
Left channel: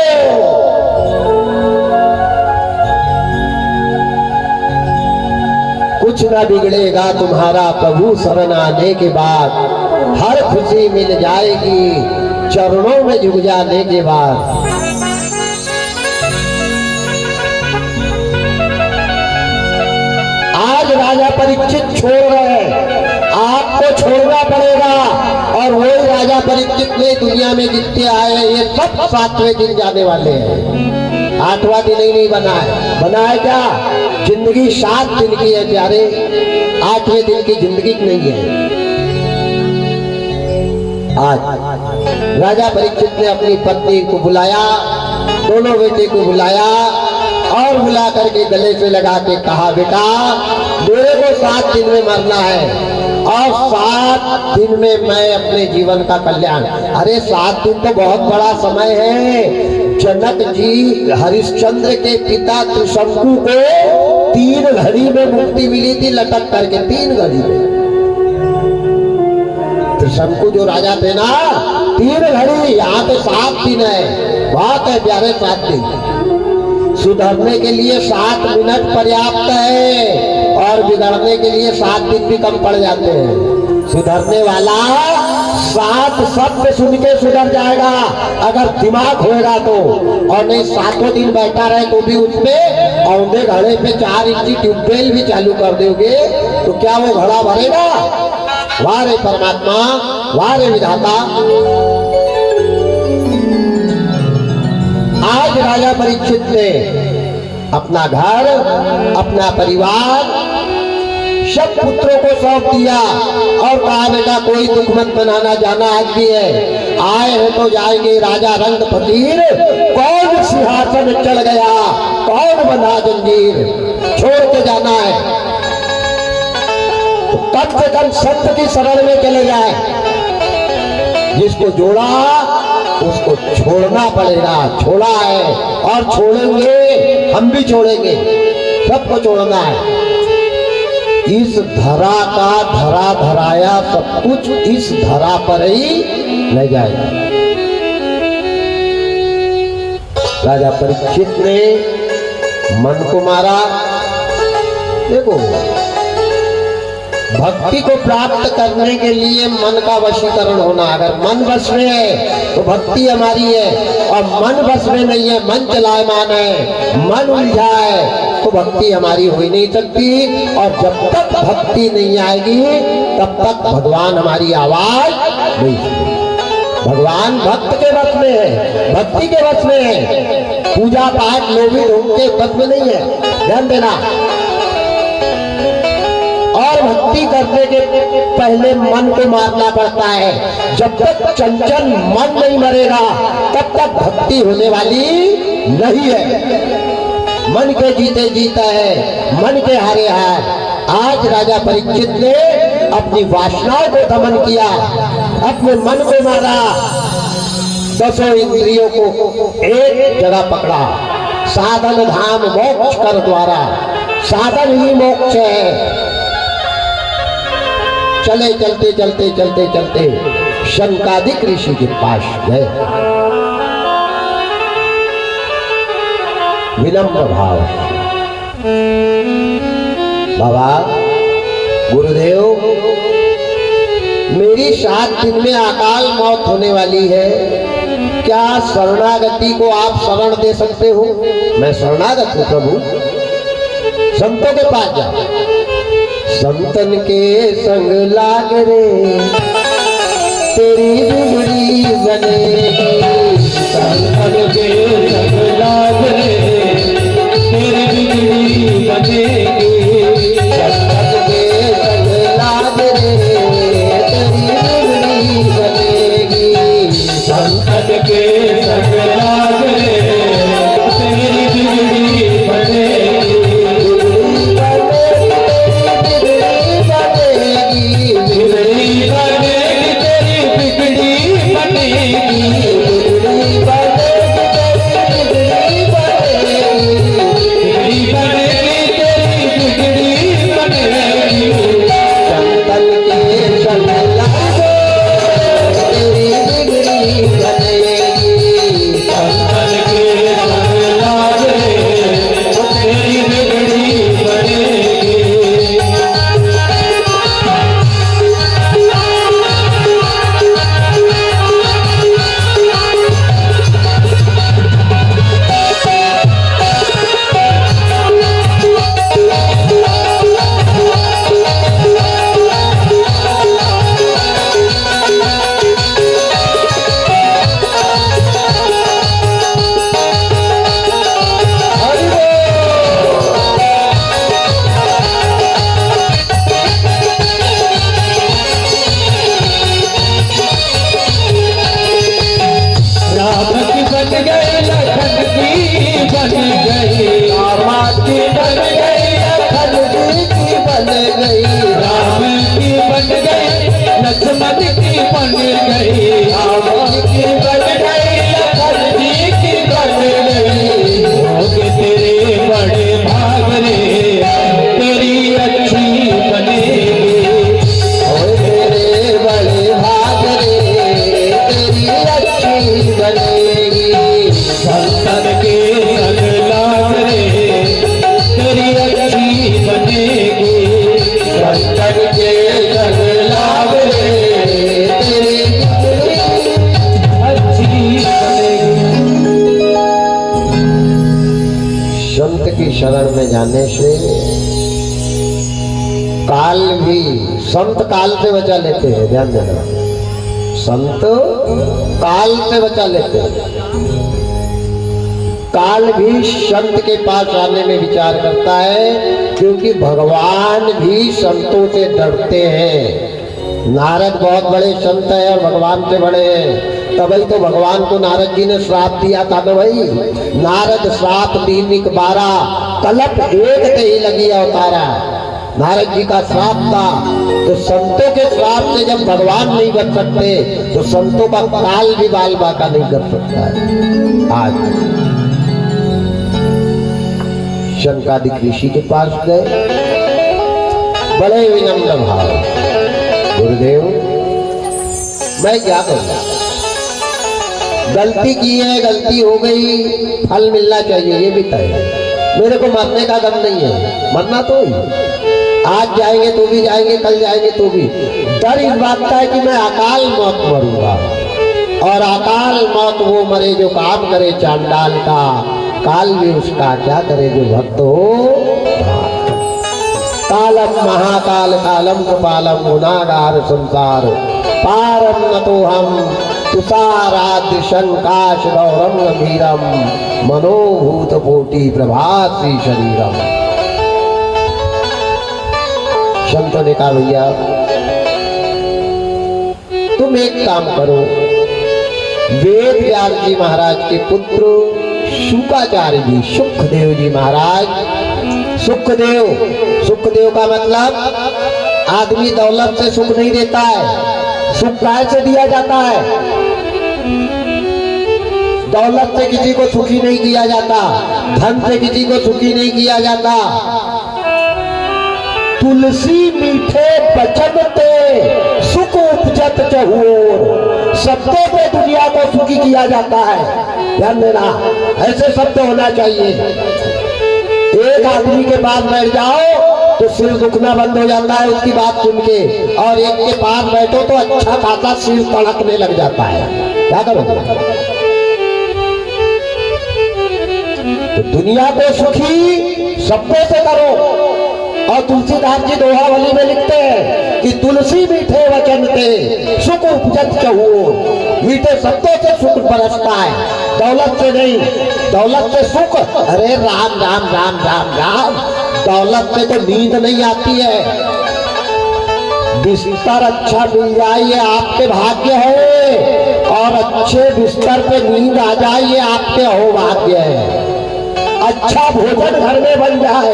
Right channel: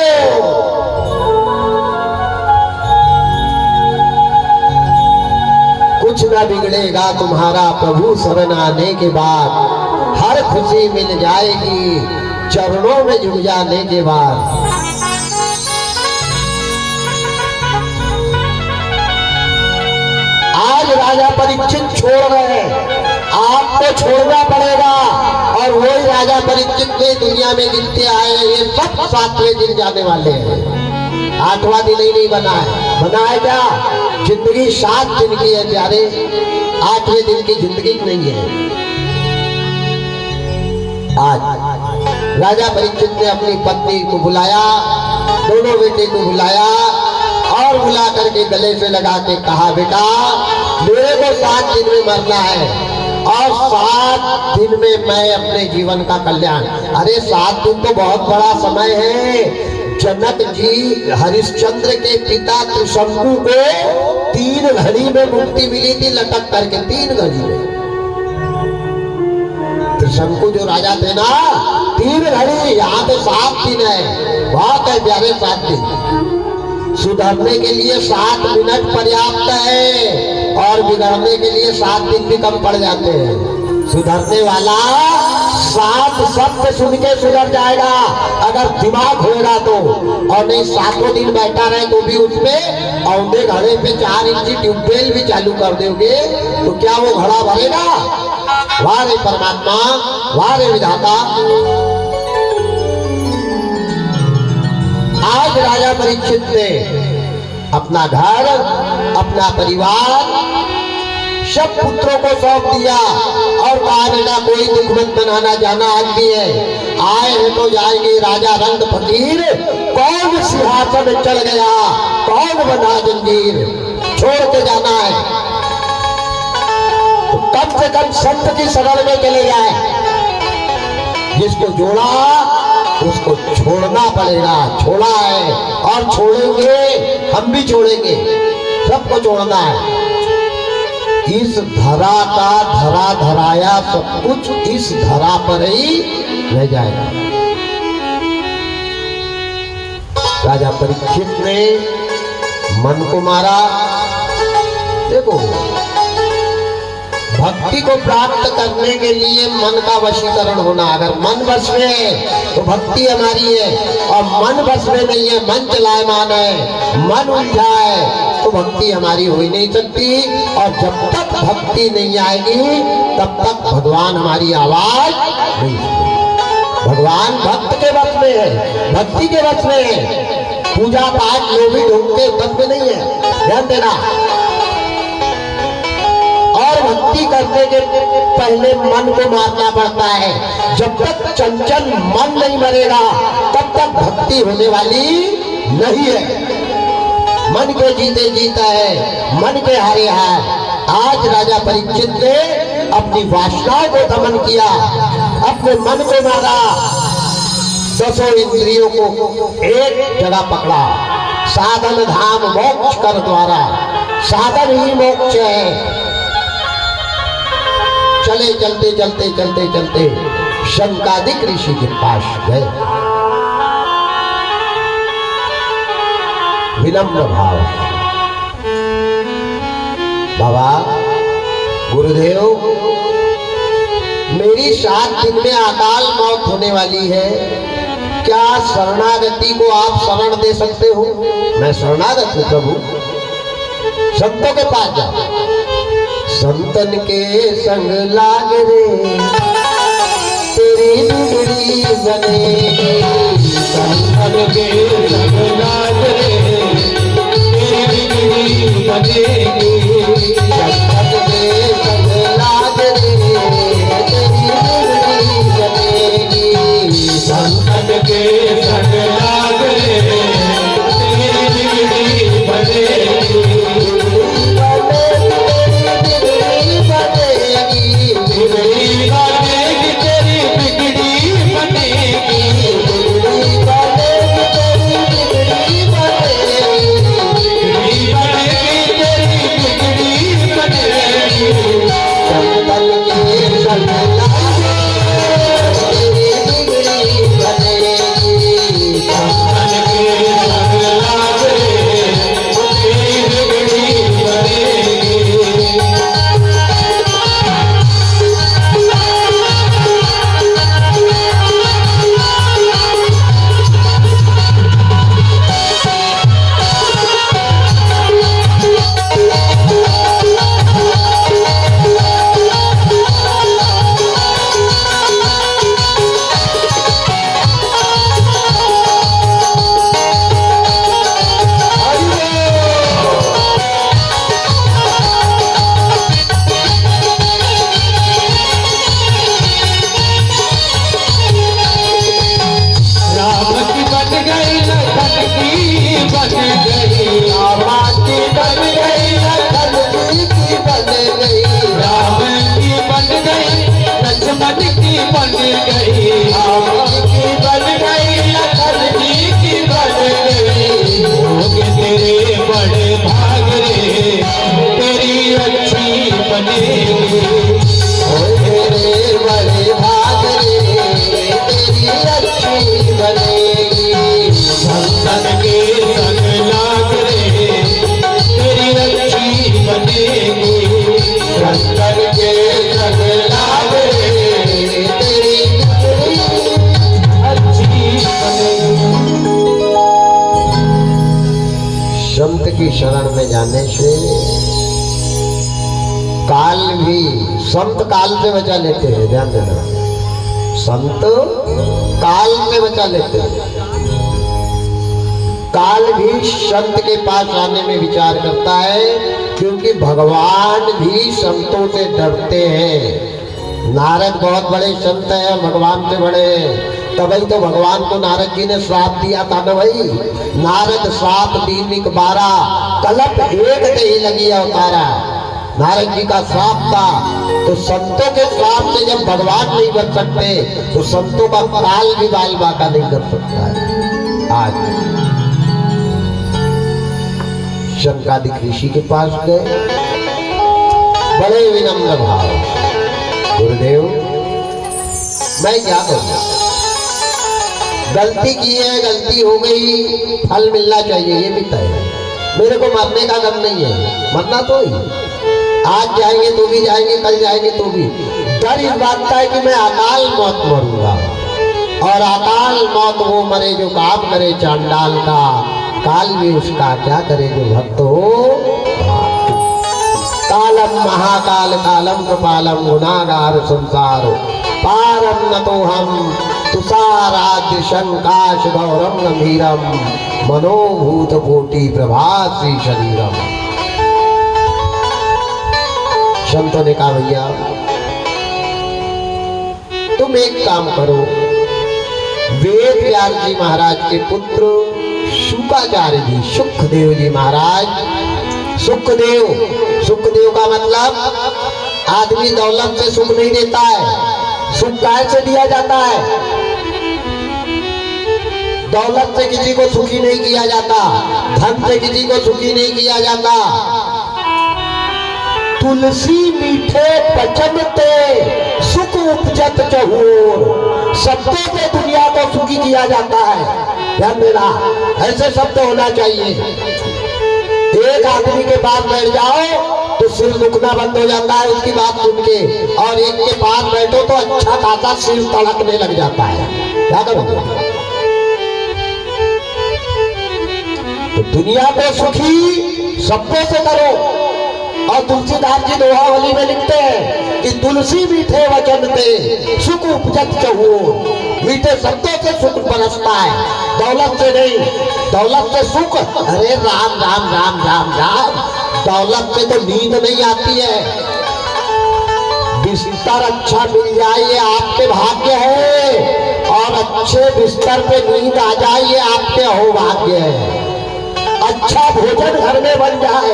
कुछ ना बिगड़ेगा तुम्हारा प्रभु शरण आने के बाद, हर खुशी मिल जाएगी चरणों में झुक जाने के बाद। आज राजा परीक्षित छोड़ गए, आपको छोड़ना पड़ेगा। और वही राजा परीक्षित ने दुनिया में जितने आए हैं ये सब 7वें दिन जाने वाले हैं। 8वां दिन ही नहीं बना है, बना है क्या? जिंदगी 7 दिन की है प्यारे, 8वें दिन की जिंदगी नहीं है। आज राजा परीक्षित ने अपनी पत्नी को बुलाया, दोनों बेटे को बुलाया और बुला करके गले से लगा के कहा, बेटा मेरे को 7 दिन में मरना है और 7 दिन में मैं अपने जीवन का कल्याण। अरे 7 दिन तो बहुत बड़ा समय है। जनक जी हरिश्चंद्र के पिता त्रिशंकु को 3 घड़ी में मुक्ति मिली थी, लटक करके 3 घड़ी में। त्रिशंकु जो राजा थे ना, 3 घड़ी, यहाँ तो 7 दिन है, बहुत है प्यारे 7 दिन। सुधरने के लिए 7 मिनट पर्याप्त है और बिगड़ने के लिए 7 दिन भी कम पड़ जाते हैं। सुधरने वाला 7 शब्द सुन के सुधर जाएगा अगर दिमाग होगा तो, और नहीं 7 दिन बैठा रहे तो भी उसमें औंधे घड़े पे 4 इंची ट्यूबवेल भी चालू कर दोगे तो क्या वो घड़ा भरेगा? वाह रे परमात्मा, वाह रे विधाता। आज राजा परीक्षित ने अपना घर, अपना परिवार सब पुत्रों को सौंप दिया और कहा, बेटा कोई दुख मत बनाना, जाना आदमी है, आए हैं तो जाएंगे। राजा रंग फकीर, कौन सिंहासन चढ़ गया, कौन बना जंजीर, छोड़ के जाना है तो कम से कम सत्य की शरण में चले जाए। जिसको जोड़ा उसको छोड़ना पड़ेगा। छोड़ा है और छोड़ेंगे, हम भी छोड़ेंगे, सबको छोड़ना है। इस धरा का धरा धराया सब कुछ इस धरा पर ही रह जाएगा। राजा परीक्षित ने मन को मारा। देखो, भक्ति को प्राप्त करने के लिए मन का वशीकरण होना। अगर मन वश में है तो भक्ति हमारी है, और मन वश में नहीं है, मन चलायमान है, मन उलझा है, तो भक्ति हमारी हो ही नहीं सकती। और जब तक भक्ति नहीं आएगी तब तक भगवान हमारी आवाज नहीं सुनेंगे। भगवान भक्त के वश में है, भक्ति के वश में है। पूजा पाठ लोभी ढोंग के वश में नहीं है, ध्यान देना। और भक्ति करने के पहले मन को मारना पड़ता है। जब तक चंचल मन नहीं मरेगा तब तक भक्ति होने वाली नहीं है। मन के जीते जीता है, मन के हारे हार। आज राजा परीक्षित ने अपनी वासनाओं को दमन किया, अपने मन को मारा, 10 इंद्रियों को एक जगह पकड़ा। साधन धाम मोक्ष कर द्वारा, साधन ही मोक्ष है। चले चलते चलते चलते चलते शंकादिक ऋषि के पास गए। विनम्र भाव, बाबा गुरुदेव, मेरी 7 दिन में अकाल मौत होने वाली है, क्या शरणागति को आप शरण दे सकते हो? मैं शरणागत हूं प्रभु, संतों के पास जाओ। संतन के संग लाग रे तेरी बिगड़ी बनेगी। संतन के संग लाग रे तेरी बिगड़ी बनेगी। संतन के संग लाग रे तेरी बिगड़ी बनेगी। संतन के संग लाग रे तेरी बिगड़ी बनेगी। शरण में जाने से काल भी, संत काल से बचा लेते हैं, ध्यान देना। संत काल से बचा लेते हैं। काल भी संत के पास आने में विचार करता है, क्योंकि भगवान भी संतों से डरते हैं। नारद बहुत बड़े संत हैं, भगवान से बड़े हैं, तभी तो भगवान को नारद जी ने श्राप दिया था ना भाई। नारद श्राप 3 12 कलप एक ते ही लगी अवतारा। नारद जी का श्राप था। तो संतों के श्राप से जब भगवान नहीं बच सकते तो संतों का काल भी बाल बाका नहीं कर सकता है। आज शंकादिक ऋषि के पास गए, बड़े विनम्र भाव, गुरुदेव मैं क्या करूं, गलती की है, गलती हो गई, फल मिलना चाहिए ये भी तय है। मेरे को मरने का गम नहीं है, मरना तो ही, आज जाएंगे तो भी जाएंगे, कल जाएंगे तो भी। डर इस बात का है कि मैं अकाल मौत मरूंगा, और अकाल मौत वो मरे जो काम करे चांडाल का, काल भी उसका क्या करे जो भक्त हो। कालम महाकाल कालम कपालम गुनागार संसार पारम न तो हम तुषाराद्य शंकाश गौरम गंभीरम मनोभूत कोटि प्रभासी शरीरम। संतों ने कहा भैया तुम एक काम करो, वेद व्यास जी महाराज के पुत्र शुकाचार्य जी, सुखदेव जी महाराज, सुखदेव, सुखदेव का मतलब आदमी दौलत से सुख नहीं देता है, सुख काय से दिया जाता है। दौलत से किसी को सुखी नहीं किया जाता, धन से किसी को सुखी नहीं किया जाता। तुलसी मीठे बचन ते सुख उपजत चहुओर, शब्दों से दुनिया को सुखी किया जाता है। ध्यान देना, ऐसे शब्द होना चाहिए। एक आदमी के पास बैठ जाओ तो सिर दुखना बंद हो जाता है उसकी बात सुन के, और एक के पास बैठो तो अच्छा खासा सिर तड़कने लग जाता है। क्या करोगे? तो दुनिया को सुखी शब्दों से करो। और तुलसीदास जी दोहावली में लिखते हैं कि तुलसी मीठे वचन ते सुख उपजत चहु, मीठे शब्दों से सुख बरसता है, दौलत से नहीं। दौलत से सुख, अरे राम राम राम राम राम, दौलत से तो नींद नहीं आती है। बिस्तर अच्छा मिल जाए ये आपके भाग्य है, और अच्छे बिस्तर पे नींद आ जाए ये आपके अहोभाग्य है। अच्छा भोजन घर में बन जाए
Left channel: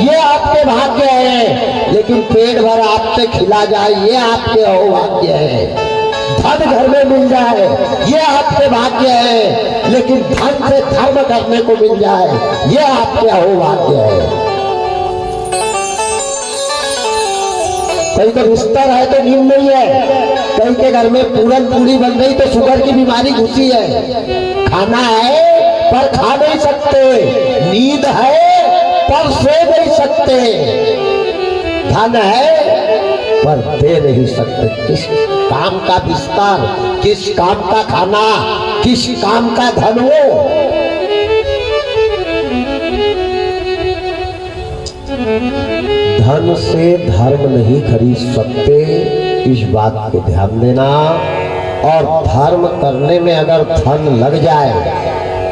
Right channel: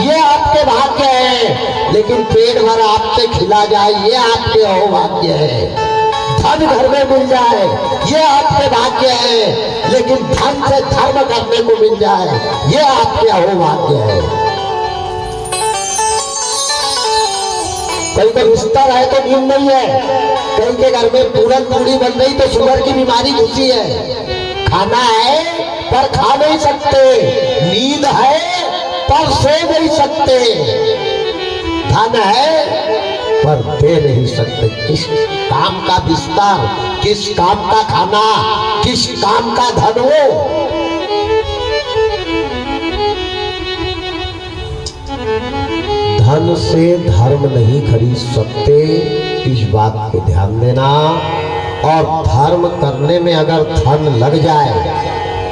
ये आपके भाग्य है, लेकिन पेट भर आपसे खिला जाए ये आपके अहोभाग्य है। धन घर में मिल जाए ये आपके भाग्य है, लेकिन धन से धर्म करने को मिल जाए ये आपके अहोभाग्य है। कहीं का बिस्तर है तो नींद नहीं है, कहीं के घर में पूरन पूरी बन रही तो शुगर की बीमारी घुसी है। खाना है पर खा नहीं सकते, नींद है पर सो नहीं सकते, धन है पर दे नहीं सकते। किस काम का बिस्तर, किस काम का खाना, किस काम का धन हो। धन से धर्म नहीं खरीद सकते, इस बात पे ध्यान देना। और धर्म करने में अगर धन लग जाए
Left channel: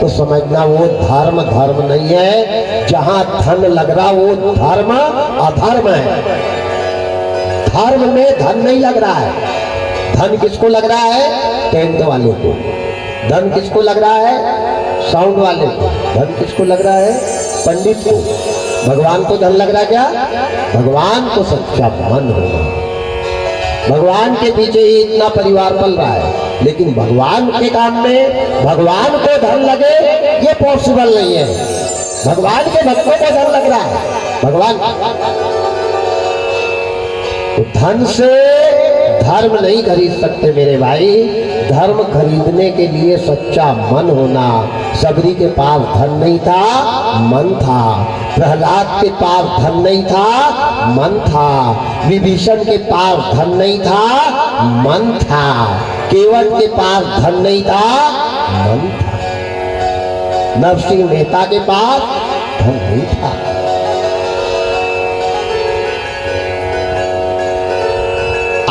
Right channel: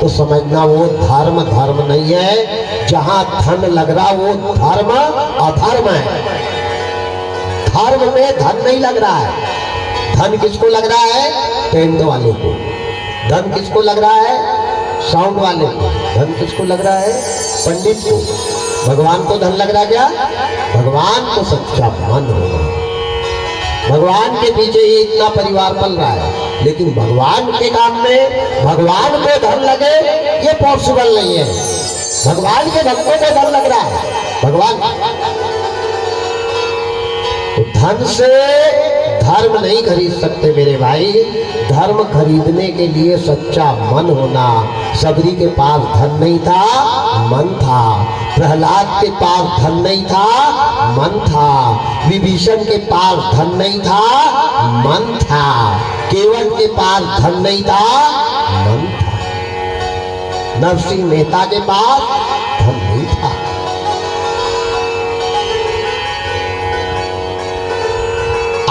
तो समझना वो धर्म धर्म नहीं है, जहां धन लग रहा वो धर्म अधर्म है। धर्म में धन नहीं लग रहा है। धन किसको लग रहा है? टेंट वाले को। धन किसको लग रहा है? साउंड वाले को। धन किसको लग रहा है? पंडित को। भगवान को धन लग रहा क्या? भगवान को सच्चा मन होगा। भगवान के पीछे ही इतना परिवार पल रहा है, लेकिन भगवान के काम में भगवान को धन लगे ये पॉसिबल नहीं है। भगवान के भक्तों को धन लग रहा है, भगवान। तो धन से धर्म नहीं खरीद सकते मेरे भाई। धर्म खरीदने के लिए सच्चा मन होना। सबरी के पास धन नहीं था, मन था। प्रहलाद के पास धन नहीं था, मन था। विभीषण के पास धन नहीं था, मन था। केवट के पास धन नहीं था, मन था। नरसिंह मेहता के पास धन नहीं था।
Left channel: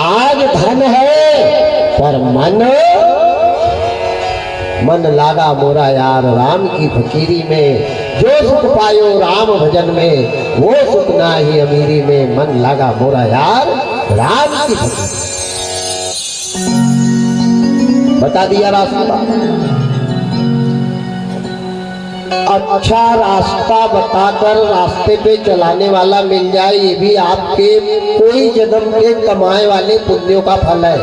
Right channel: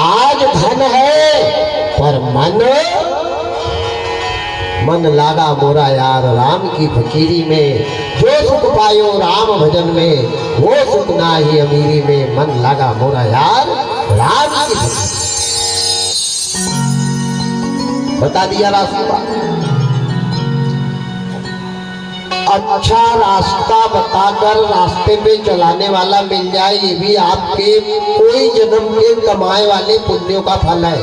आज धन है पर मन लागा मोरा यार राम की फकीरी में। जो सुख पायो राम भजन में, वो सुख ना ही अमीरी में। मन लागा मोरा यार राम की फकीरी। बता दिया रास्ता। अच्छा रास्ता बताकर रास्ते पे चलाने वाला मिल जाए, ये भी आपके कोई जन्म के कमाए वाले पुण्यों का फल है।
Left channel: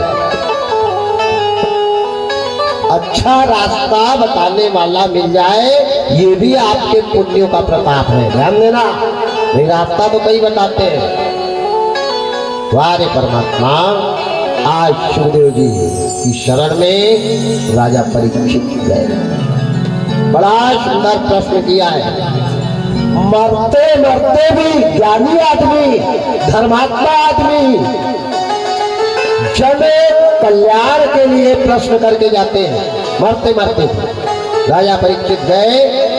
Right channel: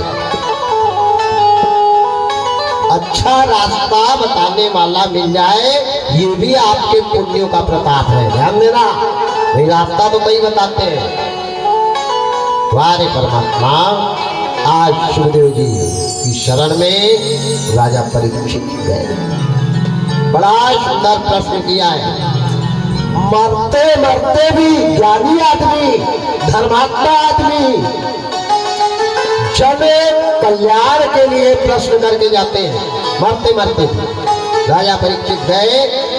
अच्छा रास्ता बताने वाला मिल जाए, ये भी आपके पुण्यों का प्रताप है। ध्यान देना, नहीं रास्ता तो कई बताते हैं। वारे परमात्मा, आज सुखदेव जी की शरण में राजा परीक्षित गए। बड़ा सुंदर प्रश्न किया है। मरते मरते भी ज्ञानी आदमी, धर्मात्मा आदमी जब एक कल्याण के लिए प्रश्न करके जाते हैं, मरते मरते भी। राजा परीक्षित गए,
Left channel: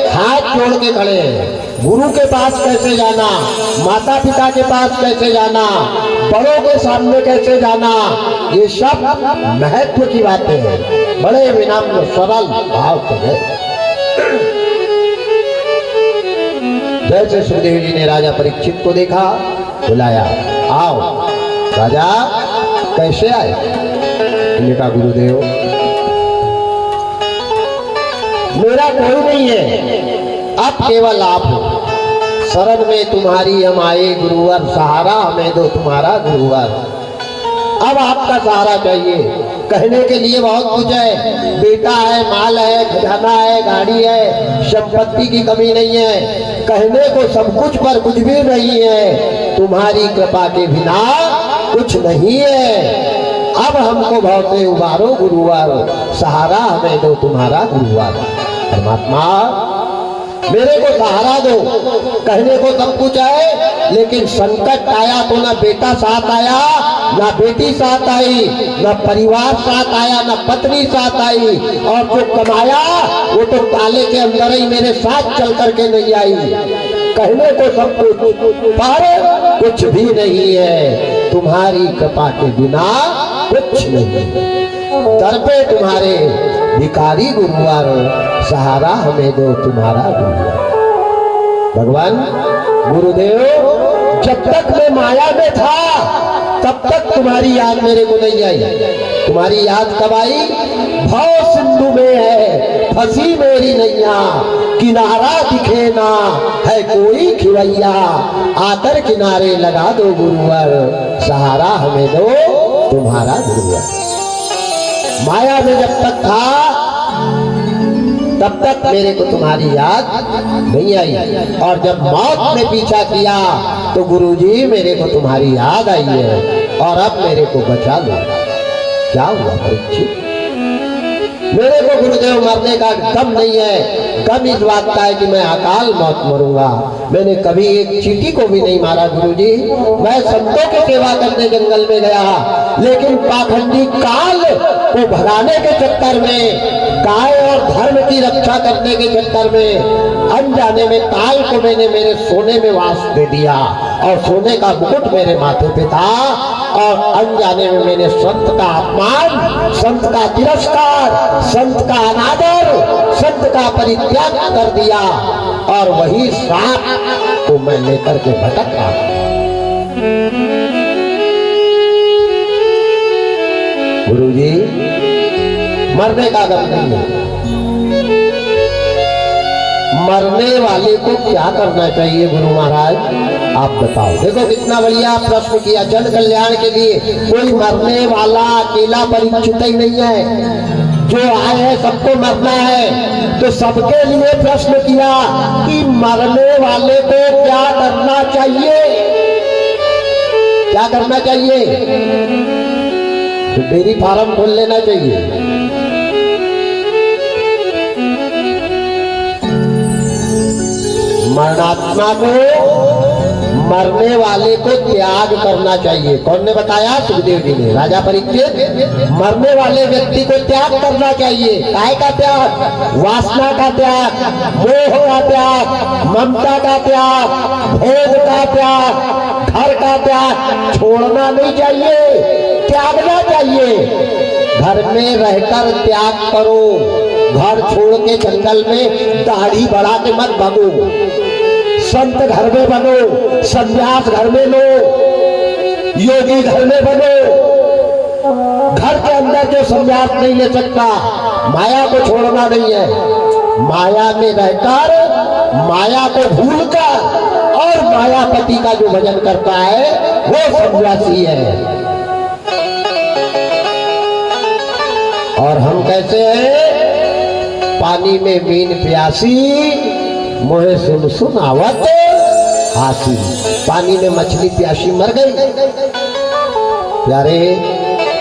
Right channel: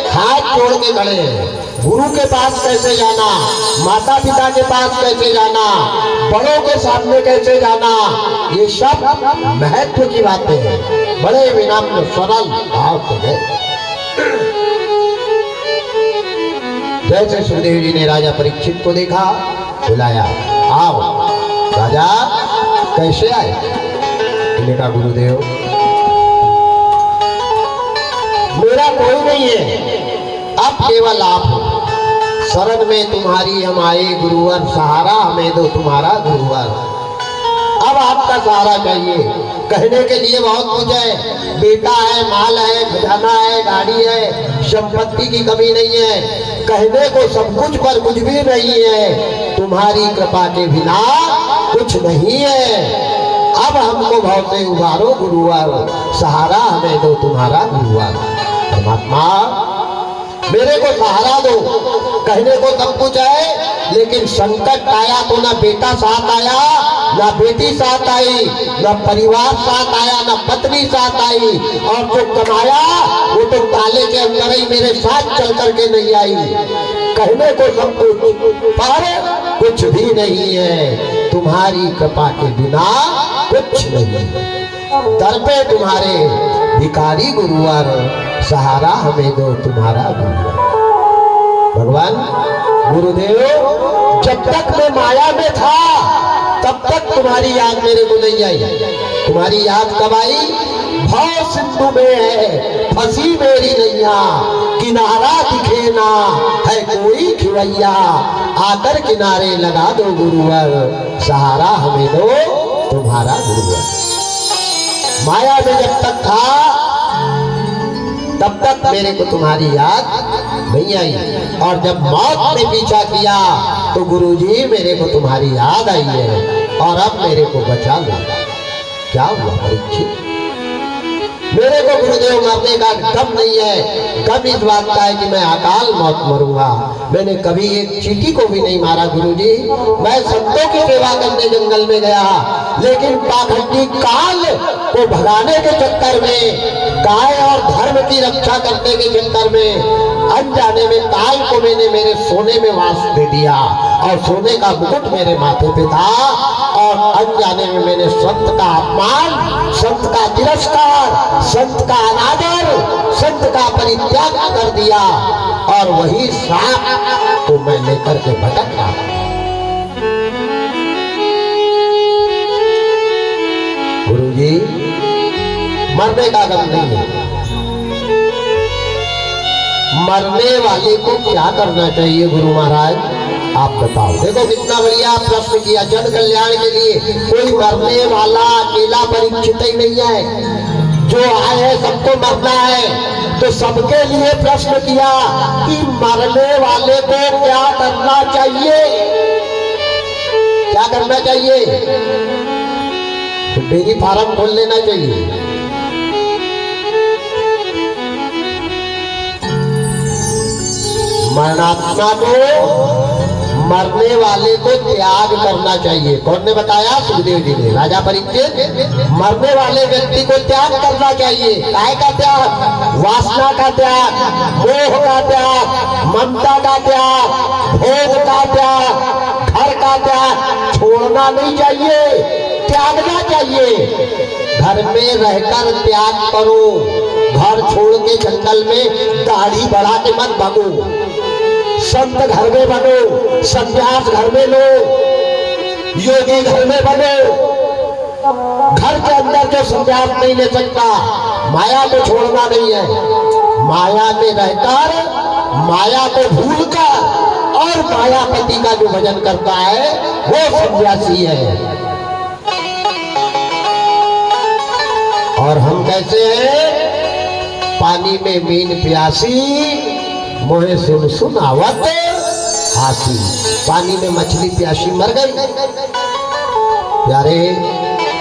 हाथ जोड़ के खड़े हैं। गुरु के पास कैसे जाना, माता पिता के पास कैसे जाना, बड़ों के सामने कैसे जाना, ये सब महत्व की बातें हैं। बड़े विनम्र सरल भाव से गए। जैसे सुखदेव जी ने राजा परीक्षित को देखा, बुलाया, आओ। राजा कैसे आए? उन्होंने कहा, गुरुदेव मेरा कोई नहीं है, अब केवल आप हो। शरण में तुम्हारी हम आए गुरुवर, सहारा हमें दो तुम्हारा गुरुवर। अब आपका सहारा चाहिए। कहने के लिए बहुत कुछ है, बेटा है, माल है, खजाना है, गाड़ी है, संपत्ति की कमी नहीं है। कहने को सब कुछ पर कुछ भी नहीं है। तुम्हारी कृपा के बिना कुछ नहीं है। अब हमको भाव से उबारो गुरुवर, सहारा हमें दो तुम्हारा गुरुवर। परमात्मा मेरे को सहारा दो। कहने को सब कुछ है, लेकिन संकट आया तो ना बेटा साथ आया, ना बेटी साथ आई, ना परिवार साथ आया, ना पत्नी साथ आई, और जो कमाया वो तो ताले के अंदर ही मेरे साथ चल करके नहीं आई। कहने को सब कुछ पर कुछ भी नहीं है। तुम्हारी कृपा के बिना कुछ नहीं। दर पे तुम्हारे भिखारी गुरुवर, सहारा हमें दो तुम्हारा गुरुवर। भगवान गुरुदेव, जब तक मैं माया में था तब तक तुम्हारी याद मेरे को नहीं आई। तुम्हारी याद कब आई? भाव सिंधु में है फंसी मेरी नैया, किनारा दिखे ना है कोई खिवैया। आकर किनारे लगा दो गुरुवर, सहारा हमें दो तुम्हारा गुरुवर। माया में जब तक था तब तक मेरे को तुम्हारी याद नहीं आई, और जब मौत ने पीछा किया तो गुरुजी मेरे को तुम्हारी याद आई है, और अब मेरे को बचा लो। क्या हुआ परीक्षित? मेरे को गुरुदेव मरने का गम नहीं है। गम इस बात का है कि मैं अकाल मौत मरूंगा। मैंने कभी एक चींटी को भी नहीं मारा गुरुजी। मैं संतों की सेवा करने जंगल में गया, लेकिन पाखंडी काल को भगाने के चक्कर में, गाय और धर्म की रक्षा करने के चक्कर में, अनजाने में काल को मैंने मेरे सोने में वास दे दिया, और सोने का मुकुट मेरे माथे पे था, और अनजाने में मैंने संत का अपमान, संत का तिरस्कार, संत का अनादर, संत का परित्याग कर दिया, और वही श्राप तो मैं लेकर के भटक रहा। गुरुजी, मरने का गम नहीं है। मरने वाले को क्या करना चाहिए गुरु महाराज, आप बताओ। देखो कितना बढ़िया प्रश्न किया। जन कल्याण के लिए कोई मरने वाला अकेला परीक्षित ही नहीं है। जो आए हैं सबको मरना है, तो सबके लिए प्रश्न किया कि मरने वाले को क्या करना चाहिए। क्या करना चाहिए? तो डेयरी फार्म खोल लेना चाहिए। मरणात्मा को, मरने वाले को त्याग करना चाहिए। कौन ने बताया? सुखदेव जी ने। राजा परीक्षित, मरने वाले व्यक्ति को त्याग करना चाहिए। काय का त्याग? वासना का त्याग, मोह का त्याग, ममता का त्याग, भोग का त्याग, घर का त्याग छोड़ना नहीं चाहिए, त्यागना चाहिए। घर में रहकर त्याग करो। घर छोड़ के जंगल में दाढ़ी बढ़ा के मत भागो। संत घर में बनो, संन्यास घर में लो, योगी घर में बनो। घर के अंदर जो संन्यास नहीं ले सकता, माया को छोड़ना नहीं है। माया में रहकर माया को भूलकर और मायापति का जो भजन करता है वो सन्यासी है। और हम कैसे हैं? पानी में मीन प्यासी मोहे सुन सुन आवत हाथी। पानी में मछली प्यासी मर गई। प्यारे,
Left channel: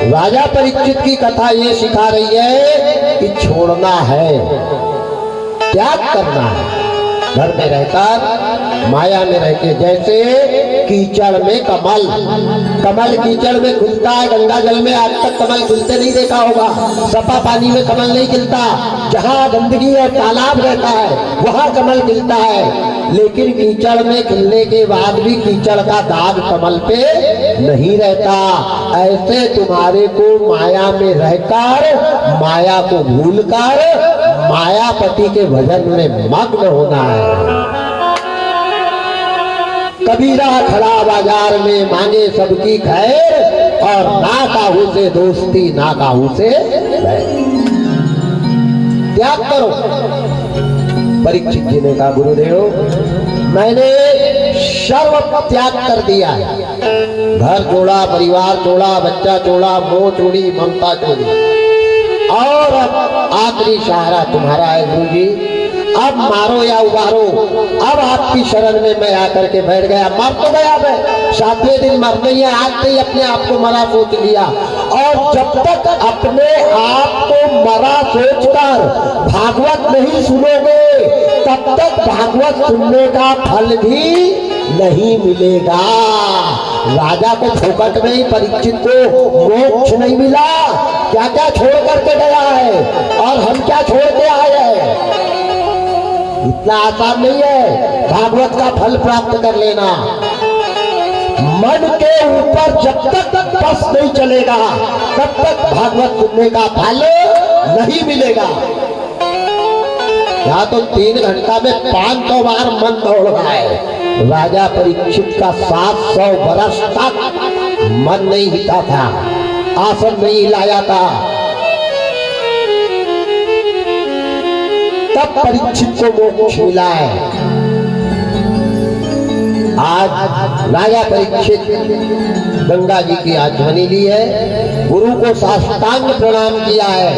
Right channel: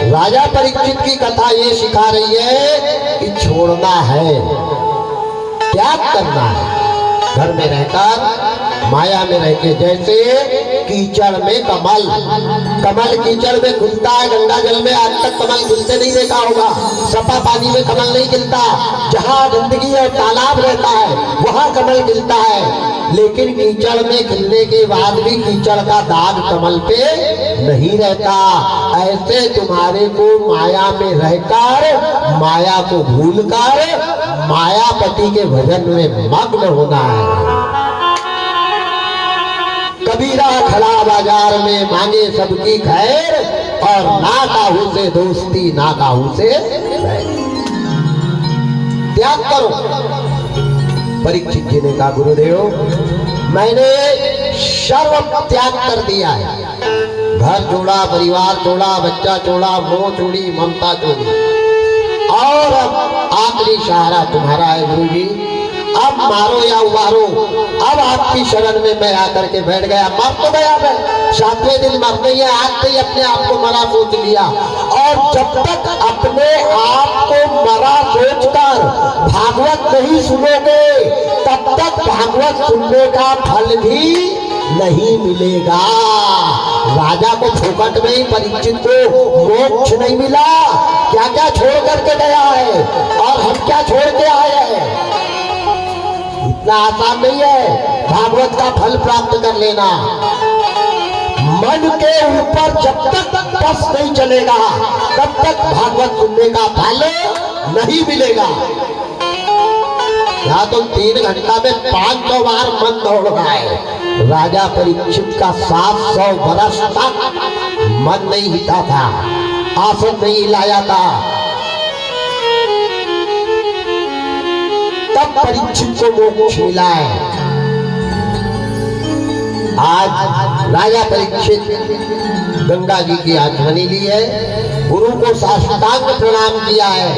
राजा परीक्षित की कथा ये सिखा रही है कि छोड़ना है, त्याग करना है। घर में रहकर माया में रहकर, जैसे कीचड़ में कमल, कमल कीचड़ में खुलता है, गंगा जल में आज तक कमल खुलते नहीं देखा होगा। सफा पानी में कमल नहीं खिलता, जहाँ गंदगी और तालाब रहता है वहाँ कमल खिलता है। लेकिन कीचड़ में खिलने के बाद भी कीचड़ का दाग कमल पे नहीं रहता। ऐसे तुम्हारे को माया में रहकर माया को भूलकर मायापति के भजन में मग्न होना है। कबीरा खड़ा बाजार में मांगे सबकी खैर, और ना काहू से दोस्ती ना काहू से बैर। त्याग करो। परीक्षित जी ने कहा, गुरुदेव मैंने सब त्याग कर दिया है। घर जोड़ा, परिवार जोड़ा, बच्चा जोड़ा, मोह छोड़ी, ममता छोड़ी, और आखिरी सहारा तुम्हारा है गुरु जी। अब मारो या उबारो, अब आपकी शरण में मैं आकर के बैठ गया। मर तो गया मैं, 7वें दिन मर गई है, आज से ही अपने आप को मरा सोच लिया। और जब तक अपने आप को मरा सोचकर भागवत नहीं सुनोगे, तब तक भागवत सुनने का फल भी नहीं मिलेगा। राजा को फोकट में ही परीक्षित को मोक्ष नहीं मिला। क्या क्या छोड़ करके गया है और हम क्या छोड़ के आए हैं। इतना आसान नहीं है भागवत का फल प्राप्त कर लेना। मन के ऊपर जब तक बस नहीं चलेगा तब तक भागवत सुनने का फल नहीं मिलेगा। यहाँ तो 3 घंटा में 500 बार मन दौड़ रहा है। राजा परीक्षित का 700 बरस तक मन नहीं हिला था, आसन नहीं हिलाया था। तब परीक्षित को मोक्ष मिला है। आज राजा परीक्षित गंगा जी की आध्वनि ली है, गुरु को साष्टांग प्रणाम किया है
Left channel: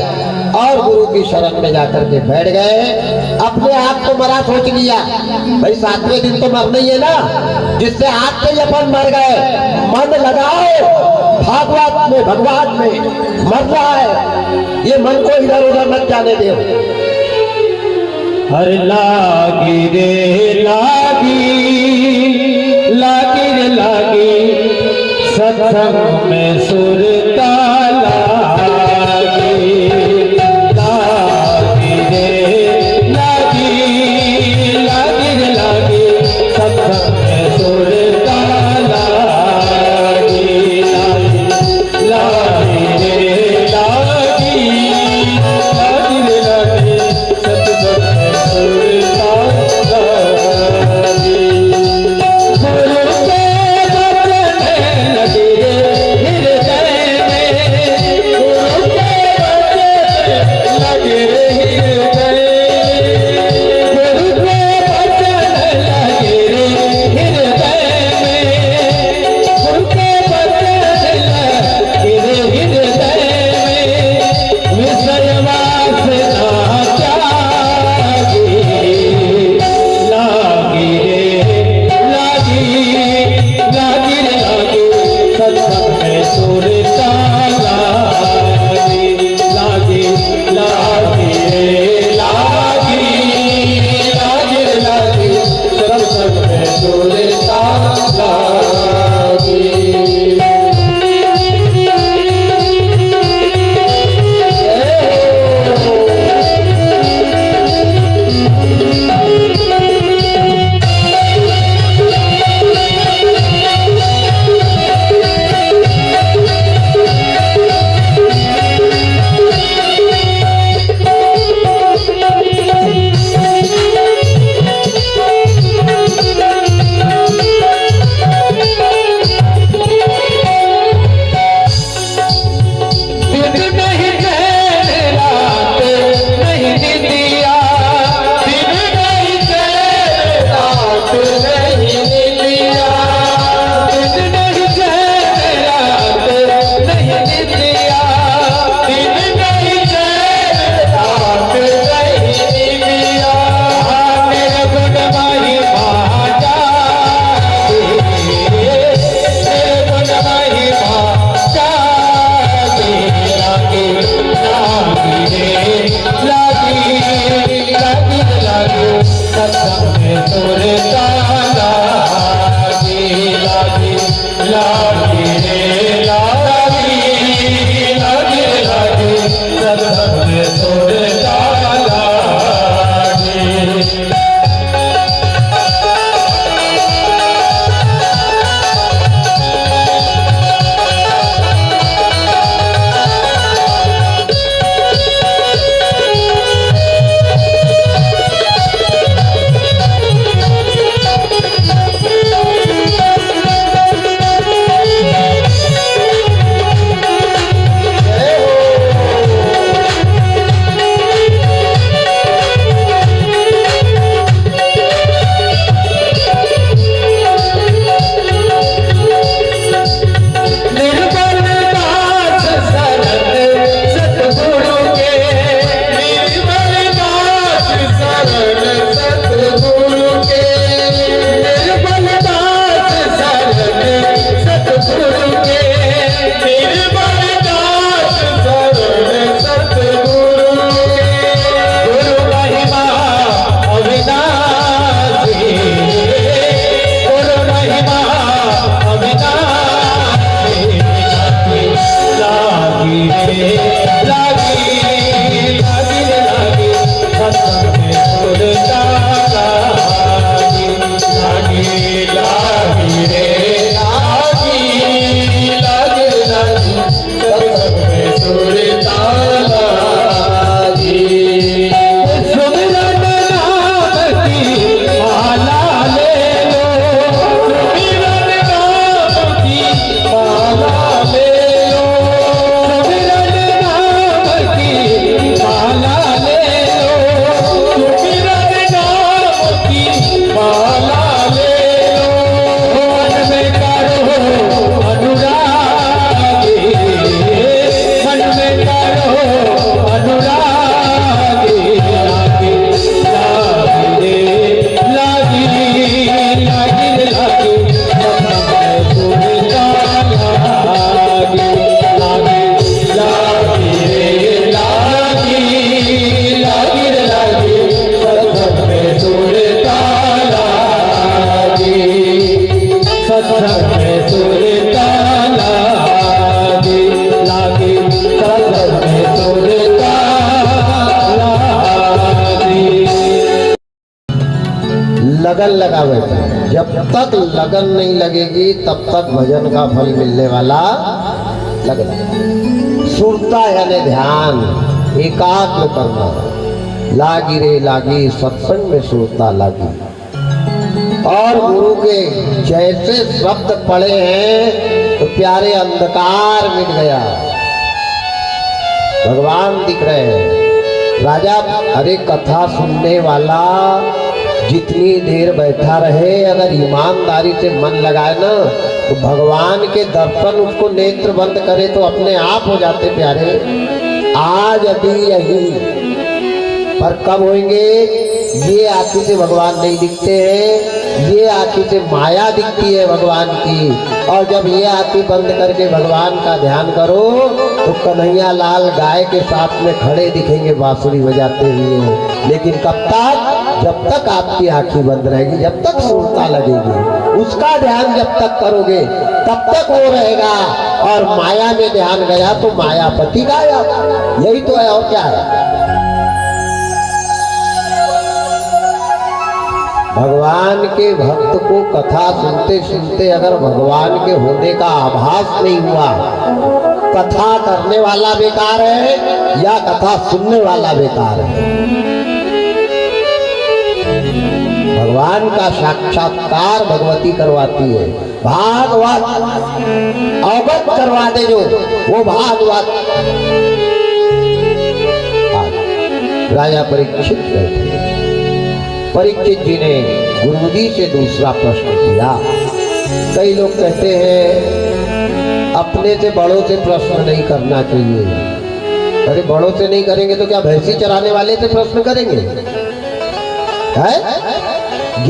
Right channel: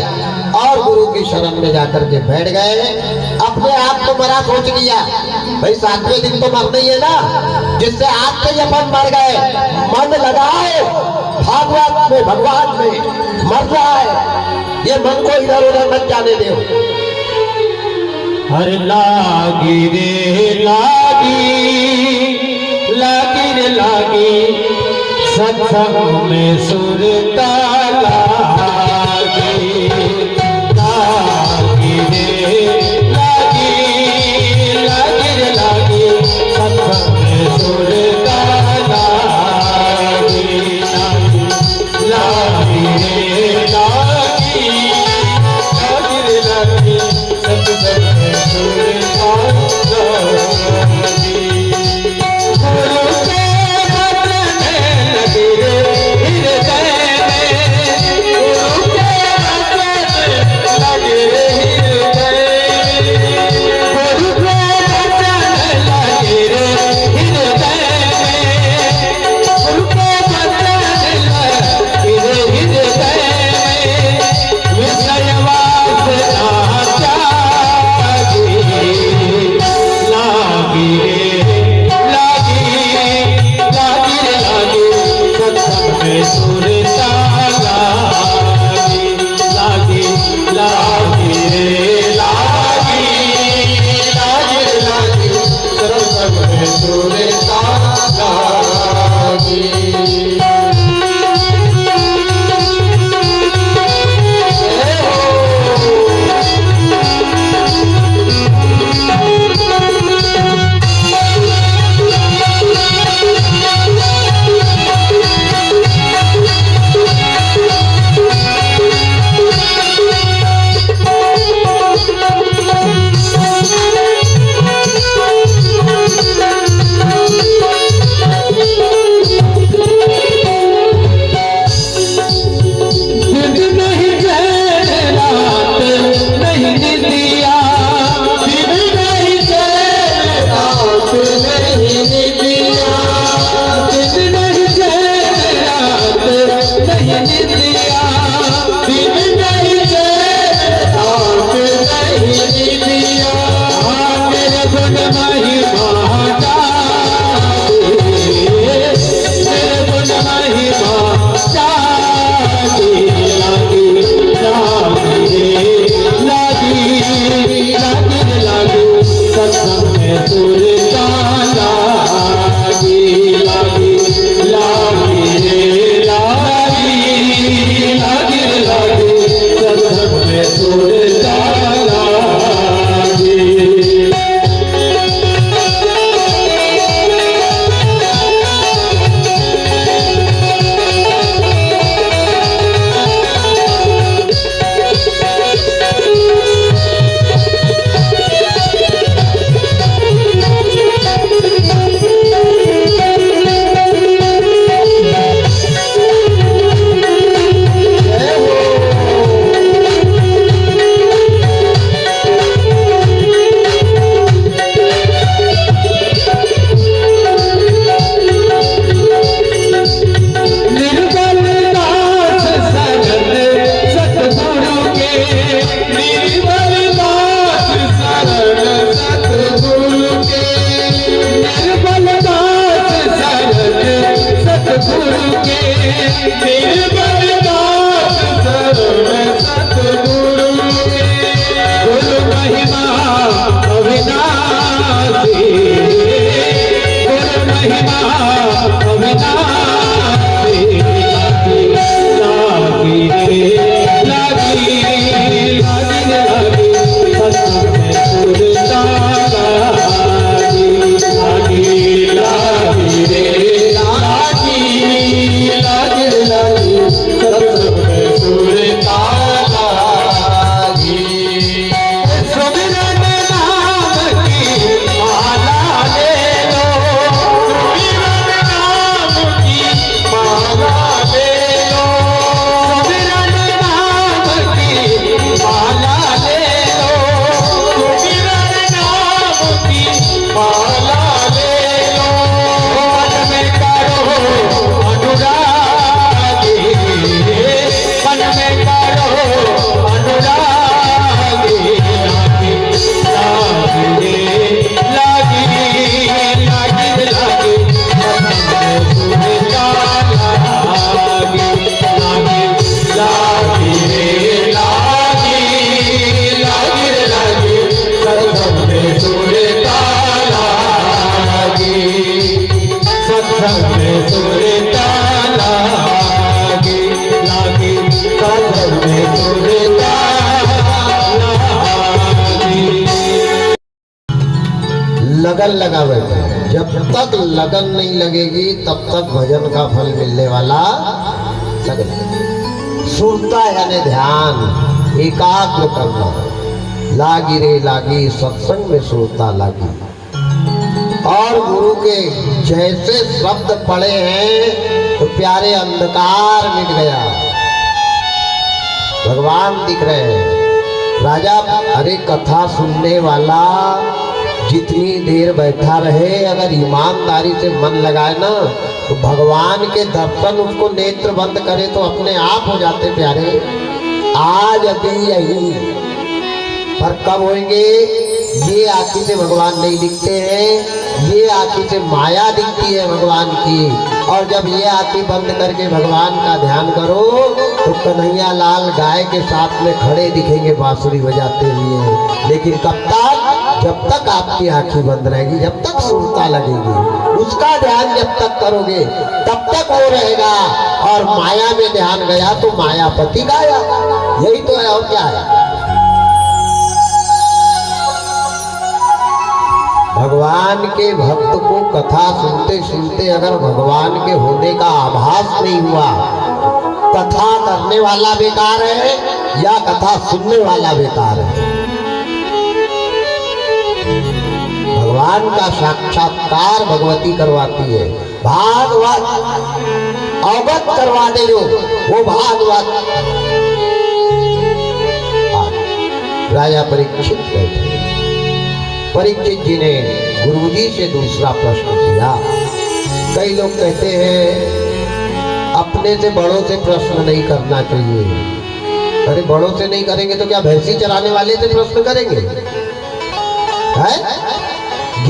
और गुरु की शरण में जाकर के बैठ गए। अपने आप को मरा सोच लिया। भाई 7वें दिन तो मरना ही है ना, जिससे आज से अपन मर गए। मन लगाओ भागवत में, भगवान में। मर रहा है ये मन को इधर उधर मत जाने दो। हर लागी रे लागी, लागी रे लागी, सत्संग में सुरता लागी। लागी रे लागी, लागी रे लागी, सत्संग में सुरता लागी। लागी रे लागी, लागी रे लागी, सत्संग में सुरता लागी। लागी रे लागी, लागी रे लागी, सब में सुरता लागी। लगन लगावे, जब तक लगन नहीं लगेगी तब तक भजन का फल मिलने वाला लगन। सुनता यानी ध्यान एकाग्र करना, लागी रे लागी सत्संग में सुनता लागी। और गुरु के जैसे शब्द पड़े हैं तो प्यारे अंधकार मिट गया, भगवान दिख रहे हैं। राजा अरे कथा सुनने वाला जितनी देर बैठा रहे अगर ईमानदारी से मन लगाए ना तो भगवान के दर्शन उसको नेत्र बंद करे तो अपने आप हो जाते प्यारे। आज अभी यही पर कब होंगे? ये आंखों से भगवान नहीं दिखते हैं, ये आंखों से माया दिखती है भगवान की। और जब ये आंखें बंद करके भगवान का ध्यान करो तो कन्हैया लाल गाय के साथ में खड़े दिखेंगे बांसुरी बजाते हुए। लेकिन कब तक? जब तक आपकी आंखें बंद रहेगी, जब तक सुनता लगेगी, उसका ध्यान जब तक करोगे तब तक वो रहेगा। और माया में ध्यान गया तो मायापति गाया, यही तो है और क्या है। भगवान के भक्त को कथा सुनते सुनते अगर भगवान के होने का आभास नहीं हुआ, कथा करने वाला बेकार है या कथा सुनने वाला बेकार है। भगवान का साक्षात्कार भगवती करवाती है, भागवत अवगत करवा दे जो वो भागवत। राजा परीक्षित बैठे, परीक्षित जी ने गुरुजी से दूसरा प्रश्न किया। कई लोग कहते हैं अपने से बड़ों से प्रश्न नहीं करना चाहिए। अरे बड़ों से नहीं करेंगे तो क्या भैंसी चराने वाले से प्रश्न करेंगे? है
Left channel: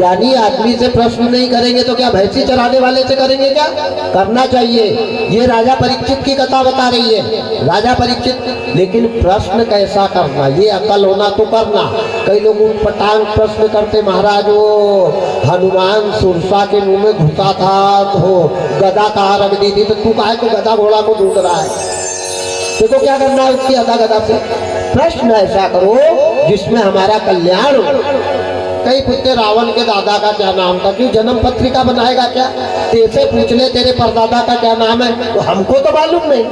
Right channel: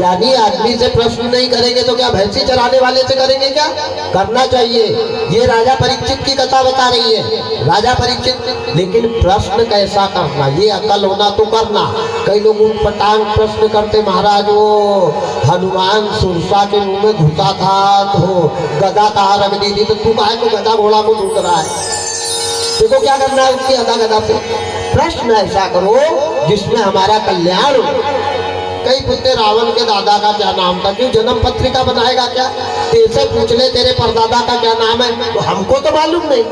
ज्ञानी आदमी से प्रश्न नहीं करेंगे तो क्या भैंसी चराने वाले से करेंगे? क्या करना चाहिए। ये राजा परीक्षित की कथा बता रही है। राजा परीक्षित, लेकिन प्रश्न कैसा करना, ये अकल होना तो करना। कई लोग उटपटांग प्रश्न करते, महाराज वो हनुमान सुरसा के मुंह में घुसा था तो गदा कहाँ रख दी थी, तो तू काहे को गदा घोड़ा को ढूंढ रहा है? देखो क्या करना है उसकी अदा गदा से। प्रश्न ऐसा करो जिसमें हमारा कल्याण हो। कई पूछते रावण के दादा का क्या नाम था, क्यों जन्म पत्रिका बनाएगा क्या? तेरे पूछ ले तेरे परदादा का क्या नाम है, तो हमको तो मालूम नहीं,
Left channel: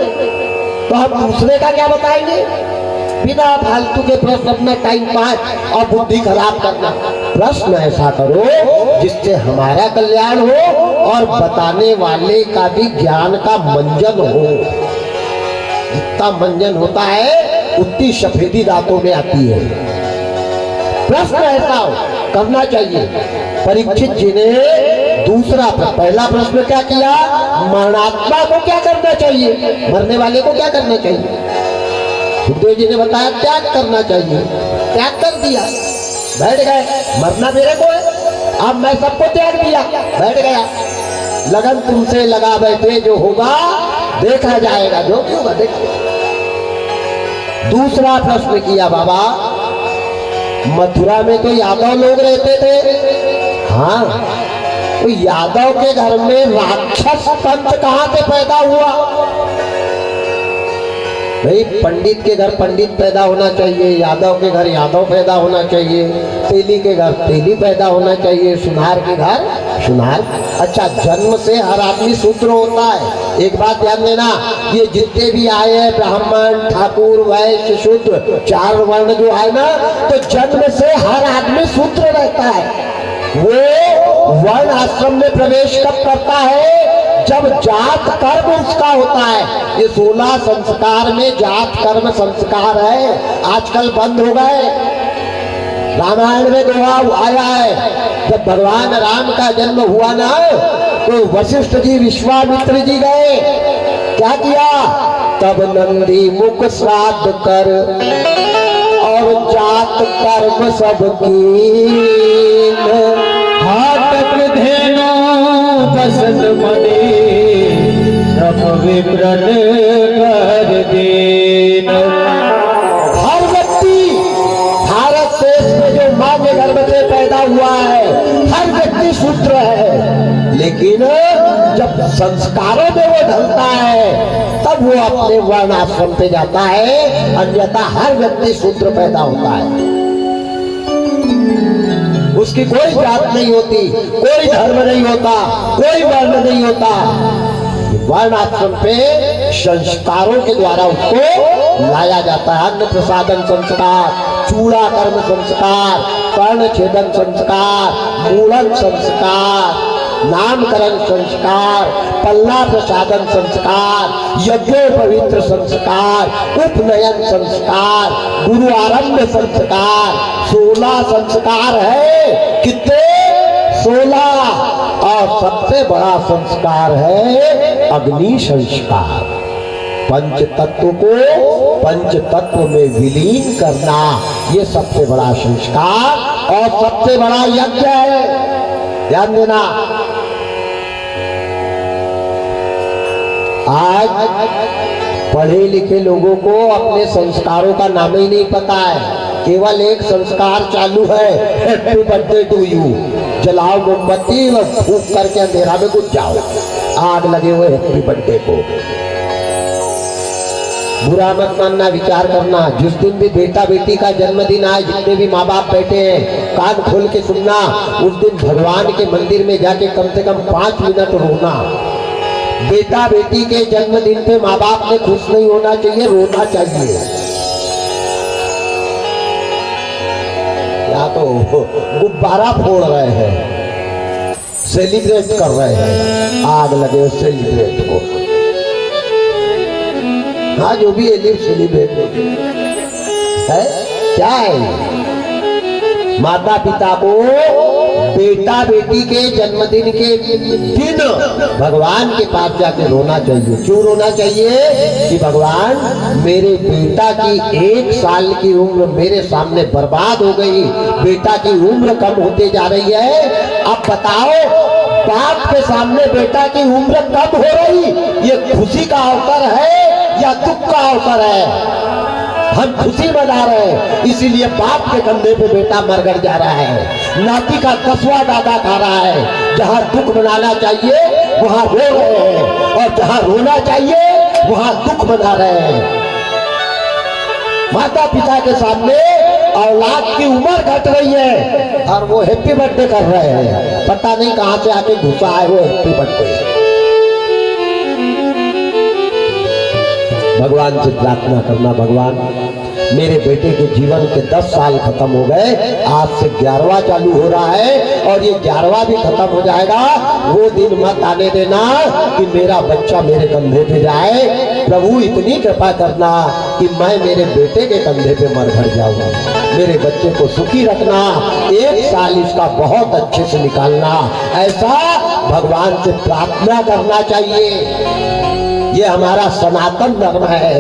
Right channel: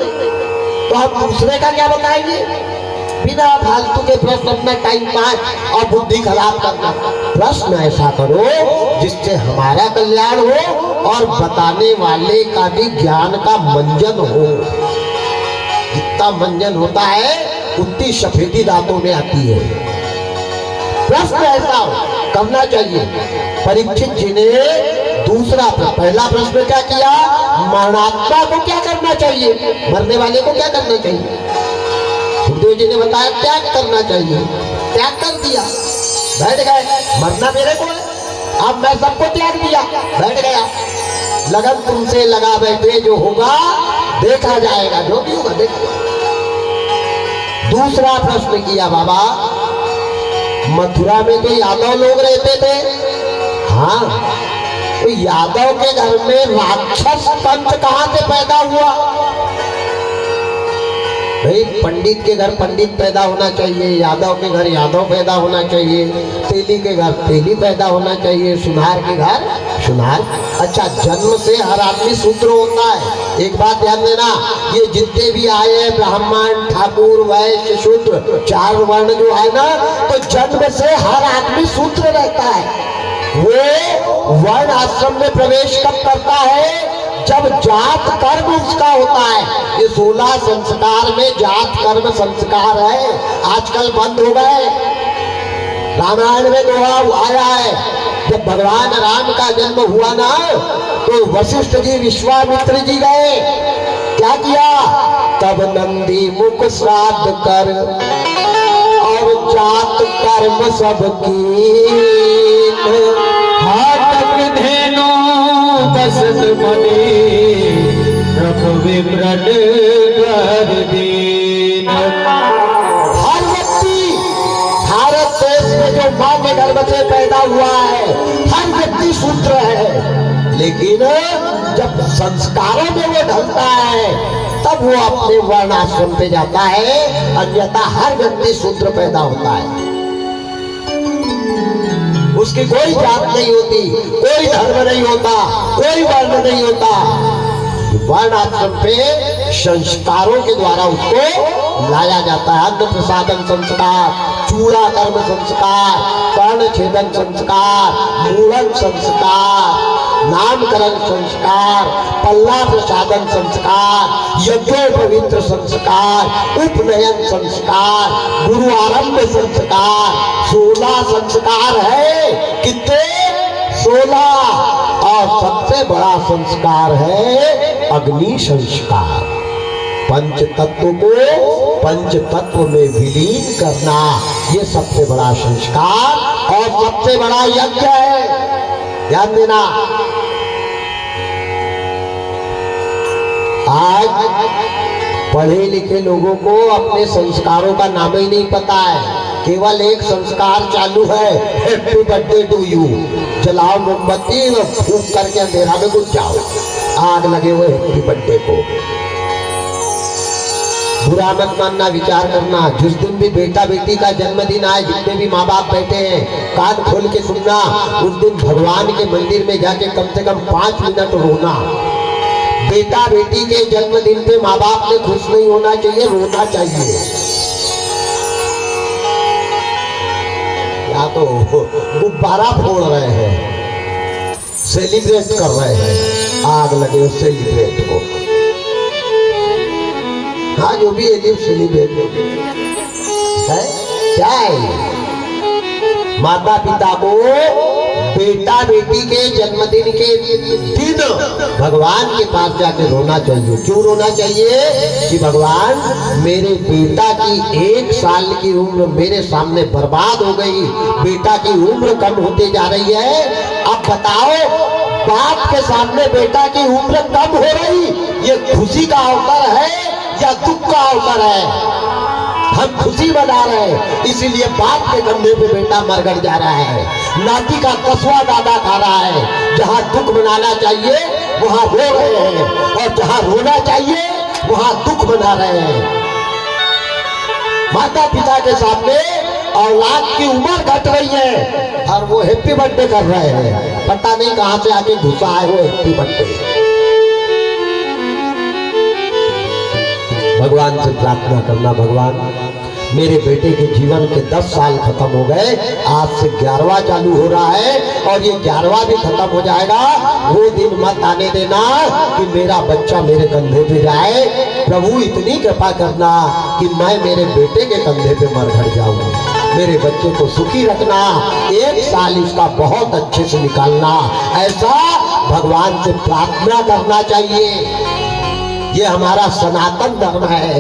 तो हम दूसरे का क्या बताएंगे? बिना फालतू के प्रश्न अपना टाइम पास और बुद्धि खराब करना। प्रश्न ऐसा करो जिससे हमारा कल्याण हो और बताने वाले का भी ज्ञान का मंजन हो। जितना मंजन होता है उतनी सफेदी दांतों में आती है। प्रश्न ऐसा हो करना चाहिए। परीक्षित जी ने दूसरा पहला प्रश्न क्या किया, मरणात्मा को क्या करना चाहिए, मरने वाले को क्या करना चाहिए? सुखदेव जी ने बताया त्याग करना चाहिए, त्याग कर दिया, बैठ गए। मरना मेरे को है, अब मैं सबको त्याग दिया, बैठ गया। लगन तुमसे लगा बैठे, जो होगा देखा जाएगा, जो भी होगा देखो। दूसरा प्रश्न किया, बाबा मथुरा में तो यादव लोग रहते थे, हाँ, तो यादव के घर में राक्षस पंथ कहां से पैदा हुआ? भाई पंडित के घर पंडित पैदा होना चाहिए, यादव के घर यादव पैदा होना चाहिए, तेली के घर तेली पैदा होना चाहिए, सुनार के घर सुनार। अच्छा, जन्म से हर आदमी शूद्र होता है। एक बात ध्यान देना, ये जितने भी आए हैं ब्राह्मण ठाकुर वैश्य शूद्र, चार वर्ण जो है ना, तो जन्म से हर आदमी शूद्र रहता है। वो वर्ण आश्रम में प्रवेश कब करता है? जब जात कर्म उसका होता है। ये 16 संस्कार में जात कर्म संस्कार है, आजकल बंद हो गए। रामायण में दोहा आया है, जब भगवान राम का जन्म हुआ ना, तो वशिष्ठ जी विश्वामित्र जी गए, क्या किया? तब नंदी मुख श्राद्ध कर और जात कर्म सब कीन, हाथ धेनु दशरथ मुनि प्रभ विप्रण कर दीन। हर व्यक्ति भारत देश में जो माँ के गर्भ से पैदा हुआ है, हर व्यक्ति शूद्र है। लेकिन जब संस्कारों में वो ढलता है तब वो अपने वर्ण आश्रम पे जाता है, अन्यथा हर व्यक्ति शूद्र पैदा होता है। उसकी कोई जात नहीं होती, कोई धर्म नहीं होता, कोई वर्ण नहीं होता। वर्ण आश्रम पे संस्कारों के द्वारा उसको लाया जाता है। अन्न प्रसादन संस्कार, चूड़ा कर्म संस्कार, कर्ण छेदन संस्कार, मूलन संस्कार, नामकरण संस्कार, पल्ला प्रसादन संस्कार, यज्ञोपवित्र संस्कार, उपनयन संस्कार, गुरु आरंभ संस्कार, 16 संस्कार है। कितने? 16। और सबसे बड़ा संस्कार है अग्नि संस्कार। पंच तत्व को पंच तत्व में विलीन करना, ये सबसे बड़ा संस्कार और सबसे बड़ा यज्ञ है। ध्यान देना, आज पढ़े लिखे लोगों को अपने संस्कारों का नाम ही नहीं पता है। केवल एक संस्कार चालू है, हैप्पी बर्थडे टू यू। जलाओ मोमबत्ती और फूंक करके अंधेरा में घुस जाओ, आग लगे हुए हैप्पी बर्थडे को। बुरा मत मानना, विचार करना। जिस दिन भी बेटा बेटी का जन्मदिन आए, जितने भी माँ बाप बैठे हैं, कान खोल के सुनना। उस दिन भगवान के मंदिर में जाके कम से कम 5 मिनट रोना। बेटा बेटी के जन्मदिन पे माँ बाप ने खुश नहीं होना चाहिए, रोना चाहिए। या तो गुब्बारा फोड़ रहे हैं, सेलिब्रेट कर रहे हैं, आग लगे उस सेलिब्रेट को। हाँ, जो भी है सेलिब्रेट है। क्या है? माता पिता को बेटा बेटी के जन्मदिन के दिन भगवान के पास जाके रोना चाहिए। क्यों रोना चाहिए? कि भगवान, मेरे बेटा की 1 साल की उम्र मेरे सामने बर्बाद हो गई, बेटा की उम्र कम होते जा रही है, बताओ, बाप के सामने बेटा की उम्र कम हो रही, ये खुशी का अवसर है या दुख का अवसर है? हम खुशी मना रहे हैं, इसीलिए बाप के कंधे पे बेटा मरगड़ जा रहा है, नाती का 10वां दादा खा रहा है। जहां दुख मनाना चाहिए वहां रो रहे हैं, और जहां रोना चाहिए वहां दुख मना रहे हैं। माता पिता के सामने औलाद की उम्र घट रही है और वो हैप्पी बर्थडे कर रहे हैं, पता नहीं कहां से आके घुसा है वो हैप्पी बर्थडे। भगवान से प्रार्थना करना, भगवान मेरे बेटे के जीवन के 10 साल खत्म हो गए, आज से 11वां चालू हो रहा है और ये 11वां भी खत्म हो जाएगा। वो दिन मत आने देना कि मेरा बच्चा मेरे कंधे पे जाए। प्रभु इतनी कृपा करना कि मैं मेरे बेटे के कंधे पे मरघट जाऊं। मेरे बच्चे को सुखी रखना, 1 साल इसका बहुत अच्छे से निकालना, ऐसा भगवान से प्रार्थना करना चाहिए। ये हमारा सनातन धर्म है,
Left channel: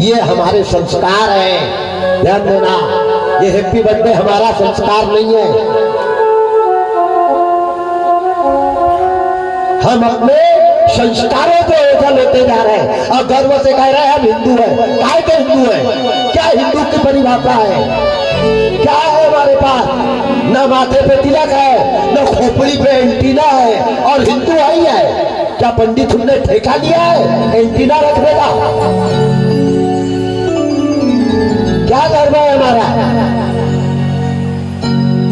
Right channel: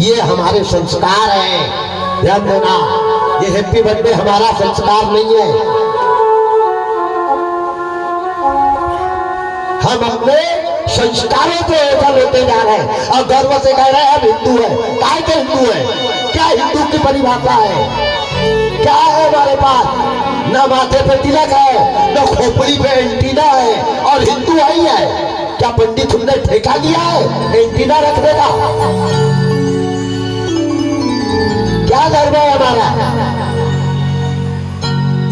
ये हमारे संस्कार हैं। ध्यान देना, ये हैप्पी बर्थडे हमारा संस्कार नहीं है। हम अपने संस्कारों पे ओझल होते जा रहे हैं और गर्व से कह रहे हैं हम हिंदू हैं। काय के हिंदू हैं? क्या हिंदू की परिभाषा है? क्या है हमारे पास? न माथे पे तिलक है, न खोपड़ी पे एंटीना है, और हिंदू वही है। क्या पंडित तुमने ठेका लिया है एंटीना रखने का? क्या धर्म है हमारा?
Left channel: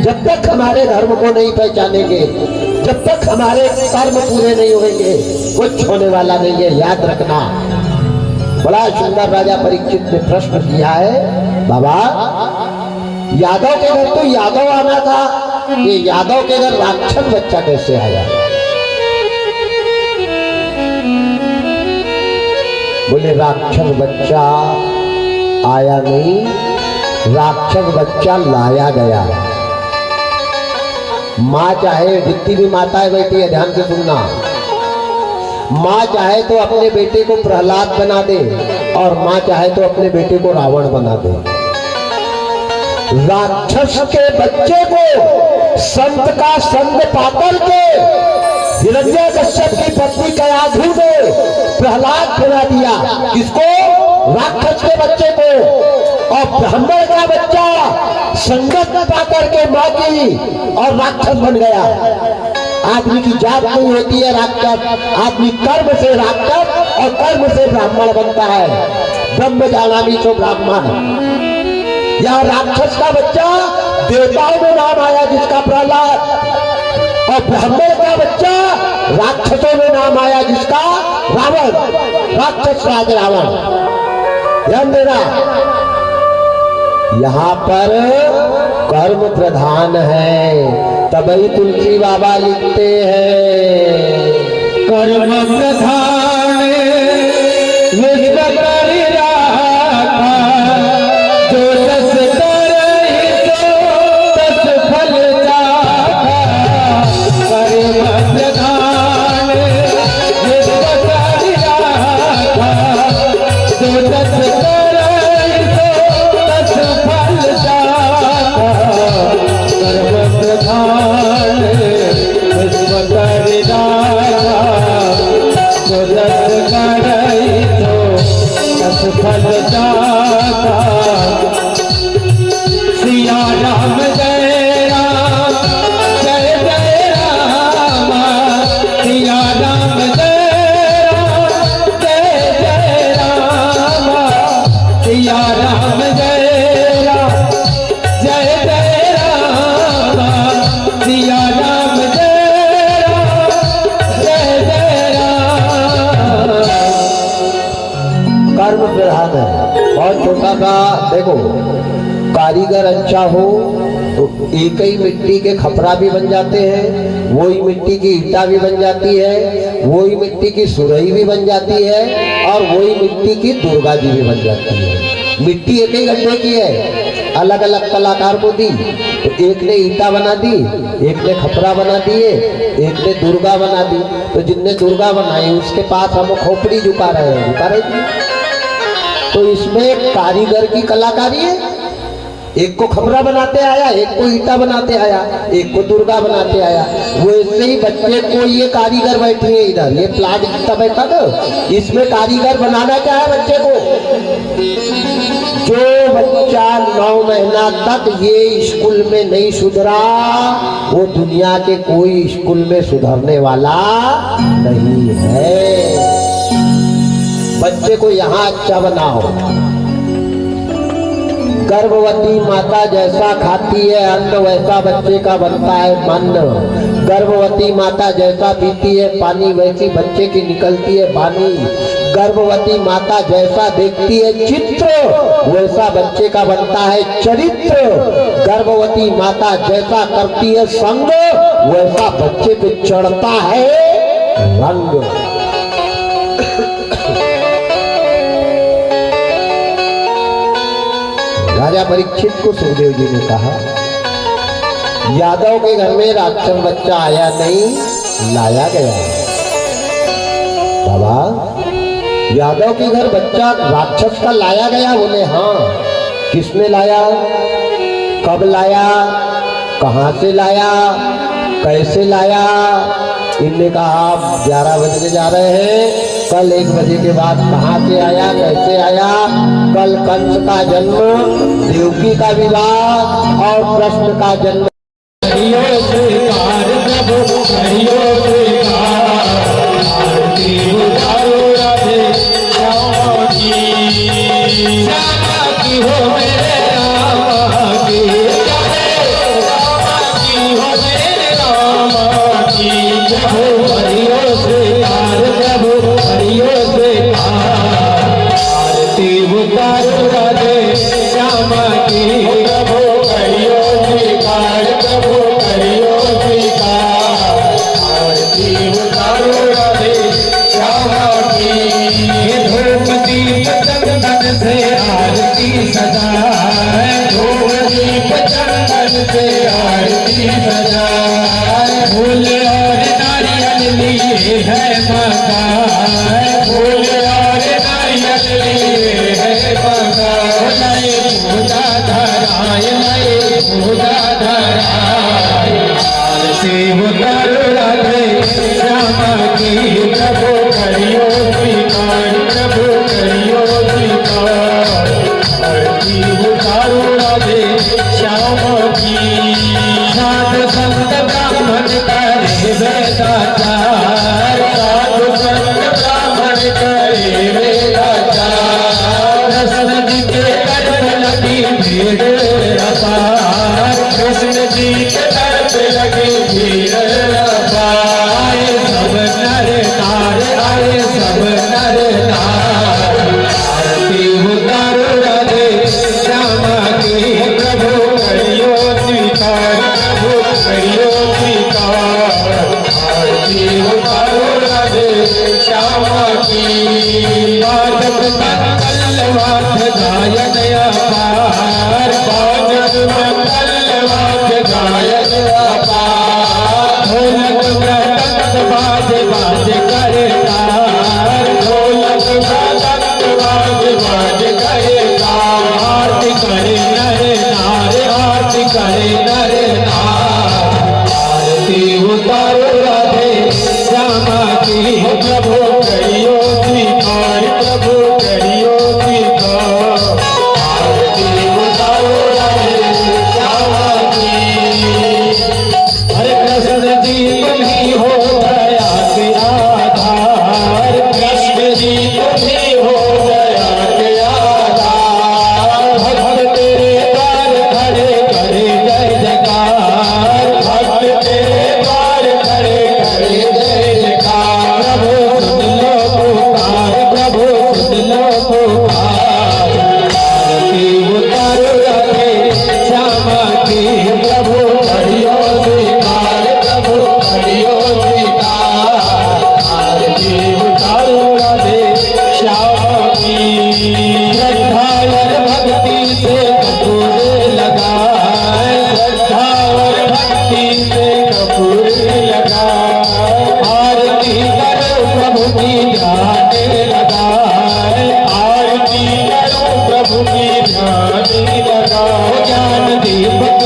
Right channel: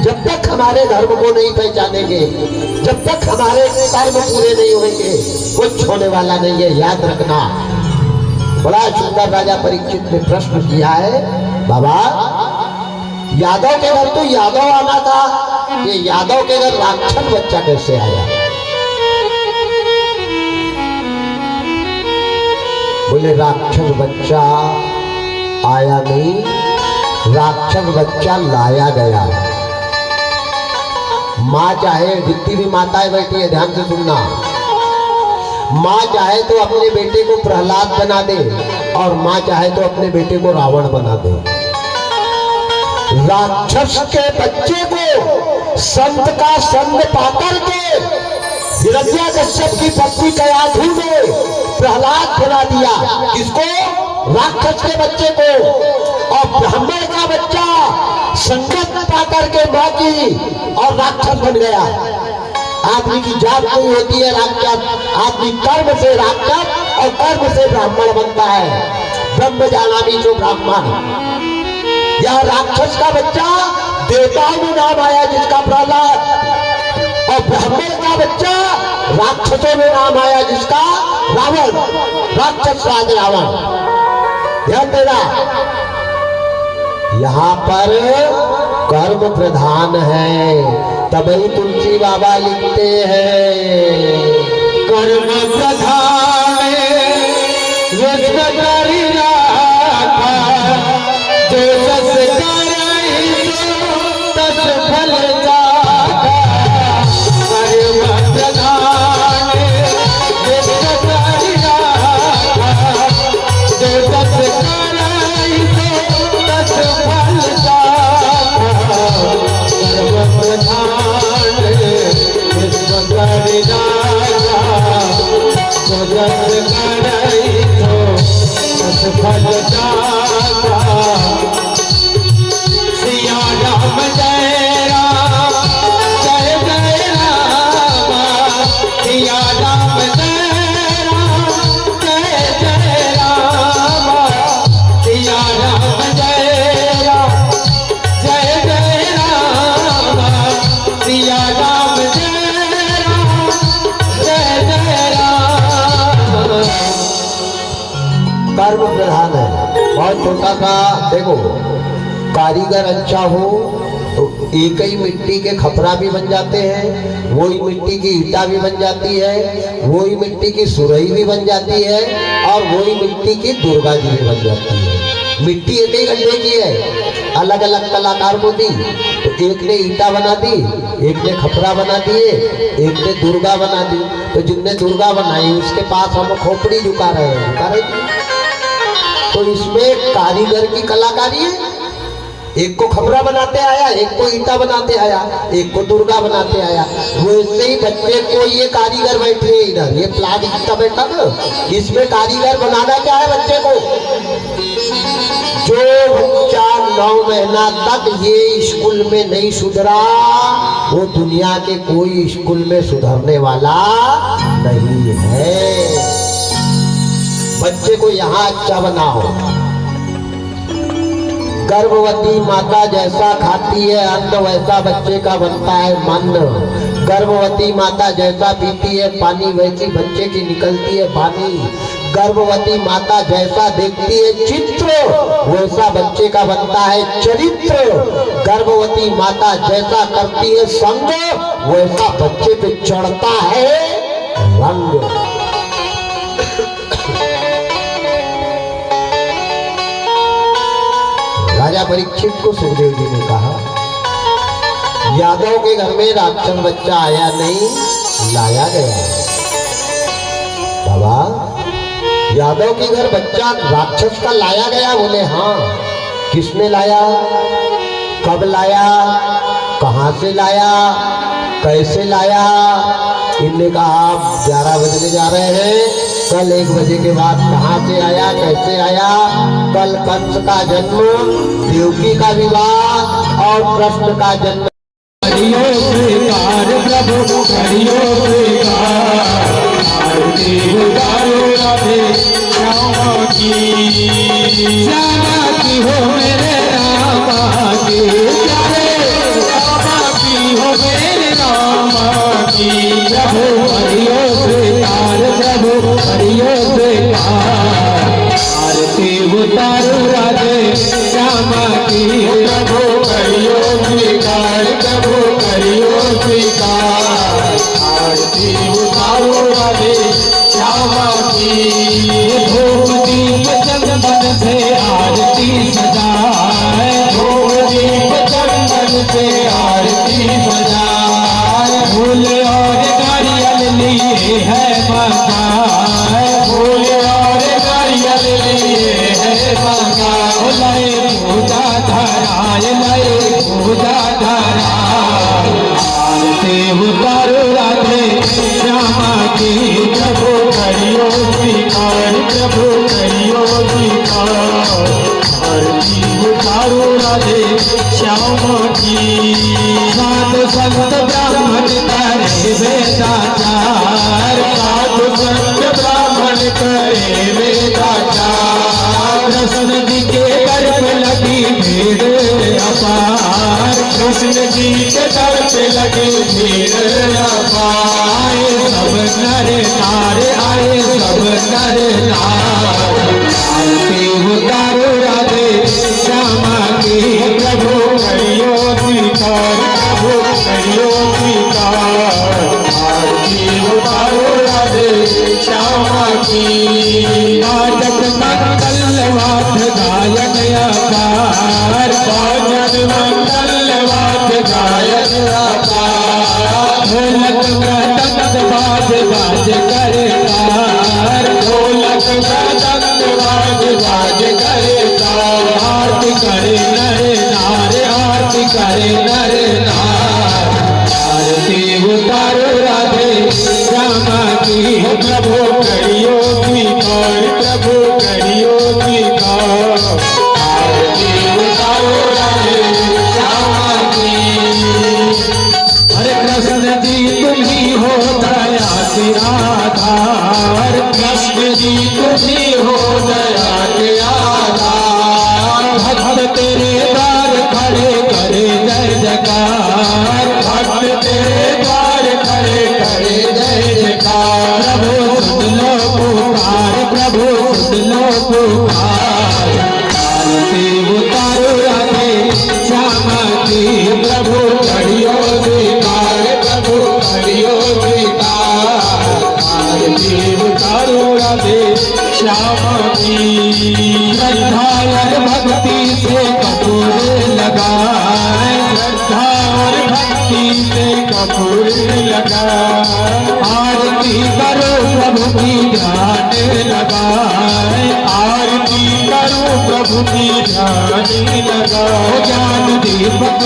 जब तक हमारे धर्म को नहीं पहचानेंगे, जब तक हमारे कर्म पूरे नहीं होंगे, कुछ होने वाला नहीं है, याद रखना। बड़ा सुंदर राजा परीक्षित ने प्रश्न किया है, बाबा यादव के घर तो यादव आना था, ये यादव के घर राक्षस बच्चा कैसे आया? बोले राक्षस बच्चा आया नहीं, राक्षस बच्चा लाया गया। माँ चाहे, जितनी भी माताएं बैठी है ध्यान से सुनना, माँ चाहे तो अपने बेटे को प्रहलाद बना दे और माँ चाहे तो अपने बेटे को रावण बना दे। राक्षस के बच्चे को संत का संग पाकर के हिरण्यकश्यप की पत्नी कयाधु ने प्रहलाद बना दिया। किसको? राक्षस के बच्चे को। और ब्राह्मण का बच्चा संगत पाकर के माँ की और राक्षस बन गया। आदमी की जात नहीं होती है राक्षस, आदमी कर्म से राक्षस और कर्म से ब्राह्मण बनता है। ब्रह्म जानामि तो ब्राह्मण। यहाँ राक्षस का बच्चा देवताओं में नाम आया जिसका प्रहलाद, और ब्राह्मण का बच्चा राक्षसों में नाम आया जिसका रावण, राक्षस राज रावण। ध्यान देना, यहाँ पर कर्म प्रधान है, तभी तुलसी बाबा लिखते हैं कर्म प्रधान विश्व करि राखा, जो रस करहि सो तस फल चाखा। कर्म प्रधान विश्व करि राखा, जो रस करहि सो तस फल चाखा। कर्म प्रधान विश्व करि राखा, जो रस करहि सो तस फल चाखा। सिया राम जय राम, जय जय राम। सिया राम जय राम, जय जय राम। सिया राम जय राम, जय जय राम। सिया राम जय राम, जय जय राम। कर्म प्रधान है। और छोटा सा देखो, कारीगर अच्छा हो तो एक ही मिट्टी के खपरा भी बन जाते हैं, वही मिट्टी की ईटा भी बन जाती है, वही मिट्टी की सुरही भी बन जाती है, और वही मिट्टी की दुर्गा जी भी बन जाती है। मिट्टी एक ही गड्ढे की है, अलग अलग कलाकार को दी, तो एक ने ईटा बना दी, एक ने खपरा बना दिए, एक ने दुर्गा बना दी। तो जिनने दुर्गा बनाई उसके पास हम खोपड़ी झुका रहे हैं, झुका रहे। तो इसमें कारीगर की कलाकारी है, एक को खबरा बनाते आया, एक को ईटा बनाते आया, एक को दुर्गा बनाते आया। वैसे ही बच्चे को ये कारीगर बैठे हैं इधर, ये प्लाट ईटा बैठा ना, इसमें कारीगर बनाना क्या है बच्चे को। जो बच्चा 9 महीना तक ये स्कूल में नहीं सुधरा, वो दुनिया के कोई स्कूल में सुधरने वाला नहीं है। बच्चे को यहाँ अच्छा बनाओ। गर्भवती माता जैसा खाती है अन्न, वैसा बच्चे का बनता है मन। गर्भवती माता जैसा पीती है पानी, वैसी बच्चे की निकलती है वाणी। गर्भवती माता जैसा देखती है चित्र, वैसा बच्चे का बनता है चरित्र। गर्भवती माता जैसा करती है संग, वैसा बच्चे पे चढ़ता है रंग। राजा परीक्षित को सुखदेव जी ने कहा, यादव के घर में राक्षस बच्चा आया नहीं, लाया गया। बाबा, यादव के घर बच्चा राक्षस का लाया गया? बोले हाँ। किसने लाया, कब लाया, कहां से लाया, कैसे लाया? इनने कहा 11 बजे जा रहे हैं, कल 1 बजे के बाद कहां से आया, कैसे आया? कल कंस का जन्म, देवकी का विवाह और कृष्ण का जन्म। प्रभु की ध्यान लगाओ।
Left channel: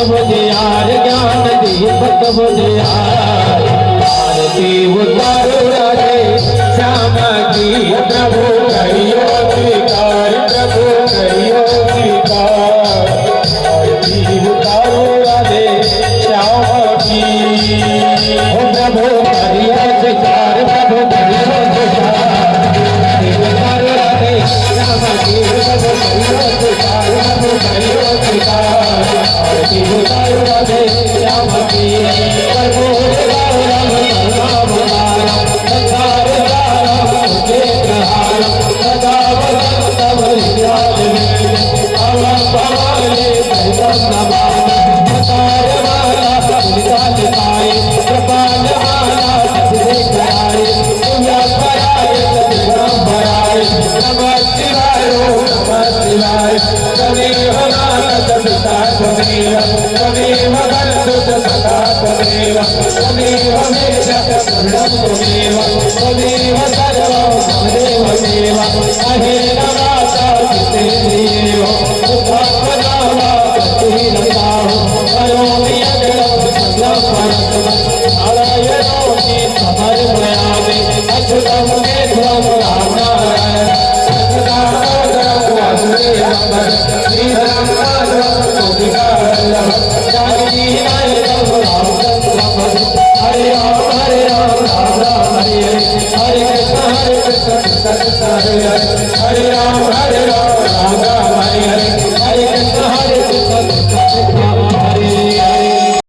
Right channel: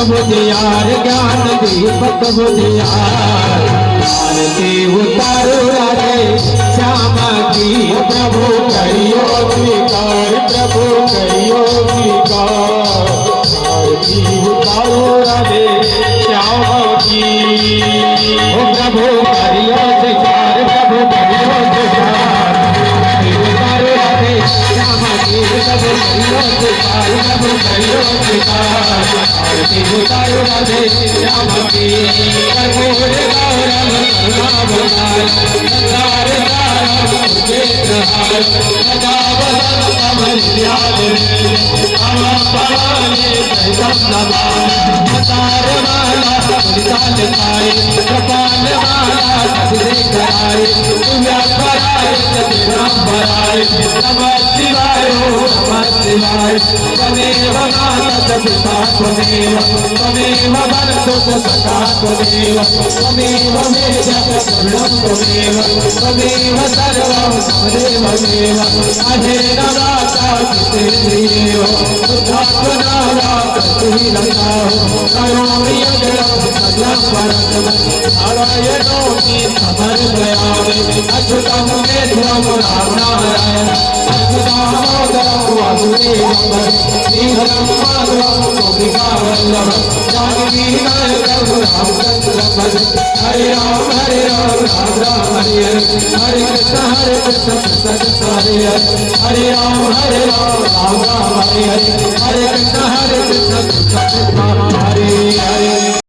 बुझियार ज्ञान दीपक बुझियार आरती उतारो राधे श्याम की प्रभु करियो स्वीकार प्रभु करियो स्वीकार आरती उतारो राधे श्याम की ओ प्रभु करियो स्वीकार प्रभु करियो स्वीकार आरती उतारो राधे श्याम की प्रभु करियो स्वीकार प्रभु करियो स्वीकार आरती उतारो राधे श्याम की कर्पूर गौरम राम नाम संसार सारम मुझे प्रहार सदा वसंत मर्याद में अवा भवाने दैवत नमान मतार माला निकाल पाए कृपाल माला सबसे कराए व्यास कराए सतगुरम भराए नमः शिवाय नमः शिवाय त्वमेव माता पिता त्वमेव त्वमेव भरतो सदा त्वमेव त्वमेव मे शरणं त्वमेव त्वमेव सर्वं त्वमेव देव अहेर माता पितृदेव बुद्धात्मनावा प्रतिरताः करोमि यज्ञं सकलं परस्मै नारायणो मे समर्पयामि अच्युतं केशवं रामनारायणं दामोदरं वासुदेवं श्रीधरं माधवं गोपिकावल्लभं जानकीनायकं रामचन्द्रं हरे राम राम राम हरे हरे हरे कृष्ण